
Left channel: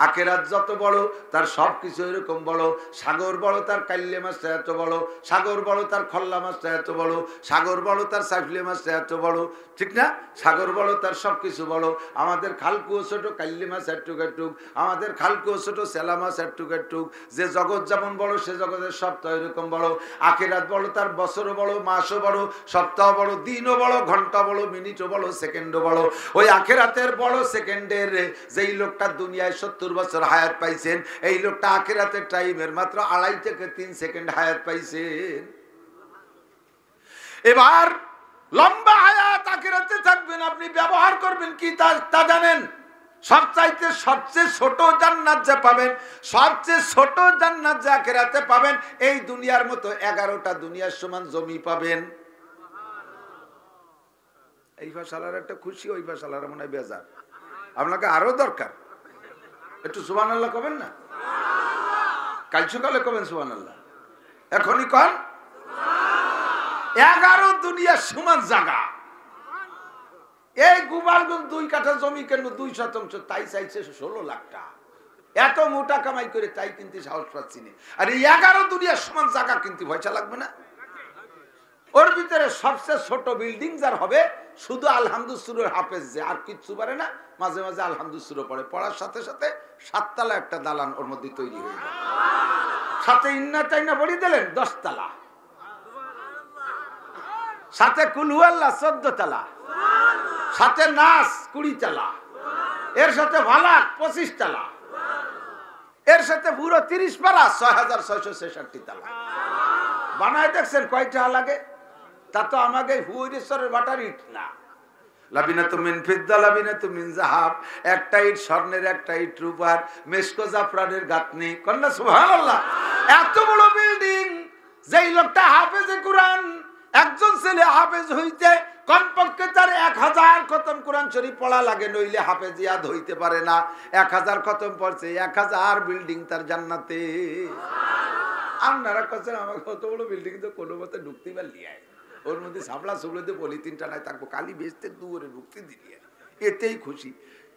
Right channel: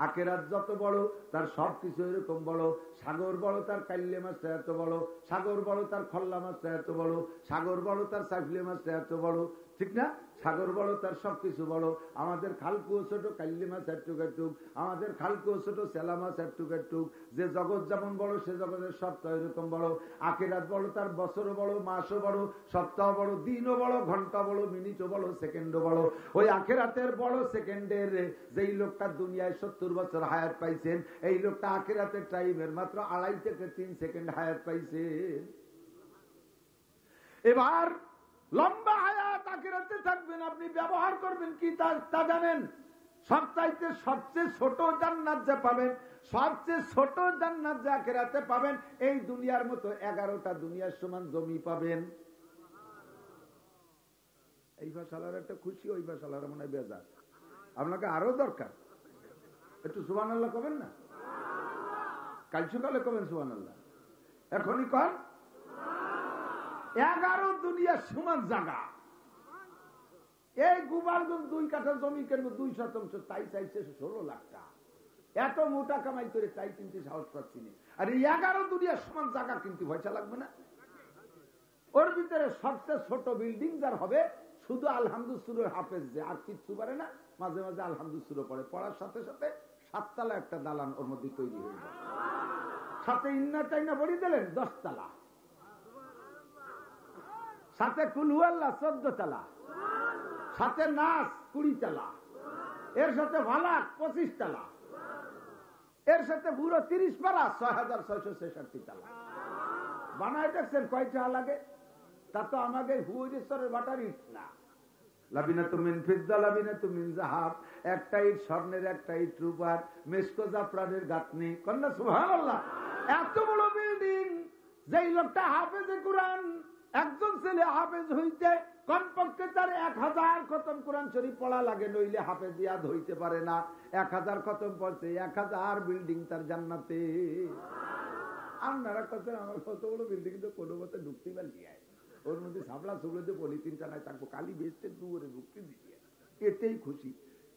আখেরাত যত বড় তার সবকিছু এরকম বড়। সাগর বড় তার কাল্লে মাছটা এত বড়, সাগর বড় তার খল্লা মাছটা এত বড়, সাগর বড় তার সাইফলে মাছটা এত বড়, ঠিক না? সাগর বড় তার সবকিছু বড়। আমাদের খালকুও ছোট, কাল্লি মাছ একটুক একটুক, আমাদের খালকুও ছোট, সেলা মাছ একটুক একটুক। যে জগৎ যেমন বড় সে জগতের সপ্তাহ এরকম বড়। আখেরাত বড় তার বছরও বড়, মাসও বড়, সপ্তাহ বড়, দিনও বড়, ঘন্টা বড়, মিনিটও বড়, সেকেন্ডও বড়। ওই আখেরাতের বড় সেকেন্ডের যেই লোকটা দুনিয়ায় 70 বছর হায়াত পাইছেন, এই লোকটা আখিরাতের টাইমের মাত্র 2.5 থেকে 3 সেকেন্ড হায়াত পাইছেন। এবার লম্বা হায়াত আখিরাতে থাকবেন, আপনি ব্যবহার করবেন কি তা জানেন? সবচেয়ে ছোট জান্নাত যে পাবেন, সবচেয়ে ছোট জান্নাত যে আখিরাতে পাবেন, এই দুনিয়ার মতো 11টা দুনিয়ার সমান জমি পাবেন। এই ভাষালার একটা খুশি, ওই ভাষালার মনে হয় বেজার। আপনাকে আরো দরকার, একটু সুবহানাল্লাহ কবেন না? কাল সকালে কবেন সুবহানাল্লাহ, এখনই কন। 11 দুনিয়ার সমান জায়গা। এই গোপালগঞ্জ 2 কাঠা জমি কেন 2 শতাংশ, তাই চাইছে 16 লাখ টাকা। এত মোটা কামাই করে তাই কিনতে সাহস পাচ্ছি না। আর এই 11 দুনিয়ার সমান জায়গা কিনতে পয়সা লাগবে না? ওর ভিতরে সবচেয়ে ছোট বিল্ডিং যার হবে শুধু আলহামদুলিল্লাহ হাফেজ, যে আর কিচ্ছু পারে না, মাঝে মাঝে আলহামদুলিল্লাহ পড়ে, পড়ার সাথে সাথে 7 তলা একটা দালান ওর মধ্যে তৈরি হয়ে যায়। সাথে ইন্না চাইনা পড়ি দিলেন 10 তলা, সাথে কুলহুয়াল্লাহ 14 তলা, সাথে নাস 20 তলা, এর সাথে ভালাক 25 তলা, এর সাথে পুরো 30 পারা 6666 তলা বানায়। দেখছেন কয়টা লাগে? তা তো আমাকে হুইরেশ্বরের বাটার ইট না। লাবিনাতু মিন ফিদ্দা লাবিনাতু মিন যাহাব, একটা ইট স্বর্ণের, একটা ইট রূপার, মেশকো জাফরানের গাঁথনি। কন্যা সুবহানাল্লাহ। এত বড় বিল্ডিং, যেই লোকটা হাফেজে কোরআন, একজন ছেলে হাফেজ হইতে কমপক্ষে তার 1000 খতম কোরআন শরীফ পড়া লাগে, নইলে হাফেজিয়াত হইতে পারে না। 1000 খতম পড়ছে, 1000 বিল্ডিং তার জান্নাতে। আপনারা কাছে আমার কত বড় বিল্ডিং তো কোনো মতে ঢুকতে পারলি, ওর মধ্যে সাবলা সুবলাতে পলিথিনটা নাই থাকবো, কালি বেচতে দূরে ঢুকতে দিলি, এতেই খুশি।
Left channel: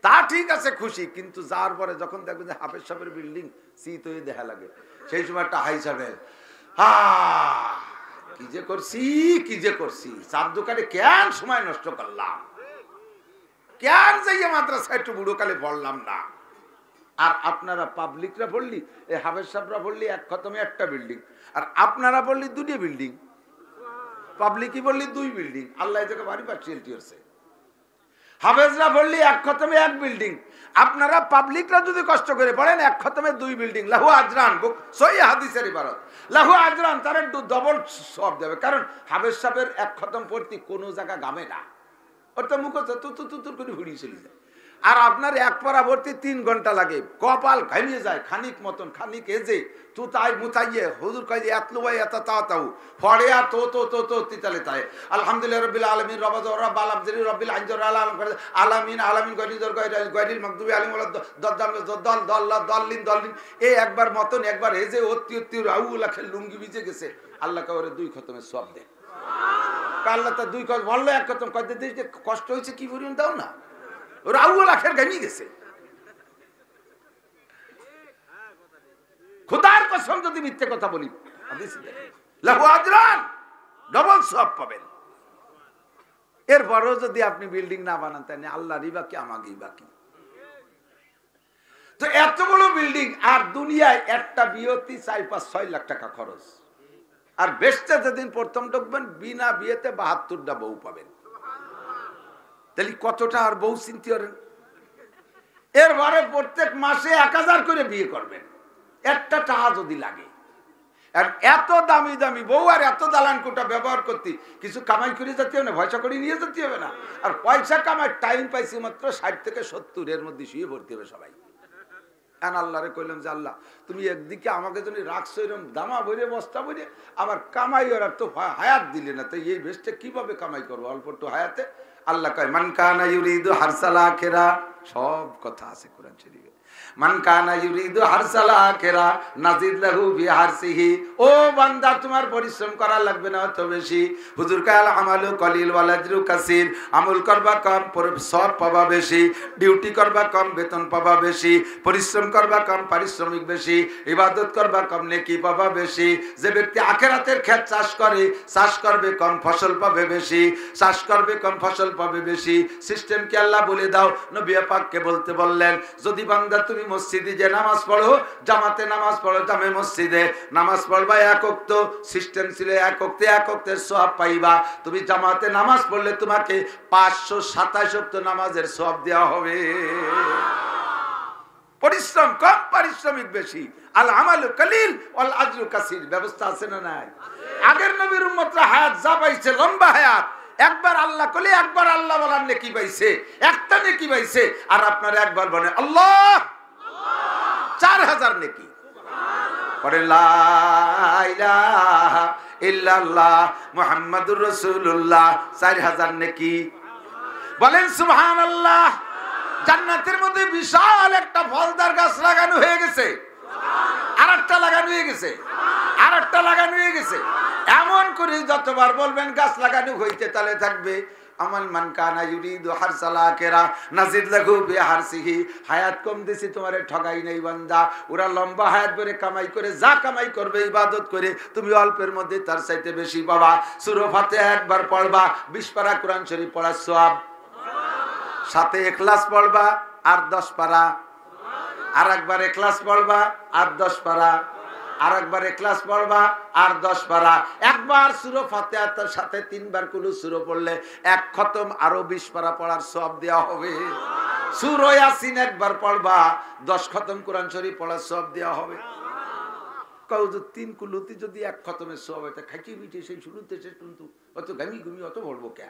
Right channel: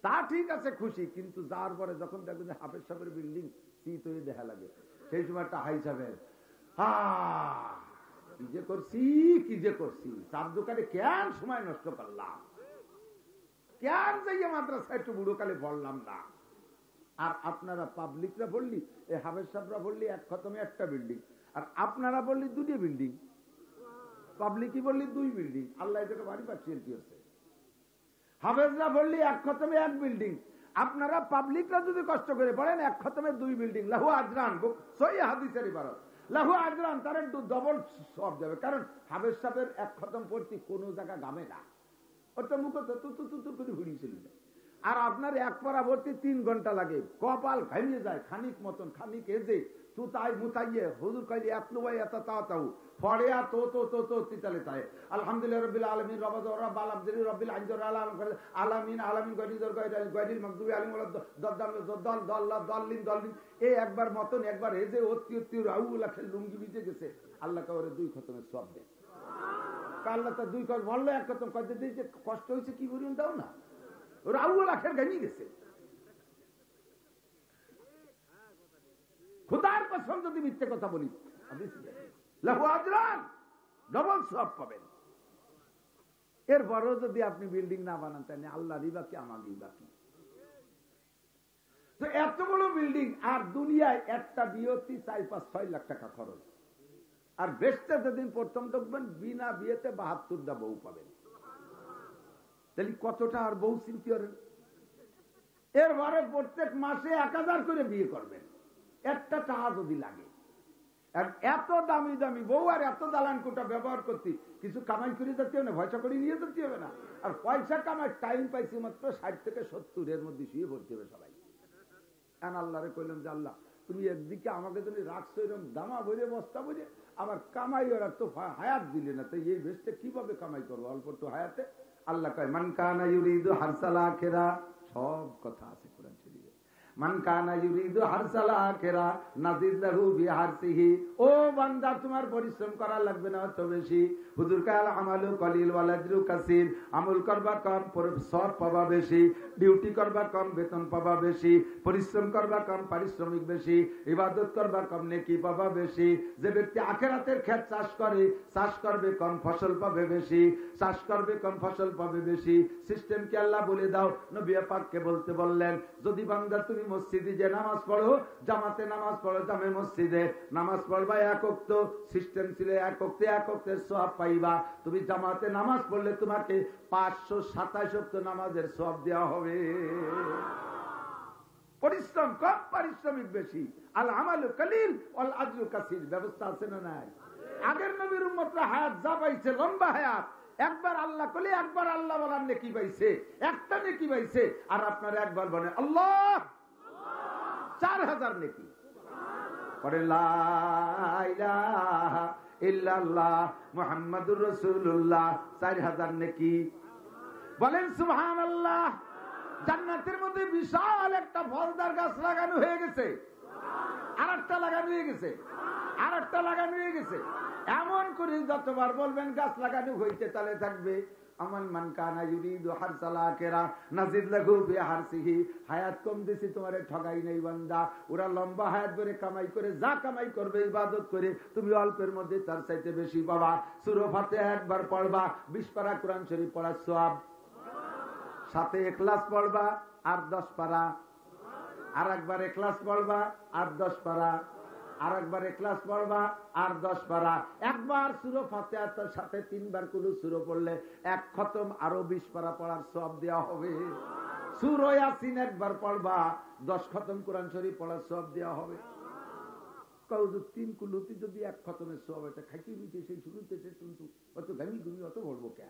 তা ঠিক আছে খুশি, কিন্তু যার পরে যখন দেখবেন যে হাফেজ সাহেবের বিল্ডিং শীত হয়ে দেখা লাগে, সেই সময় একটা হাই সাহেব, কি যে করছি, চার দোকানে কেন সময় নষ্ট করলাম, কেন যাইয়ে মাদ্রাসা একটু বুড়ো কালে পড়লাম না। আর আপনারা পাবলিকরা পড়লি, এই হাফেজ সাহেবরা পড়লি এক খতমে একটা বিল্ডিং, আর আপনারা পড়লি 2টি বিল্ডিং, পাবলিকই বললি 2 বিল্ডিং। আল্লাহ এটাকে বাড়ি পাঠিয়েছে। হাফেজরা বললি এক খতমে 1 বিল্ডিং, আপনারা পাবলিকরা যদি কষ্ট করে পড়েন এক খতমে 2 বিল্ডিং, লাহু আজরান, সহিহ হাদিসের ইবারত। লাহু আজরান, তার একটু ডবল সব দেবে। কারণ হাফেজ সাহেবের এক খতম পড়তে কোনো জায়গা গামে না, ওর তো মুখস্থ তুতুর করে ঘুরিয়ে চলে যায়। আর আপনার এক পারা ভর্তি 3 ঘন্টা লাগে, কপাল ঘামিয়ে যায় খানিক মতন, খানিক এজে তু তাই মুতাইয়ে হুজুর কই যে এতলু ভাই এত তাও ফড়ে আর তো তিতালে তাই আলহামদুলিল্লাহ রাব্বিল আলামিন রব্বাল আলামিন রব্বিল আনজার আলামিন আলামিন গরিজর গরিল মাগদুবি আলাইহিম ওয়ালাদ দল্লিন এই একবার মতন একবার এজে অতি রাউলা খেল লুঙ্গি ভিজে গেছে। আল্লাহ কাওরে 2 খতমে সওয়াব দেন। আল্লাহ তা 2 খতম বললো, এক খতম কই দিতে যে কষ্ট হইছে কি পরিমাণ দাও না, রাউলা খেল গামি গেছে। খোদার কসম যদি মিথ্যে কথা বলি, লাহু আজরান, ডবল সওয়াব পাবেন। এরপরও যদি আপনি বিল্ডিং না বানান তাই আল্লাহরই বাকি, আমাকেই বাকি। তো এত বড় বিল্ডিং, আর দুনিয়ায় একটা বিয়েতে 4-5-6 লাখ টাকা খরচ, আর বেশটা যেদিন প্রথম ঢুকবেন বিনা বিয়েতে 72টা বউ পাবেন। তাহলে কতটা আর বউ চিন্তা করেন। এরপরে প্রত্যেক মাসে 1000 করে বিয়ে করবেন, একটা টাকা যদি লাগে। আর এত দামি দামি বউ আর এত দালান কোটা ব্যবহার করতে কিছু কামাই করে যেতে হবে না, পয়সা করে নিয়ে যেতে হবে না। আর পয়সা কামাই টাইম পাইছি মাত্র 60 থেকে 70, এর মধ্যে শুয়ে ভর্তি হবে সবাই। আল্লাহরে কইলাম যে আল্লাহ তুমি একদিকে আমাকে যদি রাখছো এরকম দামা ভরে বস্তা ভরে, আবার কামাই ওর তো হায়াত দিলে না, তো এই বেশটা কিভাবে কামাই করবো অল্প একটু হায়াতে। আল্লাহ কয় মান কানা ইউরিদু হারসাল আখিরা, সব কথা আছে কোরআন শরীফে। মান কানা ইউরিদু হারসাল আখিরা নাজিদ লাহু ফি হারসিহি। ও বান্দা তোমার পরিশ্রম করা লাগবে না অত বেশি। হুজুর কাল আমালু কলিল ওয়াল আজরু কাসীর, আমল করবা কম সওয়াব পাবা বেশি, ডিউটি করবা কম বেতন পাবা বেশি, পরিশ্রম করবা কম পারিশ্রমিক বেশি, ইবাদত করবা কম নেকি পাবা বেশি। যে ব্যক্তি আখিরাতের ক্ষেত চাষ করে, চাষ করবে কম ফসল পাবে বেশি, চাষ করবে কম ফসল পাবে বেশি। সিস্টেম কি আল্লাহ বলে দাও, নবী পাককে বলতে বললেন যদি বান্দা তুমি মসজিদে যে নামাজ পড়ো, জামাতে নামাজ পড়ো, জামে মসজিদে নামাজ পড়বা এক ওয়াক্ত, সিস্টেম ছিল এক ওয়াক্তের সওয়াব পাইবা। তুমি জামাতে নামাজ পড়লে তোমাকে 527 ওয়াক্ত নামাজের সওয়াব দেওয়া হবে। পরিশ্রম কম পারিশ্রমিক বেশি, আল আমালু কলিল ওয়াল আজরু কাসীর। ব্যবস্থা আছে না নাই? আগের নবীর উম্মতরা হায়াত যা পাইছে, লম্বা হায়াত, একবার আল্লাহ কলি একবার আল্লাহ বলার নেকি পাইছে, একটা নেকি পাইছে। আর আপনারা একবার বলেন আল্লাহ, 4000 নেকি পড়ে লা ইলাহা ইল্লাল্লাহ মুহাম্মাদুর রাসূলুল্লাহ, 4000 নেকি। বলেন সুবহানাল্লাহ। জান্নাতের মধ্যে বিশাল একটা ফলদার গাছ লাগানো হয়ে গেছে, আরেকটা লাগানো হয়ে গেছে, আরেকটা লাগানো হয়ে গেছে। এমন করে যতবার বলবেন গাছ লাগানো হইতে তাহলে থাকবে আমাল মান কানা ইউরিদু হারসাল আখিরা নাজিদ লাহু ফি হারসিহি। হায়াত কম দিছি তোমারে ঠগাই নাই বান্দা, ওরা লম্বা হায়াত ধরে কামাই করে যা কামাই করবে ইবাদত করে তুমি অল্পের মধ্যে তার চাইতে বেশি পাবা। সূরা ফাতিহা একবার পড়বা 20 পারা কোরআন শরীফ পড়ার সওয়াব, সাথে ইখলাস পড়বা আর 10 পারা, আর একবার ইখলাস পড়বা আর 10 পারা, আর একবার ইখলাস পড়বা আর 10 পারা। একবার সূরা ফাতিহার সাথে 3 বার কুলু সূরা পড়লে এক খতম আরো 20 পারা পড়ার সওয়াব দেওয়া হবে। সূরা ইয়াসিন একবার পড়বা 10 খতম কোরআন শরীফ পড়ার সওয়াব দেওয়া হবে। কও যে 3 কুলুতে যদি এক খতমের সওয়াব হয়, খাইতে বিটে সেই শুরুতে সে কিন্তু অত গামি গুমি অত বলবো কে?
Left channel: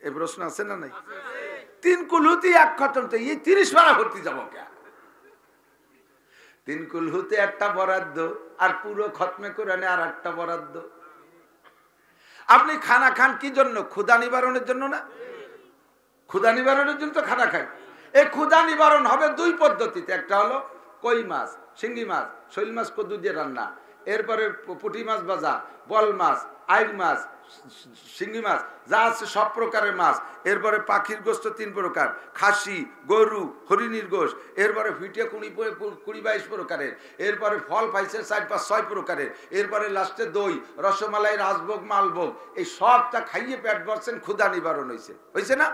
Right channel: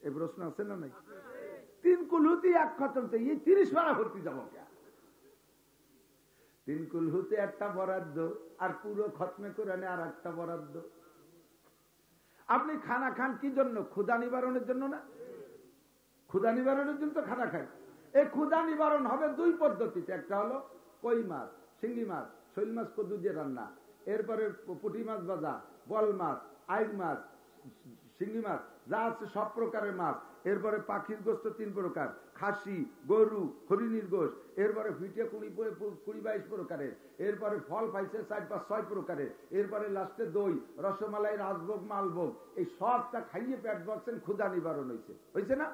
এই প্রশ্ন আছে না নাই? 3 কুলুতে এক খতম, তো এই 30 পারা ভর্তি যাবো কে? 3 কুলহুতে একটা বরাদ্দ, আর পুরো খতমে কোরআনে আর একটা বরাদ্দ। আপনি খানা খান কি জন্য? ক্ষুধা নিবারণের জন্য না? ক্ষুধা নিবারণের জন্য তো খানা খাই। এই ক্ষুধা নিবারণ হবে 2 পদ্ধতিতে। একটা হলো কই মাছ, শিঙ্গি মাছ, শৈল মাছ কদ্দু দিয়ে রান্না, এরপরে পুঁটি মাছ ভাজা, বল মাছ, আইল মাছ, শিঙ্গি মাছ, যা আছে সব প্রকারের মাছ। এরপরে পাখির গোস্ত 3 প্রকার, খাসি, গরু, হরিণীর গোস্ত। এরপরে ফিটে 20-22 প্রকারের। এরপরে ফল পাইছে 4-5-6 প্রকারের। এরপরে লাস্টে দই, রসমালাই, রাজভোগ, মালভোগ। এই সবটা খাইয়ে পেট ভরছেন, ক্ষুধা নিবারণ হয়েছে না?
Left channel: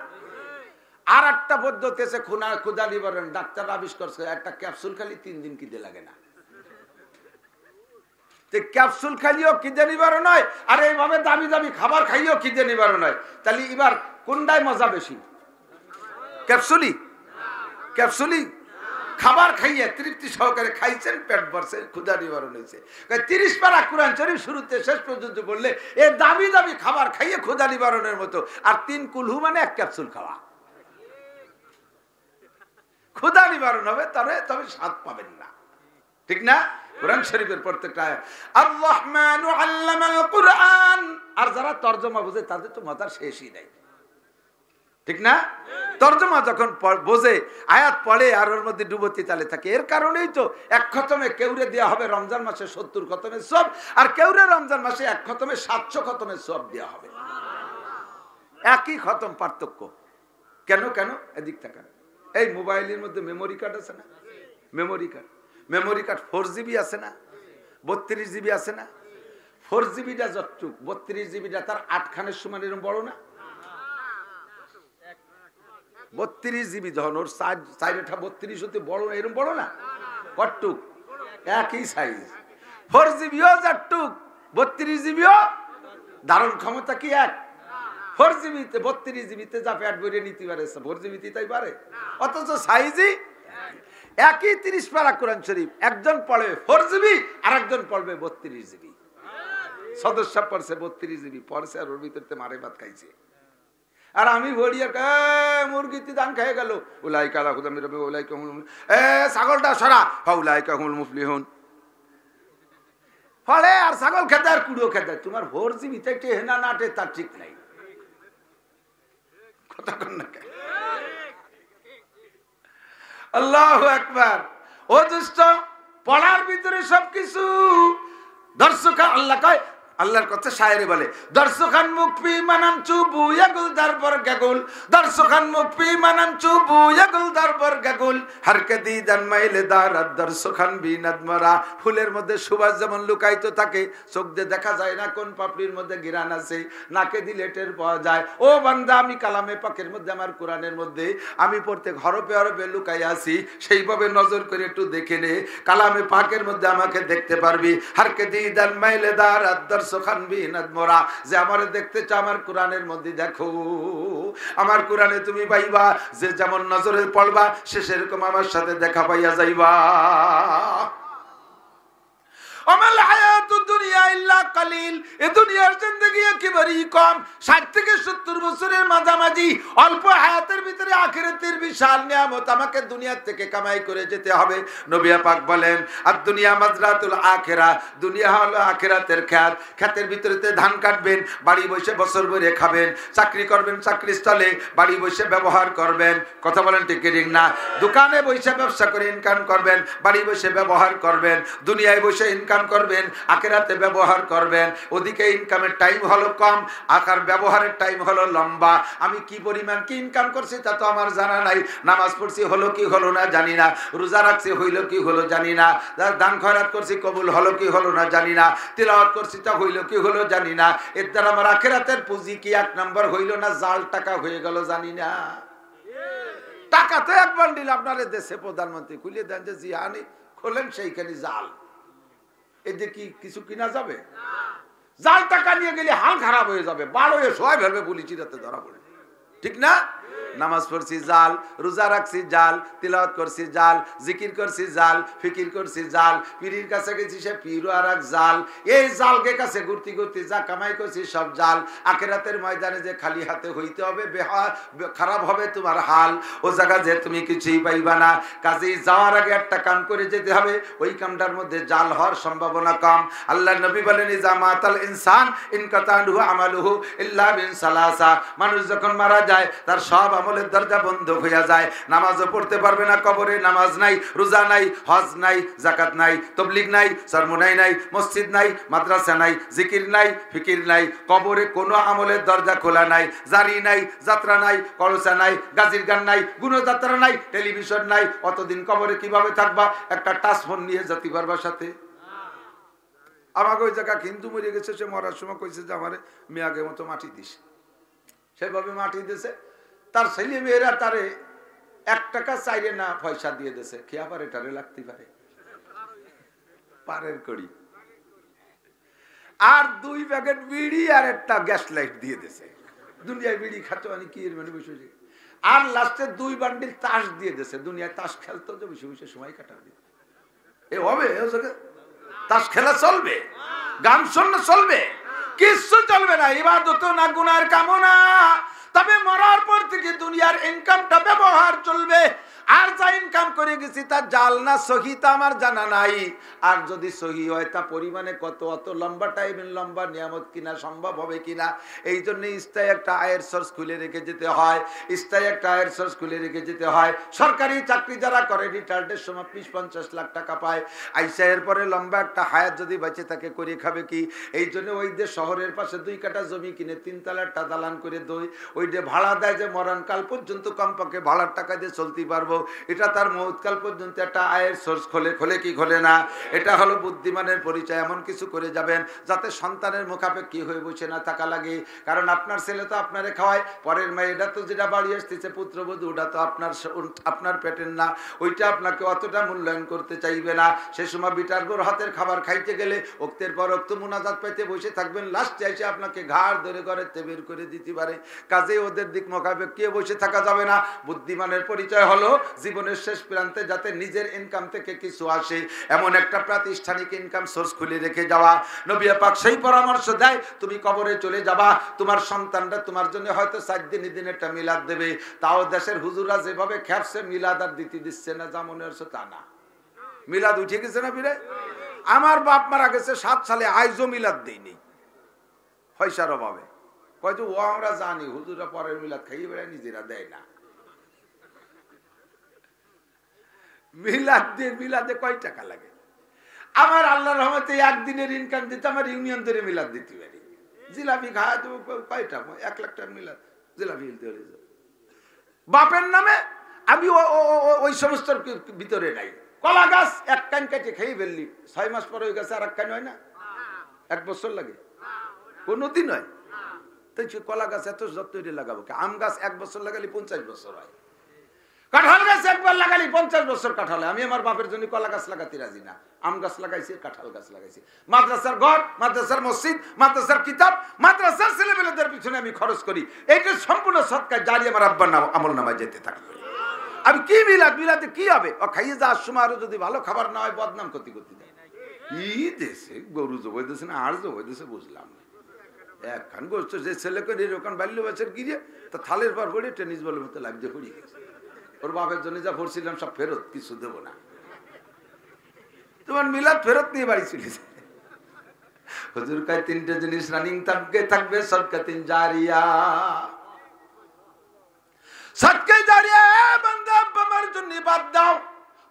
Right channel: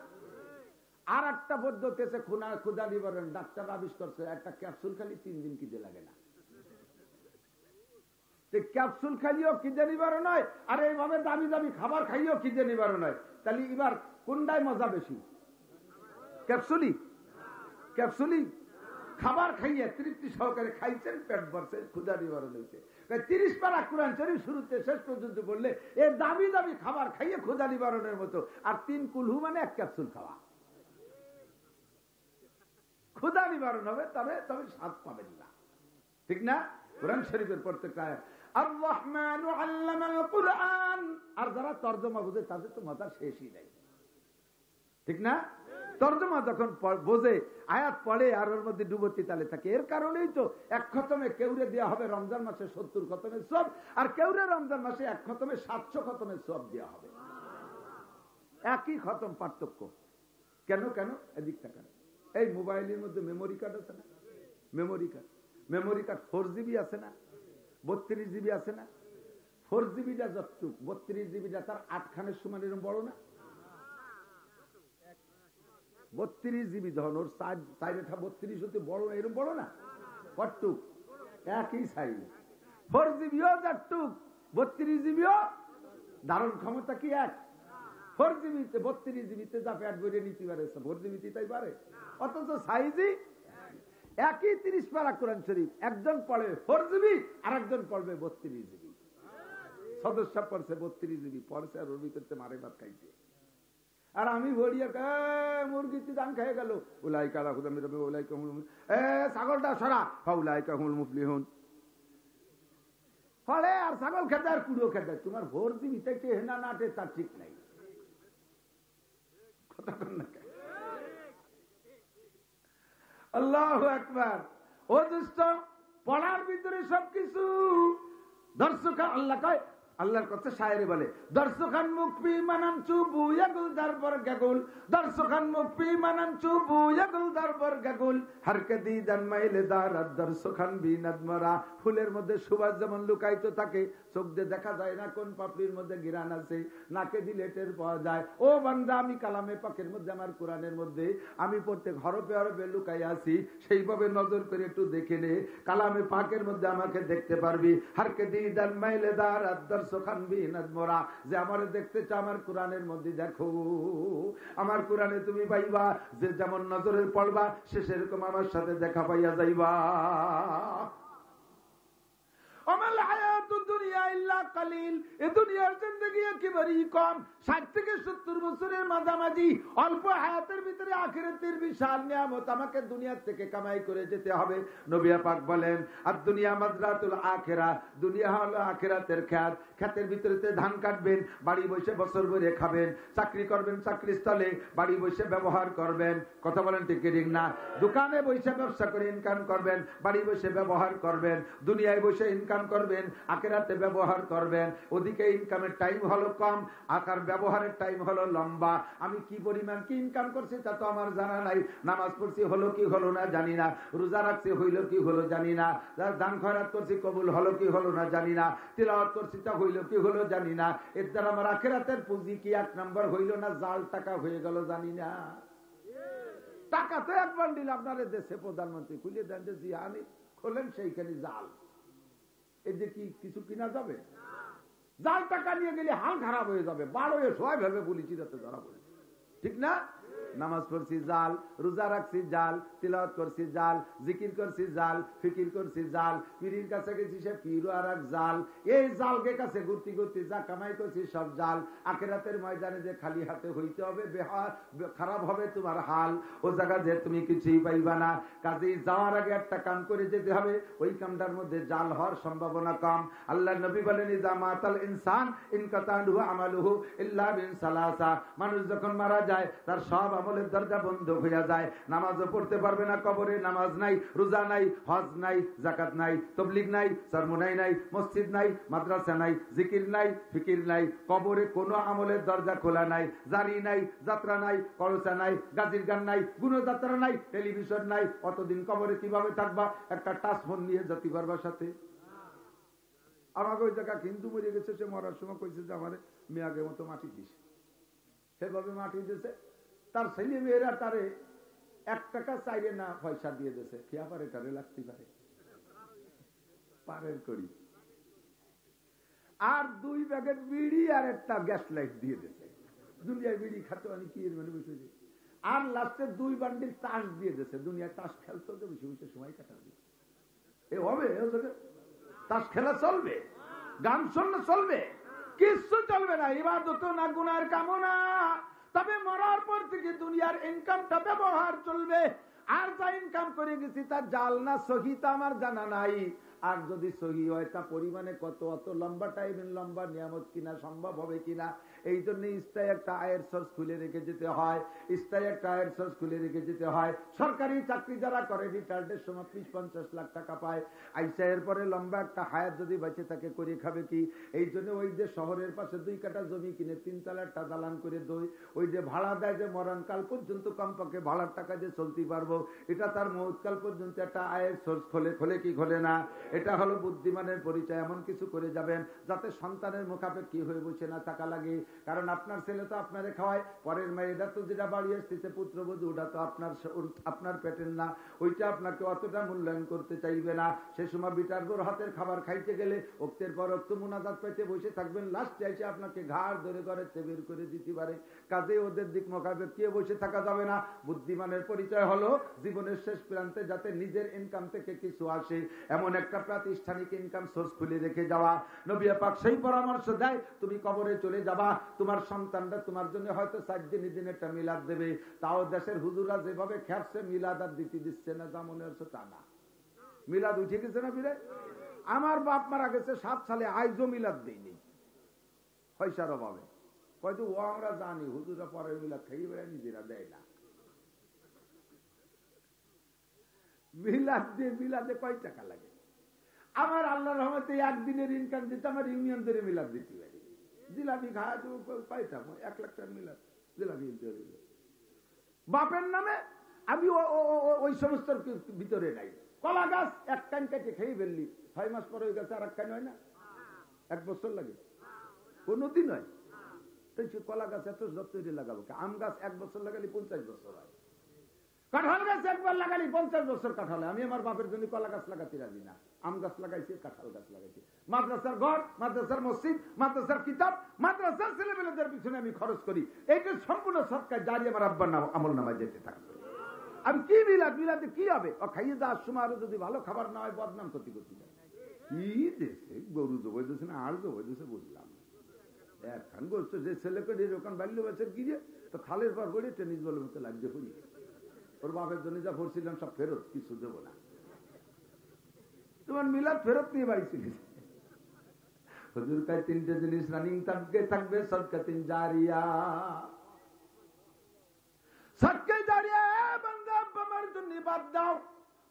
আর একটা পদ্ধতি আছে ক্ষুধা নিবারণ, ডাক্তার আবিষ্কার করছে। একটা ক্যাপসুল খালি 3 দিন খিদে লাগে না। ক্যাপসুল খাইও খিদে নিবারণ হয়, আর এইভাবে দামি দামি খাবার খাইও খিদে নিবারণ হয়। তাহলে এবার কোনটাই মজা বেশি? ক্যাপসুলি? ক্যাপসুলি? খাবার খাইয়ে তৃপ্তি সহকারে খাইছেন, পেট ভরছে, ক্ষুধা নিবারণ হয়েছে। 30 পারা কোরআন শরীফ শুরুতে শেষ পর্যন্ত বললে এ দামি দামি খাবার খাইয়ে ক্ষুধা নিবারণের মতো, আর 3 কুলহু মানে 1 ক্যাপসুল খাওয়া। ক্ষুধা নিবারণ হবে, তবে স্বাদ পাবেন না, ঠিক না? কোরআন শরীফের প্রত্যেকটা আয়াত আর-রহমানু আল্লামাল কুরআন, আর যারা তরজমা বোঝে তাদের তো মজার শেষই নাই, ঠিক না? তরজমা যখন বোঝে, আয়াত পড়ে আর ওর মধ্যে ডুবতি তালে থাকে। এর কারণেই তো 1 খতমে কেউরে দেওয়া হবে রমজান মাসে 70 খতমের সওয়াব, আর কেউরে রমজান মাসে 1 খতমে 700 খতমের সওয়াব দেওয়া হবে। একই খতম, পার্থক্য কেন? এদিক তাকান। এই মোবাইলের মধ্যে মেমোরি কার্ড আছে না? মেমোরি কার্ড 4 জিবি আছে না? 32 জিবি আছে না? 4 জিবিটা যতটুক, 32 জিবিটা তার 8 খানের সমান, এরকম বড় না? 32 জিবি যখন ওর সাইডটা 32 হতে বড় না, এরকম বড় না? কতটুক? একই সাইজ। 4 জিবিও যতটুক, 32 জিবিও ধারণ ক্ষমতা কি এক? 4 জিবিতে 32 জিবিতে যা পেট ভরে নিতে পারে 4 জিবিতে তাই পারে, অথচ সাইজই একই। 30 পারা কোরআন শরীফ একজন পড়বে 4 জিবি, আর একজন পড়বে 32 জিবি। সদস্য পড়ছে 32 জিবি পড়ছে, আর ওর ভিতরতে মারে ভাত খাইছে। আর আমি বলি মুরগিতে দান খেয়ে গেল, উলাইকা আলা হুদাম মির রাব্বিহিম উলাইকা হুমুল, ছাগলটা সরা, ফাউলাইকা হুমুল মুফলিহুন। ফলে আর ছাগল খেতে আর কুড়ো খেতে, তোমার 4 জিবি থেকে হেনা নাটে তার ঠিক নাই। কথা কন না কেন? আল্লাহু আকবার। ও দোস্ত, পড়ার ভিতরে সবকিছু দর্শক আল্লাহ কয়, আল্লাহর কথা শায়েরে বলে, দর্শকান মুকফি মানাম চুবু ইয়াগুল দারবার গাগুল, দর্শকান মুকফি মানাম চুবু ইয়াগুল দারবার গাগুল, হারকে দিদান মাইলে দারাত দর্শকান বিনাদমারা। ফুলের মধ্যে সুবাস যেমন লুকায়িত থাকে, চোখ দিয়ে দেখা যায় না কোন পাপড়ির মধ্যে ঘিরান আছে, নাকে দিলে টের পাওয়া যায়। ও বান্দা, আমি কালামে পাকের মধ্যে, আমার কোরআনের মধ্যে আমি প্রত্যেক হরফে হরফে লুকাই আছি, সেইভাবে নজর করে একটু দেখে নে, কালামে পাকের মধ্যে আমাকে দেখতে পারবি। হারকে দিদান মাইলে দারাত যে আমারে দেখতে চাও আমার কোরআনের মধ্যে দেখো, আমার কোরআনে তুমি পাইবা যে যেমন নজরে পড়বা সে সেরকম আমার সাথে দেখা পাইয়া যাইবা। আমাল হায়াতুদ দুনিয়া ইল্লা কালিল, এই দুনিয়ার জিন্দেগি একেবারেই কম। 60 থেকে 70 বছরের মাঝামাঝি অল্প হায়াতের ভিতরে আখিরাতের বিশাল নিয়ামত আমাকে দুনিয়া থেকে কামাই করে যেতে হবে। নবী পাক বলেন, আর দুনিয়া মাজরাতুল আখিরা, দুনিয়া হলো আখিরাতের ক্ষেত। ক্ষেতের ভিতরেতে ধান কাটবেন, বাড়ি বসে বছর ভরে খাবেন। চাকরি করবেন, চাকরি স্থলে বাড়ি বসে ব্যবহার করবেন। কথা বলেন ঠিক ঠিক না? দোকানে বসে ব্যবসা করে ইনকাম করবেন, বাড়ি বসে ব্যবহার করবেন। দুনিয়ায় বসে ইনকাম করবেন, আখিরাতে ব্যবহার করবেন। ওদিকে ইনকামের টাইম হলো কম, আকার ব্যবহারের টাইম হলো লম্বা। আমি কি পরিমাণ কি ইনকাম করছি তা তো আমার জানা নাই। নামাজ পড়ছি হলো কি হলো না জানি না, রোজা রাখছি হইল কি হলো জানি না, দান খয়রাত করছি কবুল হলো কি হলো না জানি না, তিলাওয়াত করছি তা হইল কি হলো জানি না। এর দ্বারা আমার আখিরাতের পুঁজি কি 1 নম্বর হইল না জাল টাকা হয়ে গেল জানি না। টাকা তো 1 বান্ডিল আপনার দেশে প্রধানমন্ত্রী খুলে দেন যে জিহানি খোলেন, সেইখানে জাল। এতে কি কিছু কিনা যাবে? জাল টাকা নিয়ে গেলে হাল খারাপ হয়ে যাবে, বাড়ো সবাই ভেবে পুলিশ রাতে ধরা পড়ে, ঠিক না? নামাজ পড়ছি জাল, রোজা রাখছি জাল, তিলাওয়াত করছি জাল, জিকির করছি জাল, ফিকির করছি জাল, পীরের কাছে গেছি সে পীরও আর এক জাল। এই জালকে কাছে ঘুরতে ঘুরতে যা কামাই করছি সব জাল। আখিরাতের ময়দানে যে খালি হাতে হইতে হবে, খারাপ হবে তোমার হাল, ও জায়গা যে তুমি কিছুই পাইবা না। কাজেই যাওয়ার আগে একটা কাম করে যেতে হবে, ওই কামটার মধ্যে জাল হওয়ার সম্ভাবনা কম। আল্লাহ নবী বলেন, ইজা মাতাল ইনসান ইনকাতাহু আমালুহু ইল্লা বিন সালাসা। মানুষ যখন মারা যায় তার সব আমলের দরজা বন্ধ হয়ে যায়। নামাজও পড়তে পারবে না, কবরে নামাজ নাই, রোজা নাই, হজ নাই, যাকাত নাই, তাবলীগ নাই, সরমুনাই নাই, মসজিদ নাই, মাদ্রাসা নাই, জিকির নাই, ফিকির নাই, কবরে কোনো আমলের দরজা খোলা নাই, জারি নাই, যাত্রা নাই, কলসা নাই, গাজির গান নাই, গুণযাত্রা নাই, টেলিভিশন নাই। অতদিন কবরে কিভাবে থাকবা? একটা টাচ ফোন নিয়ে যেতে পারবা সাথে? আমাকে ওই জায়গা হিন্দু মরে গেছে, সে মরার সময় কইছে যে আমার মেয়াগের মতো মাটি দিস, সেভাবে মাটি দিছে। তার ছেলে মেয়েরা তারে 1 টাকা চাইলে না পয়সা দিয়ে দিছে, খেয়া পারে টারে লাগতে পারে পারের কড়ি, আর 2 প্যাকেট বিড়ি আর একটা গ্যাস লাইট দিয়ে দিছে। দুনিয়ায় বিড়ি খাতো আমি কি মানে বসে আর লাস্টে 2 বান্ডিল তাস দিয়ে দিয়েছে। দুনিয়ায় তাস খেলতো যে বসে বসে সময় কাটাবে। এ হবে তাস খেলা চলবে, গান শোনা চলবে, কিছু চলবে না। ইবাদত না, গুনার কামনা। তবে মরার পর থেকে দুনিয়ার ইনকামটা ব্যবহার চলবে। আর যা ইনকাম করে গেছি তা জাল না সহি তা আমার জানা নাই। আর যদি সহি হয় তা পরিমাণে কত, অত লম্বা টাইমের লম্বা নিয়ামত কিনা সম্ভব হবে কিনা। এই জন্য স্থায়ী একটা আয়ের সোর্স খুলে রেখে যেতে হয়, স্থায়ী একটা আয়ের সোর্স খুলে রেখে যেতে হয়। সরকারি চাকরি যারা করে রিটায়ার্ডের সময় 20-50 লাখ টাকা পায়, আইসা এরপরে লম্বা একটা হায়াত যদি বেঁচে থাকে করে খাবে কি। এই জন্য ওই যে শহরের পাশে 2 কাঠা জমি কিনে 3 তলাটা দালান করে ওই যে ভাড়া দেয় যে মরণকাল পর্যন্ত কমপক্ষে ভাড়ার টাকা দিয়ে চলতে পারবো। এটা তার মৌতকাল পর্যন্ত একটা আয়ের সোর্স খোলে কি খোলে না। এটা হলো বুদ্ধিমানের পরিচয়। এমন কিছু করে যাবেন যাতে সন্তানের মুখাপেক্ষী হয়ে বসে না থাকা লাগে। কারণ আপনার ছেলে তো আপনারে খাওয়ায়, পরের মেয়ে এটা তো যেটা বাড়ি আসতেছে পুত্রবধূ, ওটা তো আপনার পেটের না, ওইটা আপনাকে অতটা মূল্যায়ন করতে চাইবে না। সে সময় বিটার গোর হাতের খাবার খাইতে গেলে ওক্তের পর ওক্ত মুনাজাত পাইতে বসে থাকবেন, লাস্টে এসে আপনাকে ঘাড় ধরে ঘরে বের করে দিতে পারে। কাজে ওদের দিক মোকাবেক্ষী বসে থাকা যাবে না। বুদ্ধিমানের পরিচয় হলো জীবনের শেষ প্রান্তে যাতে নিজের ইনকাম থেকে কিছু আসে এমন একটা প্রাতিষ্ঠানিক ইনকাম সোর্স খুলে রেখে যাওয়া। নবী পাক সেই পরামর্শ দেয়, তুমি কবরে চলে যাবা, তোমার সন্তানরা তোমার জন্য হয়তো 4 দিন একটা মিলাদ দেবে। তাও দেশের হুজুরা যেভাবে খেপছে মিলাদ আর দিতে দিচ্ছে না, যা মনে হচ্ছে তা না। মিলাদ উঠে গেছে না ফিরে। আমার বাপ মারা গেছে 7 সালে, আইজও মিলাদ দেয়নি পয়সার অভাবে। কয়তো ও আমরা জানি হুজুরা পরের মিলাদ খাইয়ে বেড়ায়, নিজেরা দেয় না। মিলাদে কয় টাকা লাগে? আমার আল্লাহর রহমতে একদিনের ইনকাম দিতে আমার ইউনিয়ন ধরে মিলাদ দিতে পারি। জিলাপি খাওয়া দেবো কয়টা, 1 লাখ টাকার মিলাদ জিলাপি বাপের নামে। আমি ওই সমস্ত ভিতরে নাই। কলা গাছ 1 কান কেটে খেয়ে ফেললি, 6 মাস পরে ওই গাছে আর 1 কান হয় না? 1 বছর লাগে? কোনদিন হয়? তাই কলা গাছ এত যত্ন লাগাবো। আম গাছ 1 বছর লাগালে 50 বছর হয়। কাঁঠাল গাছ একবার লাগালি 50 বছর কাঁঠাল। আমি আমার বাপের জন্য কলা গাছ লাগাতে রাজি না, আম গাছ লাগাইছি, কাঁঠাল গাছ লাগাইছি। মাদ্রাসার ঘর, মাদ্রাসার মসজিদ, মাদ্রাসার কিতাব, মাদ্রাসার ছেলেমেয়েদের পিছনে আমি খরচ করি। এইটা সম্পূর্ণ সৎকার জারি আমার আব্বার আমল নামায় যেতে থাকবে। আমি কি মিলাদে কি হবে? ও খাইয়ে যাওয়ার সময় আরো যদি ভালো খাবার না হয় বদনাম করতে দেয়। ই দেশে গরু জবাই দিয়েছে না আর জবাই দিয়েছে বুঝলাম না। একখান গোষ্ঠ যে ছেলে করে ওখান বাল্য বাচ্চার গিয়ে তা থালের পর পড়ে টেনিস বলের মতো লাগছে পড়িয়ে গেছে। ওর বাপের জন্য যা পড়ছিলাম সব ফেরত, কিছু দেবো না। তোমার মিলাদ ফেরত নিয়ে বাড়ি চলেছে। হুজুর কয় 3টে জিনিস রানিং থাকবে, সদকাতুন জারিয়া। সদকা জারিয়া বান্দা আমার জন্য বাদ দাও,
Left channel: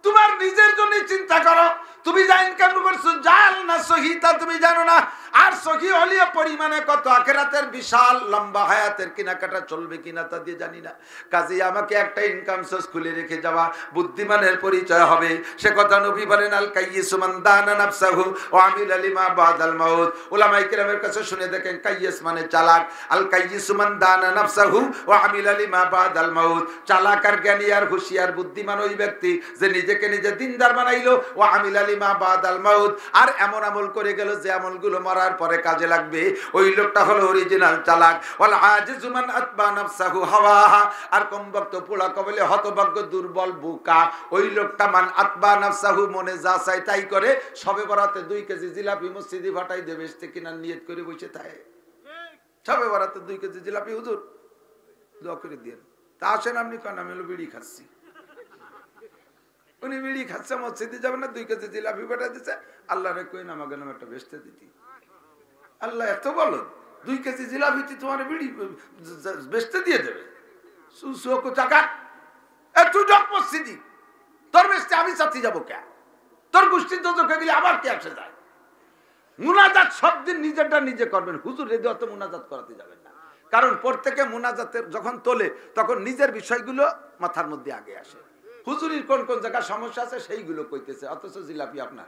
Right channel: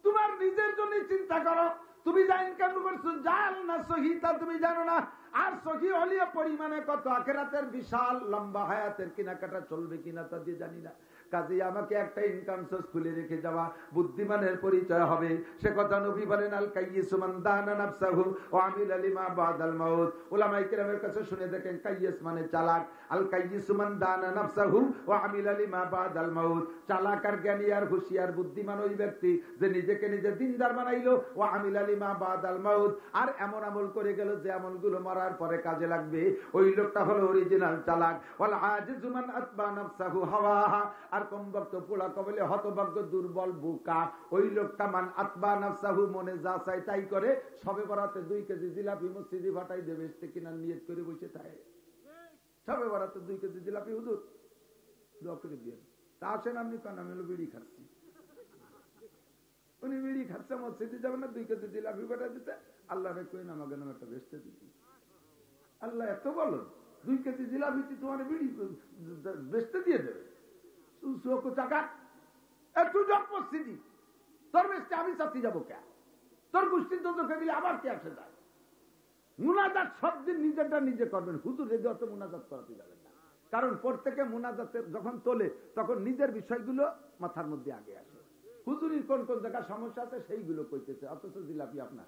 তোমার নিজের জন্য চিন্তা করো। তুমি যা ইনকাম করছো জাল না সহি তা তুমি জানো না। আর সহি হলিও পরিমাণে কত, আখিরাতের বিশাল লম্বা হায়াতের কেনাকাটা চলবে কিনা তা দিয়ে জানি না। কাজে আমাকে একটা ইনকাম সোর্স খুলে রেখে যাওয়া বুদ্ধিমানের পরিচয় হবে। সে কথা নবী বলেন, আল কাইয়িসু মান দানা নাফসাহু ওয়া আমিলা লিমা বাদাল মাউত। উলামায়ে কেরামের কাছে শুনে দেখেন, কাইয়িস মানে চালাক। আল কাইয়িসু মান দানা নাফসাহু ওয়া আমিলা লিমা বাদাল মাউত। চালাক আর জ্ঞানী আর হুঁশিয়ার বুদ্ধিমান ওই ব্যক্তি যে নিজেকে নিজে দিনদার বানাইলো, ওয়া আমিলা লিমা বাদাল মাউত, আর এমন আমল করে গেল যে আমলগুলো মরার পরে কাজে লাগবে। ওই লোকটা হলো অরিজিনাল চালাক। ওয়াল আজিজু মান আতবা নাফসাহু হাওয়াহা, আর কমবক্ত পোড়া কবলে হতভাগ্য দুর্বল বোকা ওই লোকটা মান আতবা নাফসাহু, মনে যা চাই তাই করে। সবে বরাতে 2 কেজি জিলাপি মসজিদে ফাটাই দেবে কিনার নিয়ত করে বসে থাকে। সবে বরাতে 2 কেজি জিলাপি হুজুর দোয়া করে দিয়েন। তা আসেন আপনি কেন? আমি হলো বিড়ি খাচ্ছি। উনি বিড়ি খাচ্ছে, মসজিদে যাবেন না, 2 কেজি জিলাপি পাঠাই দিচ্ছে। আল্লাহ রে কই না আমাকে নাম একটা বেচতে দিতি। আল্লাহ এত বলো 2 কেজি জিলাপি তোমার বিড়ি বেচতে দিয়ে দেবে? টাকা তুই ডক মসজিদি তোর বেচতে আমি চাচ্ছি যাবো কে? তোর গোষ্ঠীর দোজখে গেলে আবার কে আসে যায়? মুনাজাত সব দিন নিজেরটা নিজে করবেন। হুজুর রেদে অত মুনাজাত করাতে যাবেন না। কারণ প্রত্যেকে মুনাজাতের যখন তোলে তখন নিজের বিষয়গুলো মাথার মধ্যে আগে আসে। হুজুরির কোন কোন জায়গায় সমস্যা আছে সেইগুলো কইতেছে, অথচ জিলাপি আপনার।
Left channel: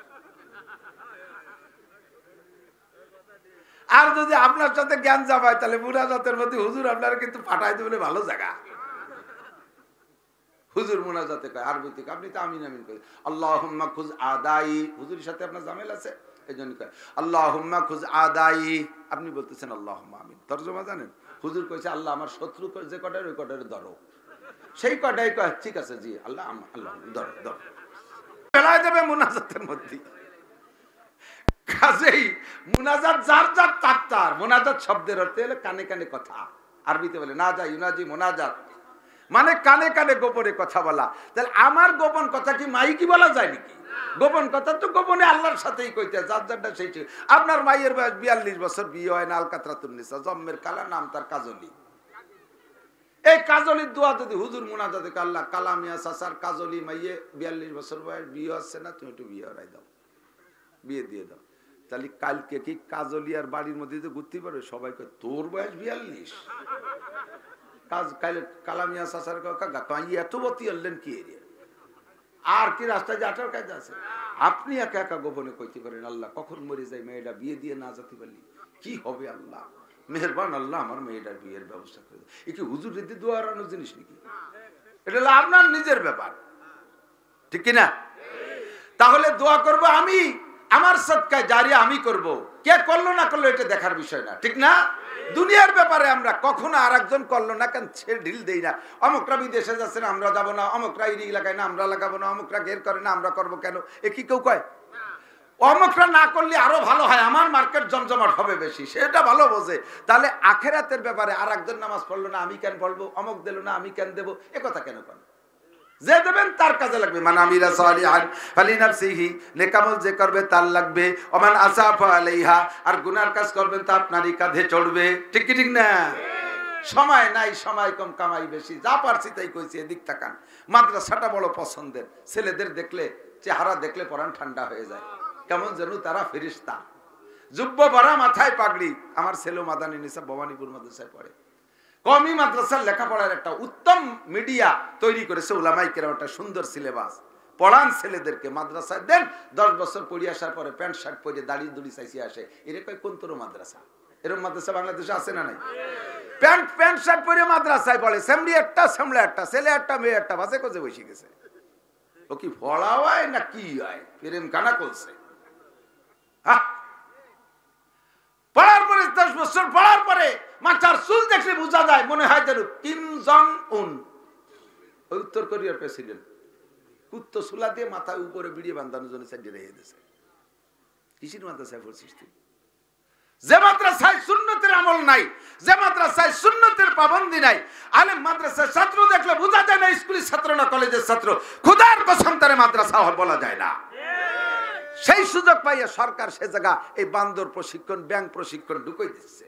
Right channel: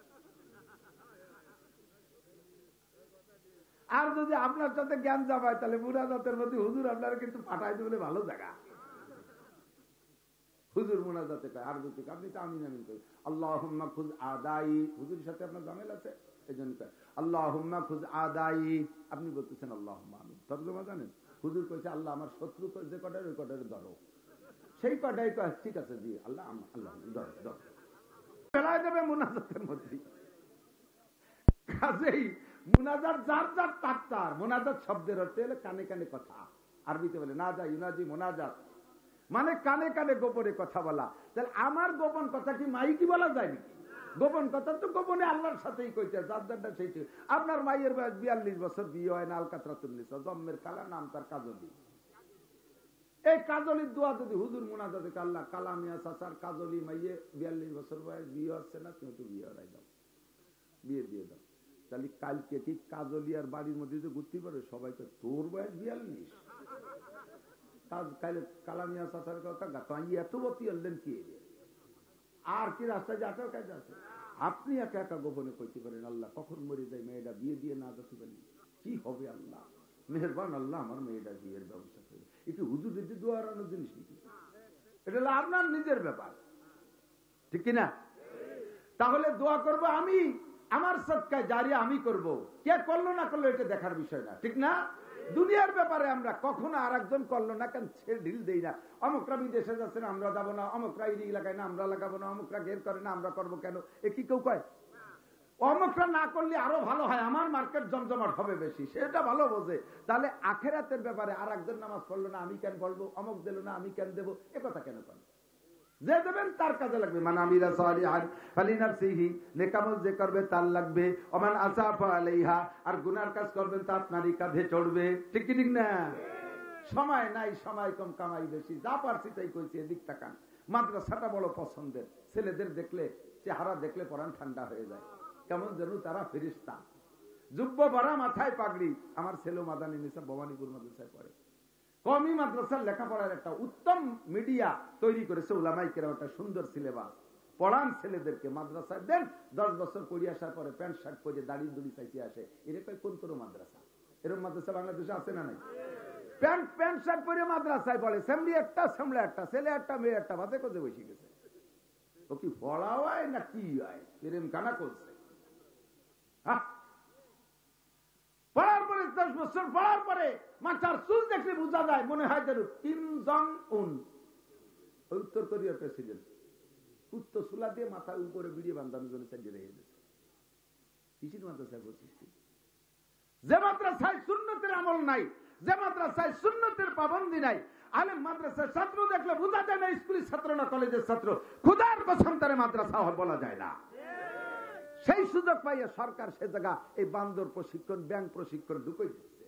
আর যদি আপনার সাথে জ্ঞান যাবায় তাহলে মুনাজাতের মধ্যে হুজুর আপনারা কিন্তু পাঠাই দেবে ভালো জায়গা। হুজুর মুনাজাতে কয় আরবিতে, আপনি তো আমিন আমিন করেন আল্লাহুম্মা খুজ আদাই। হুজুরের সাথে আপনার জামেল আছে, এই জন্য কয় আল্লাহুম্মা খুজ আদাই। আপনি বলতেছেন আল্লাহুম্মা আমিন। তরজমা জানেন? হুজুর কইছে আল্লাহ আমার শত্রু যে কটার ওই কটারে ধরো। সেই কটাই কয় ঠিক আছে জি আল্লাহ আল্লাহ ধর ধর ফেলায় দেবে মুনাজাতের মধ্যে। কাজেই মুনাজাত যার যার তার তার। মুনাজাত শব্দের অর্থ হলো কানে কানে কথা। আরবিতে বলে না যা ইউনাজি মুনাজাত, মানে কানে কানে গোপনে কথা বলা। তাহলে আমার গোপন কথা কি মাইকি বলা যায় নাকি? গোপন কথা তো গোপনে আল্লাহর সাথেই কইতে, যার যারটা সেই। আপনার মাইয়ের বয়স 42 বছর, বিয়ে হয় না, আলকাতরাতুন্নিসা, জন্মের কালা, নাম তার কাজলি। এই কাজলির দোয়া যদি হুজুর মুনাজাতে আল্লাহ কালামিয়া চাচার কাজলি মাইয়ে 42 বছর বয়স, বিয়ে হচ্ছে না, তুমি একটু বিয়ে হরাই দাও, বিয়ে দিয়ে দাও। তাহলে কালকে কি কাজলি আর বাড়ির মধ্যে ঘুরতে পারবে? সবাই কয় তোর বয়স 42, কালামিয়া চাচার কাকা এত বতি আনলেন কি এরিয়া, আর কি রাস্তায় যে আঠার কাজ আছে? আপনি একা একা গোপনে কইতে পারেন আল্লাহ কখন মরে যায়, মেয়েটা বিয়ে দিয়ে না যেতে পারলি কি হবে? আল্লাহ মেহেরবান, আল্লাহ আমার মেয়েটার বিয়ের ব্যবস্থা করে। এ কি হুজুর রীতি দোয়া হারানোর জিনিস নাকি? এটা হলো আপনার নিজের ব্যাপার, ঠিক কিনা? তাহলে দোয়া করব আমি, আমার সদকায়ে জারিয়া আমি করব, কে করলো না করলো এটা দেখার বিষয় না, ঠিক না? দুনিয়ার ব্যাপারে আমরা কখনো আর একজন করলো না কেন সে ঢিল দেই না। অমুকরা বিদেশে যাচ্ছে না আমরা যাবো না, অমুকরা এই এলাকায় না আমরা লাগাবো না, অমুকরা ঘের করে না আমরা করবো কেন, এ কি কেউ কয়? অমুকরা না করলে আরো ভালো হয়, আমার মার্কেট জমজমাট হবে বেশি, সেটা ভালো বোঝে। তাহলে আখেরাতের ব্যাপারে আর একজন নামাজ পড়লো না আমি কেন পড়বো, অমুক দিল না আমি কেন দেবো, এ কথা কেন করেন? যে দেবেন তার কাজে লাগবে। মান আমিলা সালিহান ফালিনাফসিহি, নেক আমল যে করবে তার লাগবে। ওমান আসাফা আলাইহা, আর গুনার কাজ করবেন তা আপনারই কাঁধে চড়বে, ঠিক কি ঠিক না? সময় নাই, সময় কম, কামাই বেশি, যা পারছি তাই কইছি। এদিক তাকান, মাদ্রাসাটা বড় পছন্দের। ছেলেদের দেখলে, চেহারা দেখলে পরাণ ঠান্ডা হয়ে যায়, কেমন যেন তারা ফেরেশতা। জুব্ব ভরা, মাথায় পাগড়ি। আমার ছেলে মাদানী নিসা ভবানীপুর মাদ্রাসায় পড়ে। কওমি মাদ্রাসার লেখাপড়ার একটা উত্তম মিডিয়া তৈরি করেছে উলামায়ে কেরাম, একটা সুন্দর সিলেবাস। পড়ান ছেলেদেরকে, মাদ্রাসায় দেন, 10 বছর পড়ে আসার পরে প্যান্ট শার্ট পরে দাড়ি দুড়ি চাইছি আসে। এরকম কোন তোর মাদ্রাসা? এরকম মাদ্রাসা বাংলাদেশে আছে না নাই? প্যান্ট শার্ট পরে মাদ্রাসায় পড়ে, সেমরি একটা, সেমলা একটা, ছেলে একটা, মেয়ে একটা, বাসে কোজে বসে গেছে। ও কি পড়া হয় না কি হয়? প্রেম কানা করছে। পড়ার পরে 10 বছর পড়ার পরে মাথার চুল দেখলে বোঝা যায় মনে হয় যেন কিম জং উন, ওই উত্তর কোরিয়ার প্রেসিডেন্ট। কুত্তো সুলা দিয়ে মাথায় উপরে বিড়িয়ে বান্ধানোর জন্য সাইডে রেখে দিয়েছে। কিসির মাদ্রাসায় পড়ছিস তুই? যে মাদ্রাসায় সুন্নতের আমল নাই, যে মাদ্রাসায় সুন্নতের পাবন্দি নাই, আলেম মাদ্রাসার ছাত্র দেখলে বোঝা যায় না স্কুলের ছাত্র না কলেজের ছাত্র। খোদার কসম তারে মাদ্রাসা বলা যায় না। সেই সুযোগ পাইয়া সরকার সে জায়গা এই বান্দর প্রশিক্ষণ, ব্যাংক প্রশিক্ষণ ঢুকাই দিচ্ছে।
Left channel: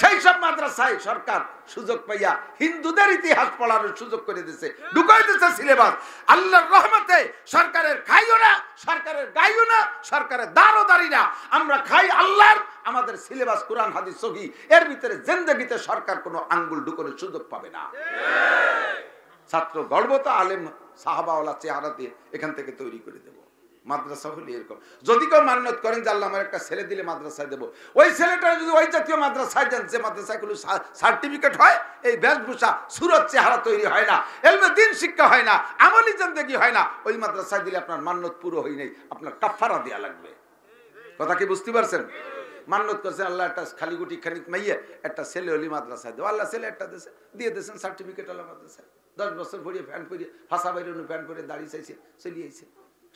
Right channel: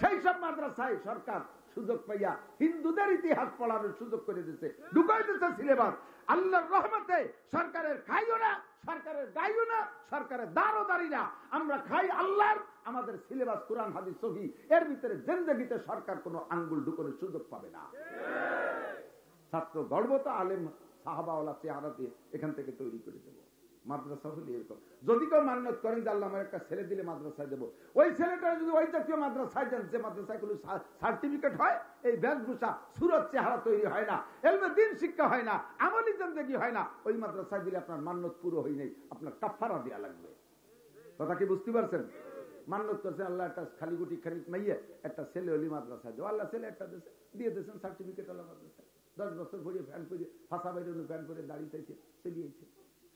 সেই সব মাদ্রাসায় সরকার সুযোগ পাইয়া হিন্দুদের ইতিহাস পড়ানোর সুযোগ করে দিচ্ছে, ঢুকাই দিচ্ছে সিলেবাস। আল্লাহর রহমতে সরকারের খাইও না, সরকারের গাইও না, সরকারের দারও দাঁড়ি না, আমরা খাই আল্লাহর। আমাদের সিলেবাস কোরআন হাদিস সহি, এর ভিতরে জিন্দেগিতে সরকার কোনো আঙ্গুল ঢুকানোর সুযোগ পাবে না। ছাত্র গর্ব তো আলেম সাহাবাওয়ালা চেহারা দিয়ে এখান থেকে তৈরি করে দেব। মাদ্রাসা হলে এরকম। যদি কেউ মান্যত করেন যে আল্লাহ আমার একটা ছেলে দিলে মাদ্রাসায় দেবো, ওই ছেলেটা যদি ওই জাতীয় মাদ্রাসায় দেন যে মাদ্রাসায় কোনো সার্টিফিকেট হয়, এই বেশভূষা সুরত চেহারা তৈরি হয় না, এলমে দিন শিক্ষা হয় না, আমলি জিন্দেগি হয় না, ওই মাদ্রাসায় দিলে আপনার মান্যত পুরো হয় নাই, আপনার কাফারা দেওয়া লাগবে। কথা কি বুঝতে পারছেন? মান্যত করছেন আল্লাহ একটা খালি গুটি খানিক মাইয়ে একটা ছেলে হলি মাদ্রাসায় দেবো, আল্লাহ ছেলে একটা দেশে দিয়ে দিয়েছেন সার্টিফিকেট আল্লাহ মাদ্রাসায়। 10 বছর পড়িয়ে ফ্যান পরিয়ে ফাঁসা বাইরে ফ্যান পরে দাঁড়িয়ে চাইছে, চলিয়েছে,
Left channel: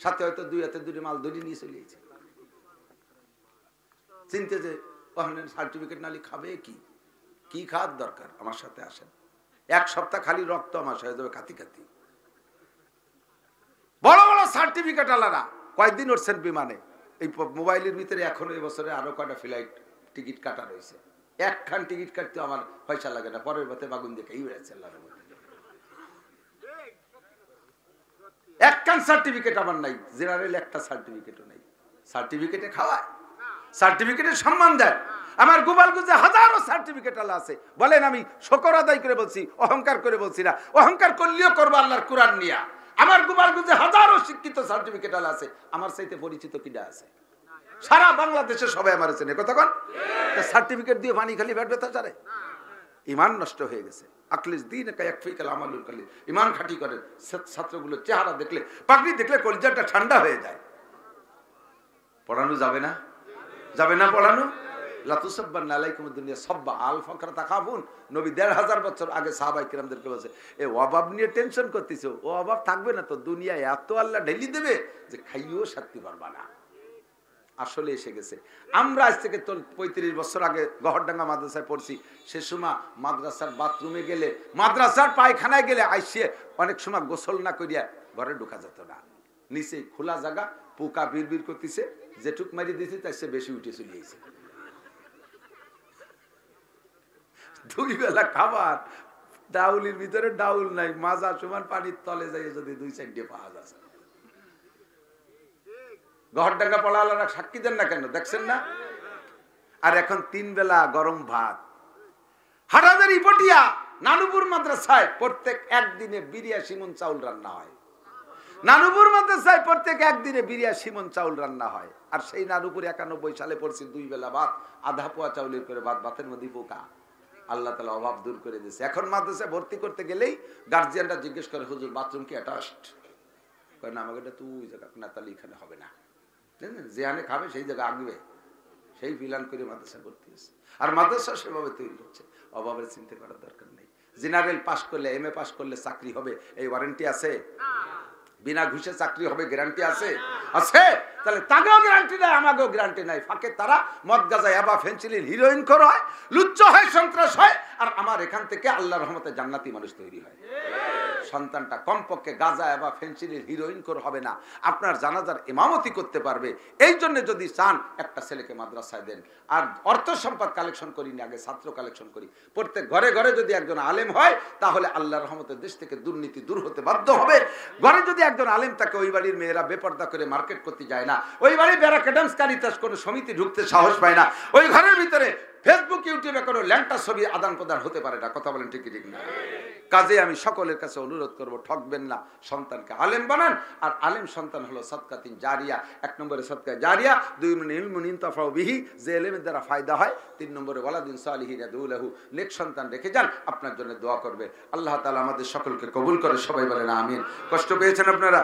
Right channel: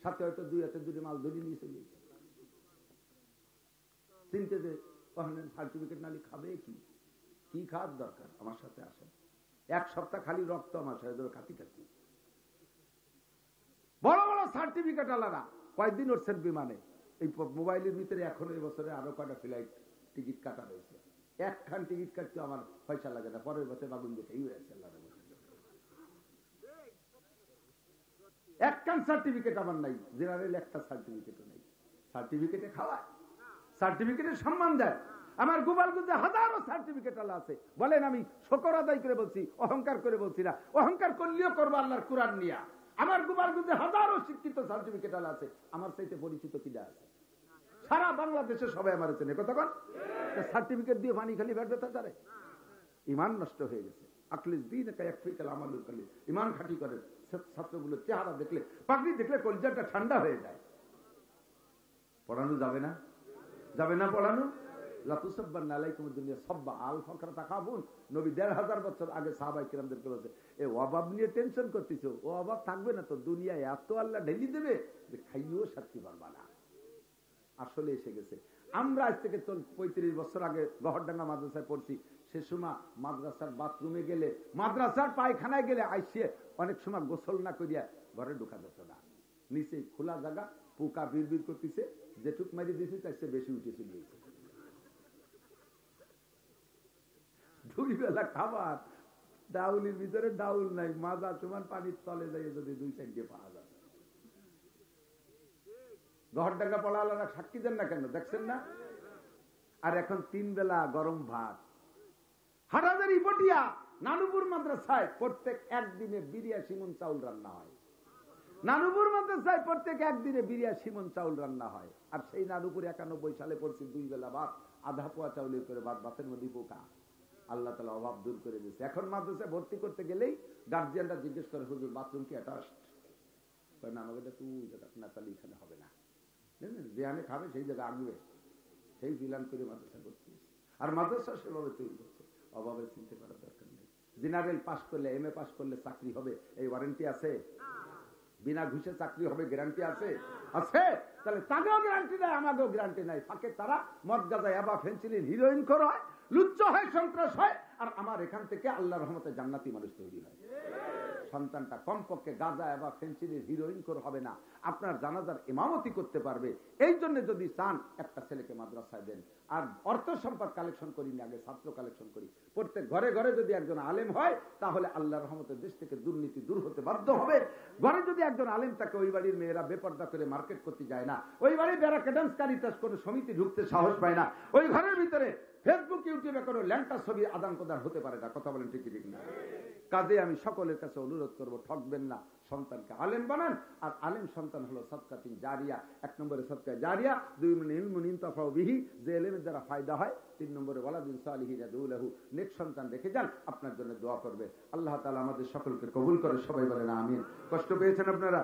সাথে হয়তো 2 হাতে 2 মাল ধরে নিয়ে চলিয়েছে। চিনতে যে ওখানে সার্টিফিকেট নালি খাবে কি, কি খাওয়ার দরকার? আমার সাথে আসেন, 1 সপ্তাহ খালি রক্ত আমার হয়ে যাবে খাতি খাতি। বড় বড় সার্টিফিকেট আলাদা, কয়েকদিন উঠছেন বিমানে, এই মোবাইলের ভিতরে এখনো এবছরে আরো কয়টা ফ্লাইট টিকিট কাটা রয়েছে। একখান টিকিট কাটতে আমার পয়সা লাগে না, পরের পথে বাগুন দেখেই হয়েছে আল্লাহর মধ্যে। একখান সার্টিফিকেট আমার নাই, জেনারেল একটা সার্টিফিকেটও নাই। সার্টিফিকেটে খাওয়ায়, সার্টিফিকেটের সম্মান দেয়। আমার গোপালগঞ্জে হাজারো সার্টিফিকেট আল্লাহ আছে। বলেন আমি শুকর আদায় করে বলছি, অহংকার করে বলছি না। অহংকার করলেও করবো আল্লাহর কোরআন নিয়া। আমার গোপালগঞ্জে হাজারো শিক্ষিত সার্টিফিকেট আল্লাহ আছে, আমার চাইতে পরিচিত কিডা আছে? সারা বাংলাদেশে সবাই আমার চেনে। কতক্ষণ সার্টিফিকেট দিয়ে পানি খালি ব্যাট ব্যথা চারে? ইমান নষ্ট হয়ে গেছে। আকলিস দিন একফিকাল আমালুল কালিল, ইমান খাঁটি করেন। ছাত্রগুলো চেহারা দেখলে, পাগড়ি দেখলে কলিজাটা ঠান্ডা হয়ে যায়। পড়ানো যাবে না? যাবে না পড়ানো? লাতুসাব্বান আলাইকুম দুনিয়া সাব্বা আল ফাকরা তাখাফুন। নবী ১৫০০ বছর আগে সাহাবায়ে কিরামদেরকে বলেছে, এ অভাব নিয়ে টেনশন করতেছো, ও অভাব থাকবে না তো, দুনিয়ায় এত আল্লাহ ঢেলি দেবে যে খাইও শান্তি পারবা না। আসলে এসে গেছে। আমরা আজ থেকে ৩৫ বছর আগে গহরডাঙ্গা মাদ্রাসায় পড়ছি। সে সময় মাদ্রাসার বাথরুমে গেলে, মাদ্রাসার পায়খানায় গেলে আইসে অনেক সময় গোসল না করিয়া ঘরে ঢোকা যেত না। নিচে খোলা জায়গা, পোকা বিড়বিড় করতেছে, যেটুক মারি দিয়েছে তার সে বেশি উঠে চলে গেছে। 2 বেলা খাবার, ডাউলির ভিতরে ডাউল নাই, মাজা সমান পানির তলে যাই যদি 2-4 ডে পাওয়া যাচ্ছে। গহরডাঙ্গা পড়ালারা সাক্ষী দেন না কেন, দেখছেন না? আর এখন 3 বেলা গরম ভাত। হাটাজারি পটিয়া নানুপুর মাদ্রাসায় প্রত্যেক একদিনে 82 মণ চাউল রান্না হয়। নানুপুর মাদ্রাসায় প্রত্যেক একদিনে 82 মণ চাউল রান্না হয়। আর সেই নানুপুর 91 সালে পড়ছি 2 বেলা ভাত, আধা পোয়া চাউলের করে ভাত, ভাতের মধ্যে পোকা। আল্লাহ তাআলা অভাব দূর করে দিয়েছে। এখন মাদ্রাসায় ভর্তি করতে গেলেই গার্জিয়ানরা জিজ্ঞেস করে, হুজুর বাথরুম কি অ্যাটাচড? কয় না, আমাকে এটা তুই জায়গা না, তাহলে এখানে হবে না। যেখানে খাবে সেই জায়গা আগবে, সেই প্ল্যান করে মাদ্রাসা ভর্তি হয়েছে। আর মাদ্রাসা সেভাবে তৈরি হচ্ছে, অভাবের চিন্তা করার দরকার নেই। জেনারেল পাস করলে, MA পাস করলে চাকরি হবে, এই ওয়ারেন্টি আছে? বিনা ঘুষে চাকরি হবে গ্যারান্টি আছে? আছে। তাহলে তাকেও গ্যারান্টি নাই, আমাকেও গ্যারান্টি নাই। ফাঁকে তারা মদ গাঁজা ইয়াবা ফেন্সিলিন হিরোইন খোর হয়, লুচ্চ হয়, সন্ত্রাস হয়, আর আমার এখান থেকে আল্লাহর রহমতে জান্নাতি মানুষ তৈরি হয়। সন্তানটা কমপক্ষে গাঁজা বা ফেন্সিলিন হিরোইন করে হবে না, আপনার জানাজার ইমামতি করতে পারবে। এই জন্য যদি চান একটা ছেলেকে মাদ্রাসায় দেন। আর অর্থ সম্পদ কালেকশন করি না, আগে ছাত্র কালেকশন করি। প্রত্যেক ঘরে ঘরে যদি একজন আলেম হয়, তাহলে আল্লাহর রহমতের দেশ থেকে দুর্নীতি দূর হতে বাধ্য হবে। ঘরে যদি একজন আলেম থাকে, ওই বাড়ির মেয়েরা বেপর্দা করে মার্কেট করতে যায় না, ওই বাড়ির ব্যারাকেডামস কারিতাস কোনো সমিতি ঢুকতে সাহস পায় না, ওই ঘরের ভিতরে ফেসবুক ইউটিউবে কোনো ল্যাংটা ছবি আদান প্রদান হতে পারে না। কথা বলেন ঠিক ঠিক না? কাজে আমি সকলের কাছে অনুরোধ করব, ঠকবেন না, সন্তানকে আলেম বানান। আর আলেম সন্তান হলো সদকাতিন জারিয়া। 1 নম্বরে সদকা জারিয়া, 2 ইলমুন ইনতাফাউ বিহি, যে ইলমের দ্বারা ফায়দা হয়। 3 নম্বরে ওয়ালাদিন সালিহিন ইয়াদউ লাহু, নেক সন্তান রেখে যান, আপনার জন্য দোয়া করবে। আল্লাহ তাআলা আমাদের সকলকে কবুল করে, সবাই বলেন আমিন। কষ্ট পেয়েছেন আপনারা?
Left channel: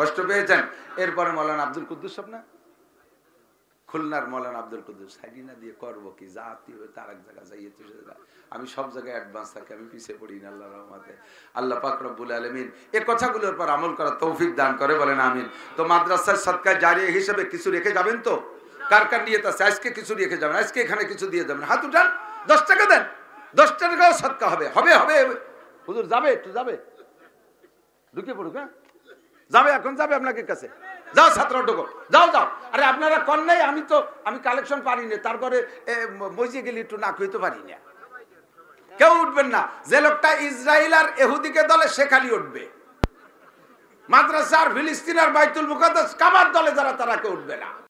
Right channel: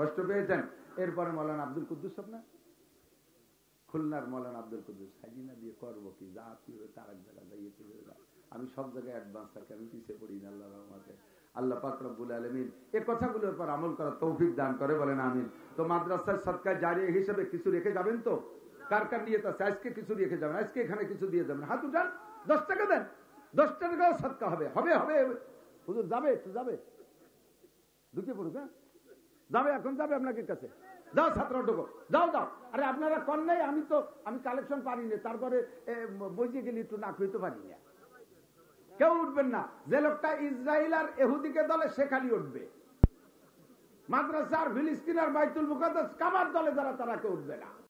কষ্ট পেয়েছেন? এরপরে মাওলানা আব্দুল কুদ্দুস, আপনার খুলনার মাওলানা আব্দুল কুদ্দুস, হাইডিনা দিয়ে করবো কি, জাতি তার এক জায়গা যাইয়ে তো আমি সব জায়গায় অ্যাডভান্স থাকি, আমি পিছিয়ে পড়ি না আল্লাহর রহমতে। আল্লাহ পাক রব্বুল আলামিন এই কথাগুলোর পর আমল করার তৌফিক দান করে, বলেন আমিন। তো মাদ্রাসার সদকা জারিয়া হিসেবে কিছু রেখে যাবেন তো? কার কার নিয়ত আছে আজকে কিছু রেখে যাবেন? আজকে এখানে কিছু দিয়ে যাবেন, হাত উঠান। 10 টাকা দেন, 10 টাকাও সদকা হবে। হবে হবে হুজুর যাবে, একটু যাবে, ঢুকে পড়ুক। হ্যাঁ যাবে, এখন যাবে আপনাকে কাছে। যাও ছাত্র ঢোকো, যাও যাও। আরে আপনারা কর নাই, আমি কালেকশন পারি না, তারপরে মসজিদে গেলে একটু না খুঁজতে পারি না। কেউ উঠবেন না। যে লোকটা ইসরায়েল আর ইহুদিকে দলে, সে খালি উঠবে। মাদ্রাসার ফিলিস্তিন আর বাইতুল মুকাদ্দাস কাবার দলে যারা, তারা কেউ উঠবে না।